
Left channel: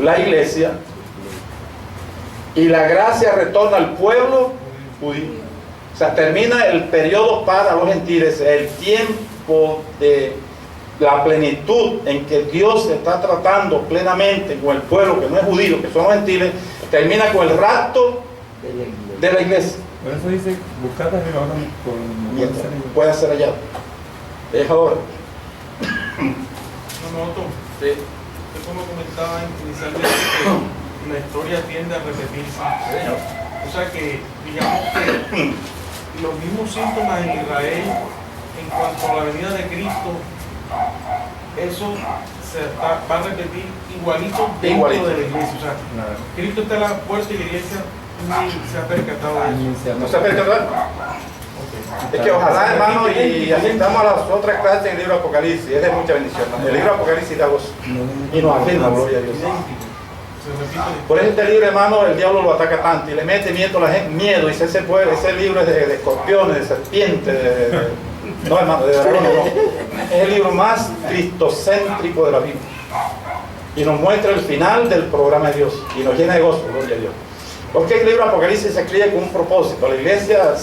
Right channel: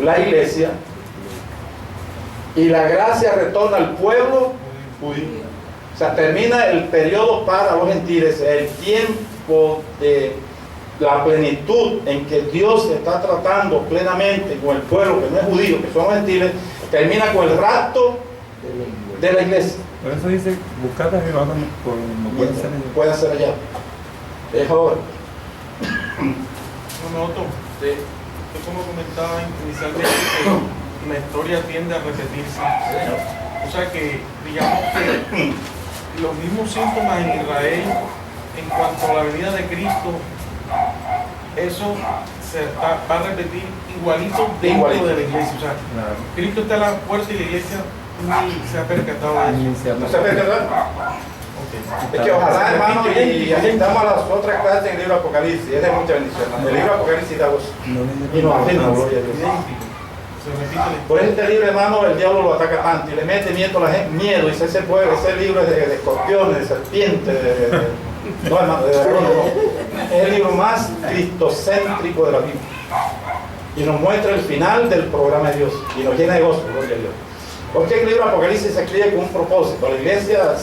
la iglesia y la gracia retorna al pueblo judío. O sea, termina el periodo para los gentiles, el tiempo de la plenitud en que Dios está tratando plenamente con el pueblo que no es judío, que son los gentiles, termina con el rapto de la iglesia. Por eso dice, buscad a Jehová con puede ser allá. Puede ser allá. Es ahora. No, Otto. Sí. Usted como comentaba inicialmente que la historia tiende a repetirse. O sea que, digamos que los mismos síntomas en Israel en cuanto a la venida de Cristo, eso se va a repetir igualito dentro de la iglesia. O sea, Cristo está a la puerta y la iglesia ni se ha percatado de eso. ¿No se ha percatado? Es que ojalá, hermano, y asistamos a las otras clases en el libro de Apocalipsis, es de mucha bendición. El libro de Apocalipsis da gozo y nos afirma, gloria a Dios. Por eso este libro, hermano, el diablo lo ataca tanto y le mete miedo a la gente, miedo, y ese libro es de escorpiones, de serpientes, no, hermano, de dragones, no. Es el libro más cristocéntrico de la Biblia y nos muestra el final del programa de Dios y nos llena de gozo, gloria a Dios. Porque el libro de Apocalipsis se escribe con un propósito. La iglesia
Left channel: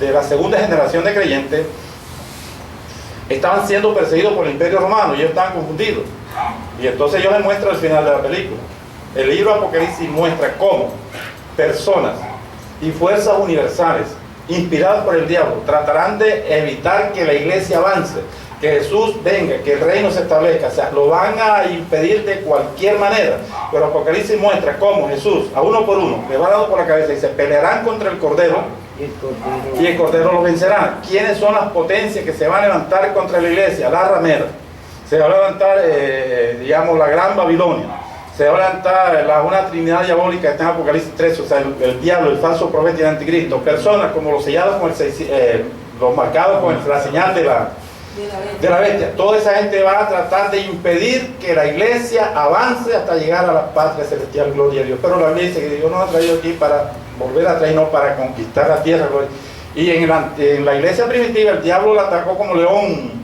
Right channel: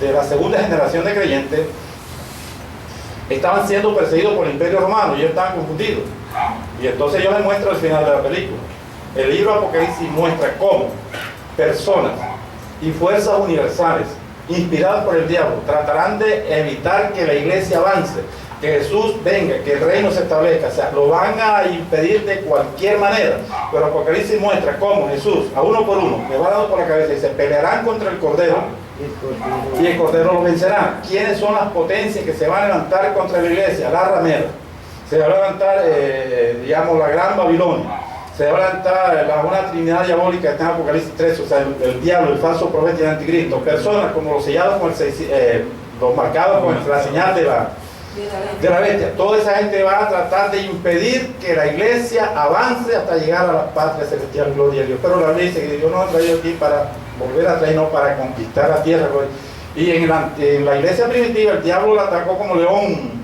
de la segunda generación de creyentes estaban siendo perseguidos por el Imperio Romano y ellos estaban confundidos. Y entonces yo les muestro el final de la película. El libro de Apocalipsis muestra cómo personas y fuerzas universales inspiradas por el diablo tratarán de evitar que la iglesia avance, que Jesús venga, que el reino se establezca. O sea, lo van a impedir de cualquier manera. Pero Apocalipsis muestra cómo Jesús, a uno por uno, le va dando por la cabeza y se pelearán contra el Cordero y el Cordero lo vencerá. ¿Quiénes son las potencias que se van a levantar contra la iglesia? La ramera. Se va a levantar, digamos, la Gran Babilonia. Se va a levantar una trinidad diabólica que está en Apocalipsis 3, o sea, el diablo, el falso profeta y el anticristo. Personas como los sellados con los marcados con la señal de la bestia. Toda esa gente va a tratar de impedir que la iglesia avance hasta llegar a la patria celestial, gloria a Dios. Pero la Biblia dice que Dios nos ha traído aquí para volver a traer, no para conquistar la tierra, gloria. Y en la iglesia primitiva el diablo la atacó como león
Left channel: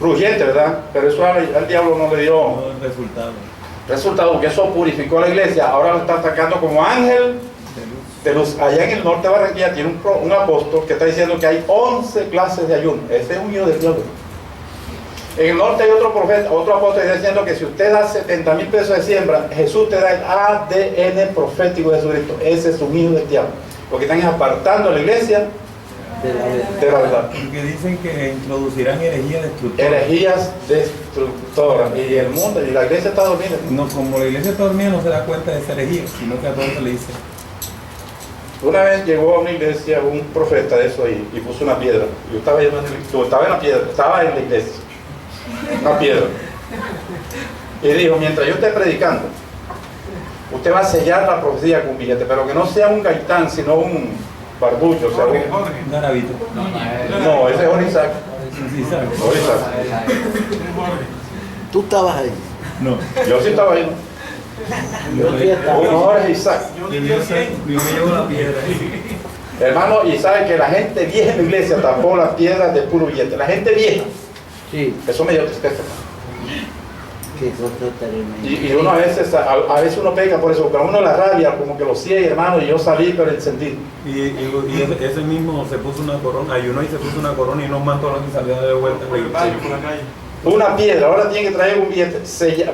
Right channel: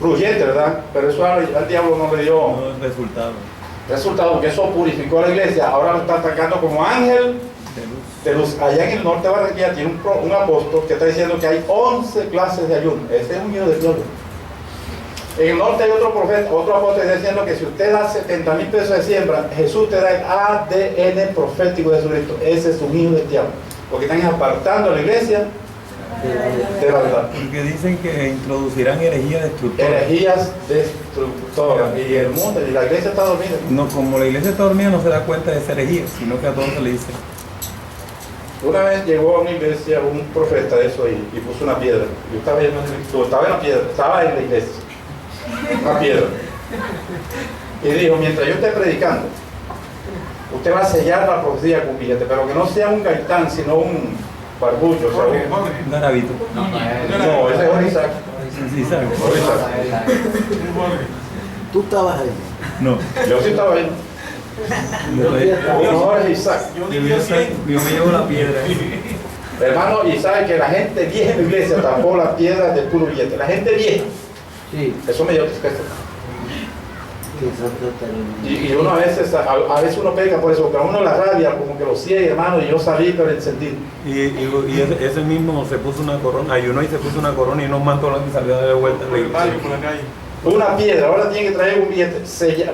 rugiente, ¿verdad? Pero eso al diablo no le dio resultado, porque eso purificó a la iglesia. Ahora lo está atacando como ángel de luz. Allá en el norte de Barranquilla tiene un apóstol que está diciendo que hay 11 clases de ayuno. Ese es un hijo del diablo. En el norte hay otro profeta, otro apóstol que está diciendo que si usted da 70,000 pesos de siembra, Jesús te da el ADN profético de Jesucristo. Ese es un hijo del diablo, porque están apartando a la iglesia de la verdad. Porque dicen que introducirán herejías destructoras. Herejías destructoras. Y el mundo, y la iglesia está dormida. No, como la iglesia está dormida no se da cuenta de esa herejía, sino que a todos se le dice. Una vez llegó a una iglesia un profeta de eso ahí y puso una piedra. Yo estaba estaba en la iglesia. Una piedra. Y dijo, mientras yo esté predicando, usted va a sellar la profecía con un billete, pero que no sea un gaitán, sino un barbucho, o sea, Un garabito. no, ese es Isaac. Sí, ¿sabes? Por Isaac. Tú estabas ahí. No. Yo sí estaba ahí. Uno es Isaac. Yo me llevo la piedra. Hermano, y sabe que la gente vieja en la iglesia tapó las piedras de puro billete. La gente vieja. Sí. Eso me dio tristeza. Que eso está tremendo. Y uno a veces uno pega por eso, pero a uno la rabia como que lo ciega, hermano, y yo salí pero encendido. Y ese mismo se puso una corona, ayunó y se puso una corona y unos mantos y salió de vuelta. Por el barrio, por la calle. Una piedra, ahora tiene que traer un billete. Usted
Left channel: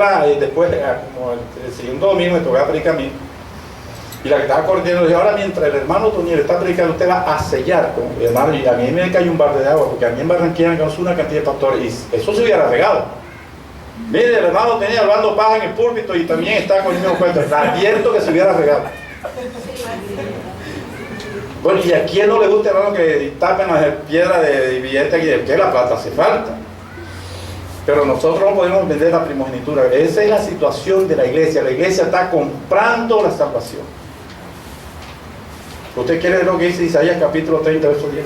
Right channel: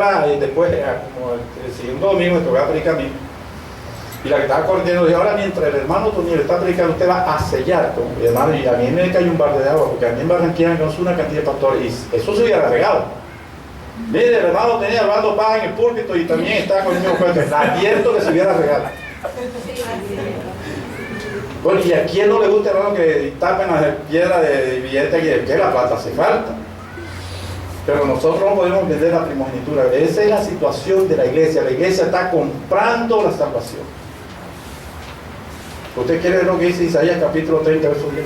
va y después, como el segundo domingo, me tocaba predicar a mí. Y la que estaba corriendo le dije, ahora mientras el hermano Toniel está predicando, usted va a sellar. Mi hermano, y a mí me cayó un balde de agua, porque a mí en Barranquilla conoce una cantidad de pastores, y eso se hubiera regado. Mire, el hermano tenía hablando paja en el púlpito y también estaba con el mismo cuento. Advierto que se hubiera regado. Bueno, y a quién no le gusta, hermano, que tapen las piedras de billete, que la plata hace falta. Pero nosotros no podemos vender la primogenitura. Esa es la situación de la iglesia. La iglesia está comprando la salvación. ¿Usted quiere ver lo que dice Isaías capítulo 30, verso 10?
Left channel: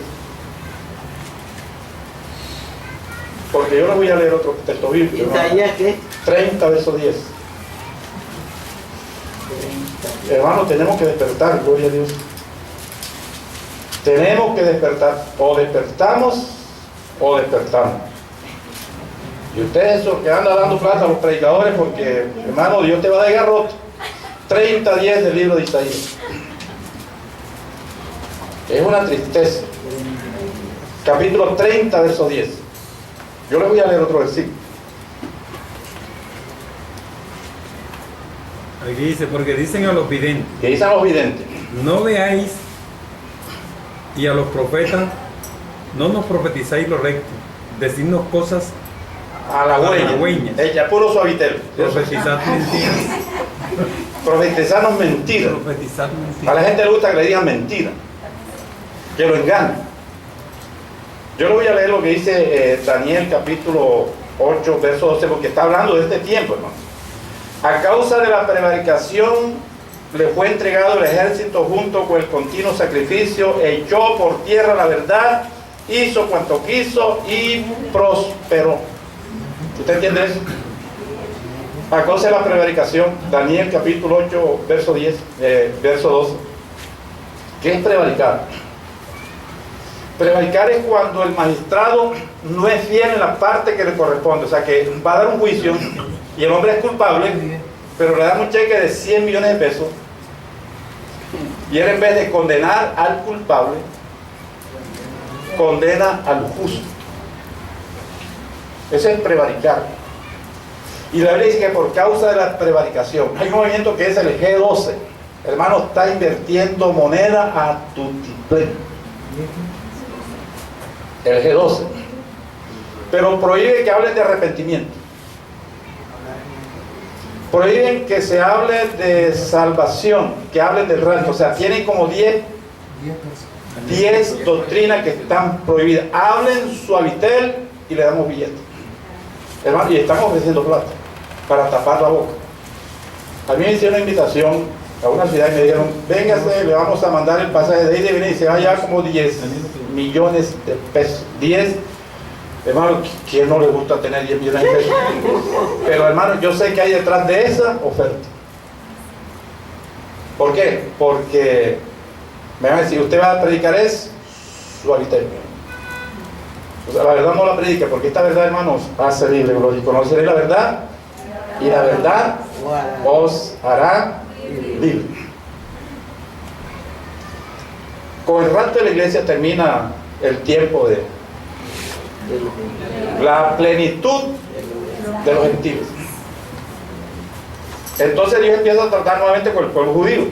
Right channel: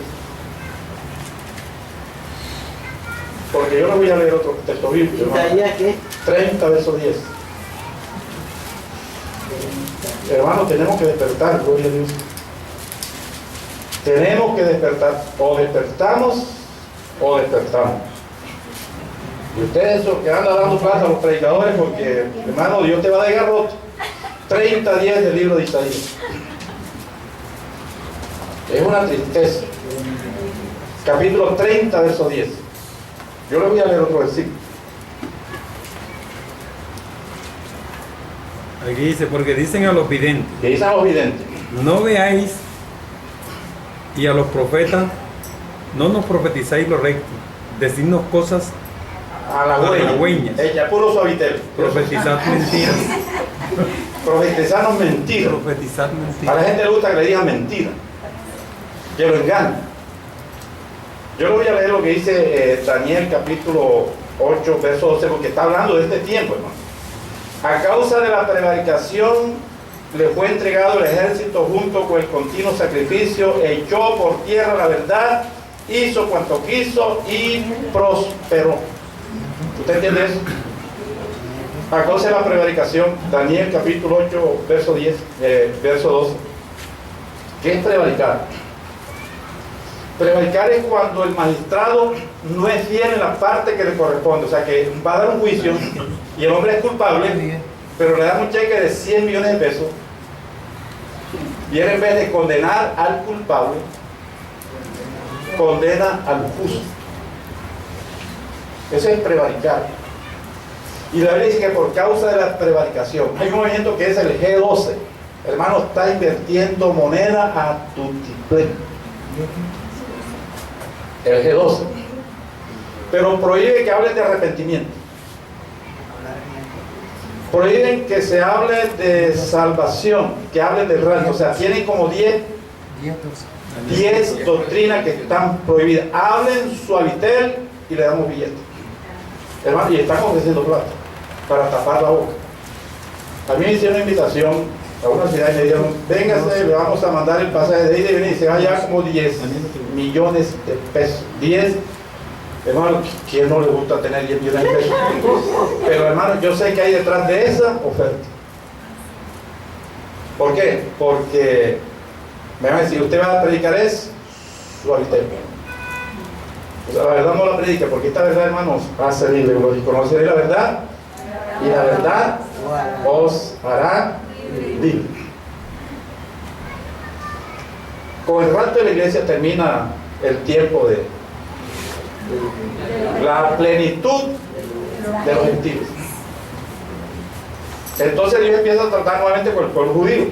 Porque yo no voy a leer otro texto bíblico. ¿Isaías qué? 30, verso 10. Hermano, tenemos que despertar, gloria a Dios. Tenemos que despertar. O despertamos o despertamos. Y ustedes esos que andan dando plata a los predicadores, porque, hermano, Dios te va a dar garrote. 30, 10 del libro de Isaías. Es una tristeza. Capítulo 30, verso 10. Yo les voy a leer otro versículo. Aquí dice, porque dicen a los videntes, Que dicen los videntes. no veáis, y a los profetas, no nos profetizáis lo recto, decidnos cosas, halagüeñas. Ella, puro suavitel. profetizad mentiras, Profetizarnos mentiras. profetizad A la mentiras. gente le gusta que le digan mentira, que lo engañen. Yo le voy a leer lo que dice Daniel capítulo 8, verso 12, porque está hablando de este tiempo, hermano. A causa de la prevaricación le fue entregado el ejército junto con el continuo sacrificio, echó por tierra la verdad, hizo cuanto quiso y prosperó. ¿Usted entiende eso? A causa de la prevaricación, Daniel capítulo 8, verso 10, verso 12. ¿Qué es prevaricar? Prevaricar es cuando el magistrado no es fiel en la parte que le corresponde, o sea que va a dar un juicio y el hombre es culpable, pero le dan un cheque de 100 millones de pesos y él, en vez de condenar al culpable, condena al justo. Eso es prevaricar. Y la Biblia dice que por causa de la prevaricación hay un movimiento que es el G12. Hermano, está invirtiendo moneda a tutiplén. El G12. Pero prohíbe que hablen de arrepentimiento. Prohíben que se hable de salvación, que hablen del rapto. O sea, tienen como 10 doctrinas que están prohibidas. Hablen suavitel y le damos billetes. Hermano, y están ofreciendo plata para tapar la boca. A mí me hicieron una invitación a una ciudad y me dijeron, véngase, le vamos a mandar el pasaje de ida y venir, y se va ya como 10 millones de pesos. 10, hermano, ¿quién no le gusta tener 10 millones de pesos? Pero hermano, yo sé que hay detrás de esa oferta. ¿Por qué? Porque me van a decir, usted va a predicar es suavitel. O sea, la verdad no la predica, porque esta verdad, hermanos, hace libre, y conoceréis la verdad, y la verdad os hará libre. Con el rapto de la iglesia termina el tiempo de la plenitud de los gentiles. Entonces Dios empieza a tratar nuevamente con el pueblo judío,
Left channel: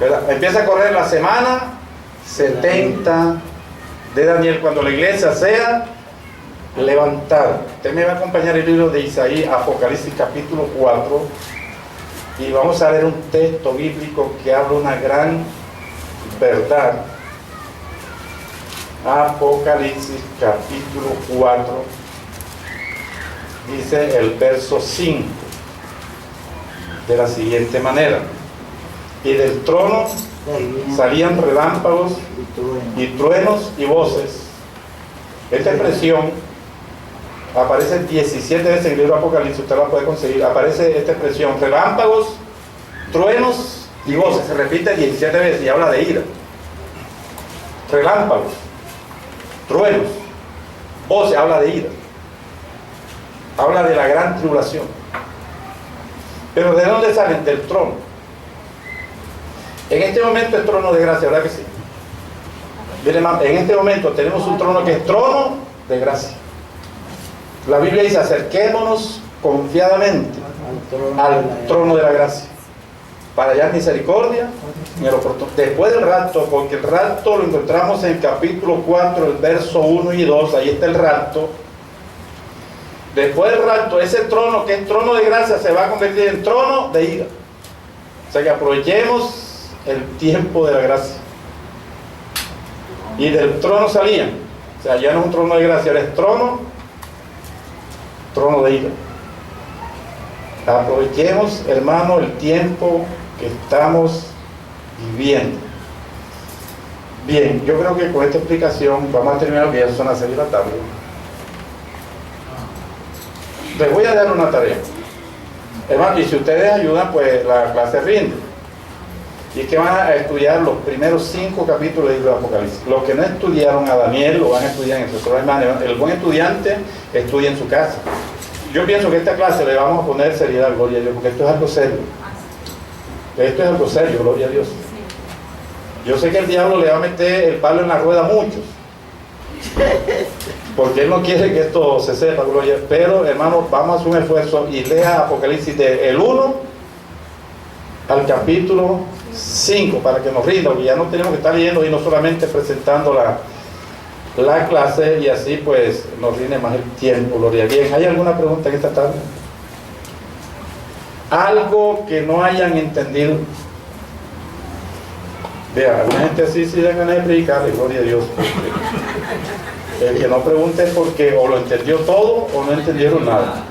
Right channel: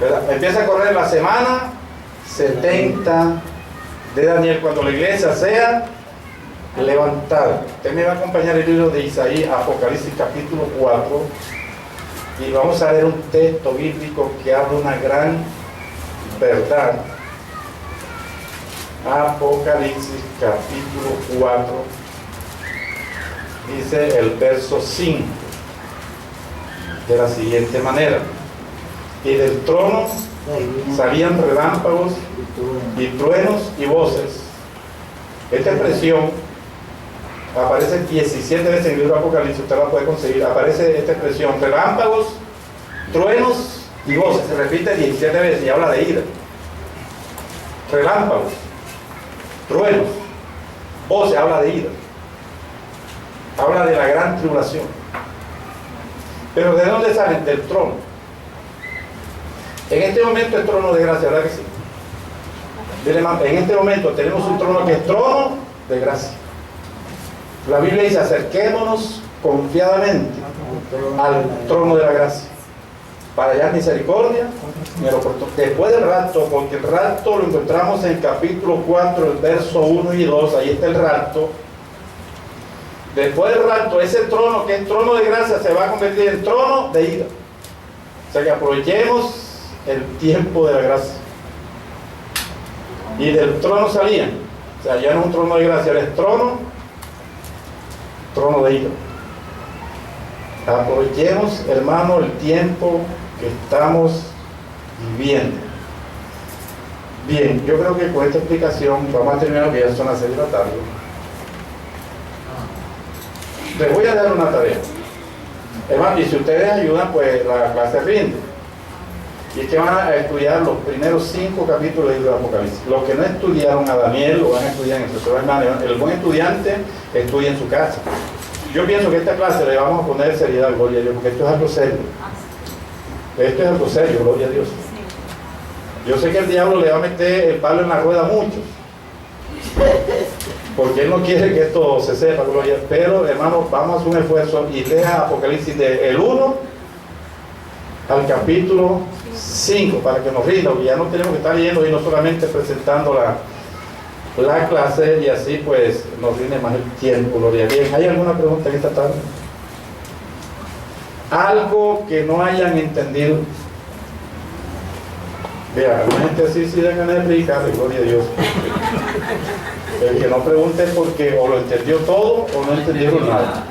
¿verdad? Empieza a correr la semana 70 de Daniel, cuando la iglesia sea levantada. Usted me va a acompañar el libro de Isaías, Apocalipsis capítulo 4, y vamos a ver un texto bíblico que habla una gran verdad. Apocalipsis capítulo 4, dice el verso 5 de la siguiente manera: y del trono salían relámpagos y truenos y voces, Esta expresión aparece 17 veces en el libro de Apocalipsis, usted la puede conseguir. Aparece esta expresión: relámpagos, truenos y voces. Se repite 17 veces y habla de ira. Relámpagos, truenos, voces, habla de ira. Habla de la gran tribulación. Pero ¿de dónde salen? Del trono. En este momento es trono de gracia, ¿verdad que sí? En este momento tenemos un trono que es trono de gracia. La Biblia dice: acerquémonos confiadamente al trono de la gracia para hallar misericordia en el oportuno. Después del rapto, porque el rapto lo encontramos en el capítulo 4, el verso 1 y 2, ahí está el rapto. Después del rapto, ese trono que es trono de gracia se va a convertir en trono de ira. O sea que aprovechemos el tiempo de la gracia. Y del trono salían, o sea, ya no es un trono de gracia, ahora es trono de ira. Aprovechemos, hermano, el tiempo que estamos viviendo. Bien, yo creo que con esta explicación vamos a terminar, que ya son las 6 de la tarde. Les voy a dar una tarea, hermano, y si ustedes ayudan, pues la clase rinde. Y es que van a estudiar los primeros 5 capítulos del libro de Apocalipsis. Los que no estudiaron a Daniel lo van a estudiar en el profesor hermano. El buen estudiante estudia en su casa. Yo pienso que esta clase le vamos a poner seriedad, gloria a Dios, porque esto es algo serio. Esto es algo serio, gloria a Dios. Yo sé que el diablo le va a meter el palo en la rueda a muchos, porque él no quiere que esto se sepa, gloria. Pero, hermano, vamos a hacer un esfuerzo y lea Apocalipsis del 1 al capítulo 5 para que nos rinda, porque ya no tenemos que estar leyendo y no solamente presentando la clase, y así pues nos rinde más el tiempo, gloria a Dios. ¿Hay alguna pregunta en esta tarde? Algo que no hayan entendido. Vea, la gente así sí da ganas de predicar, gloria a Dios. El que no pregunte es porque o lo entendió todo o no entendieron nada.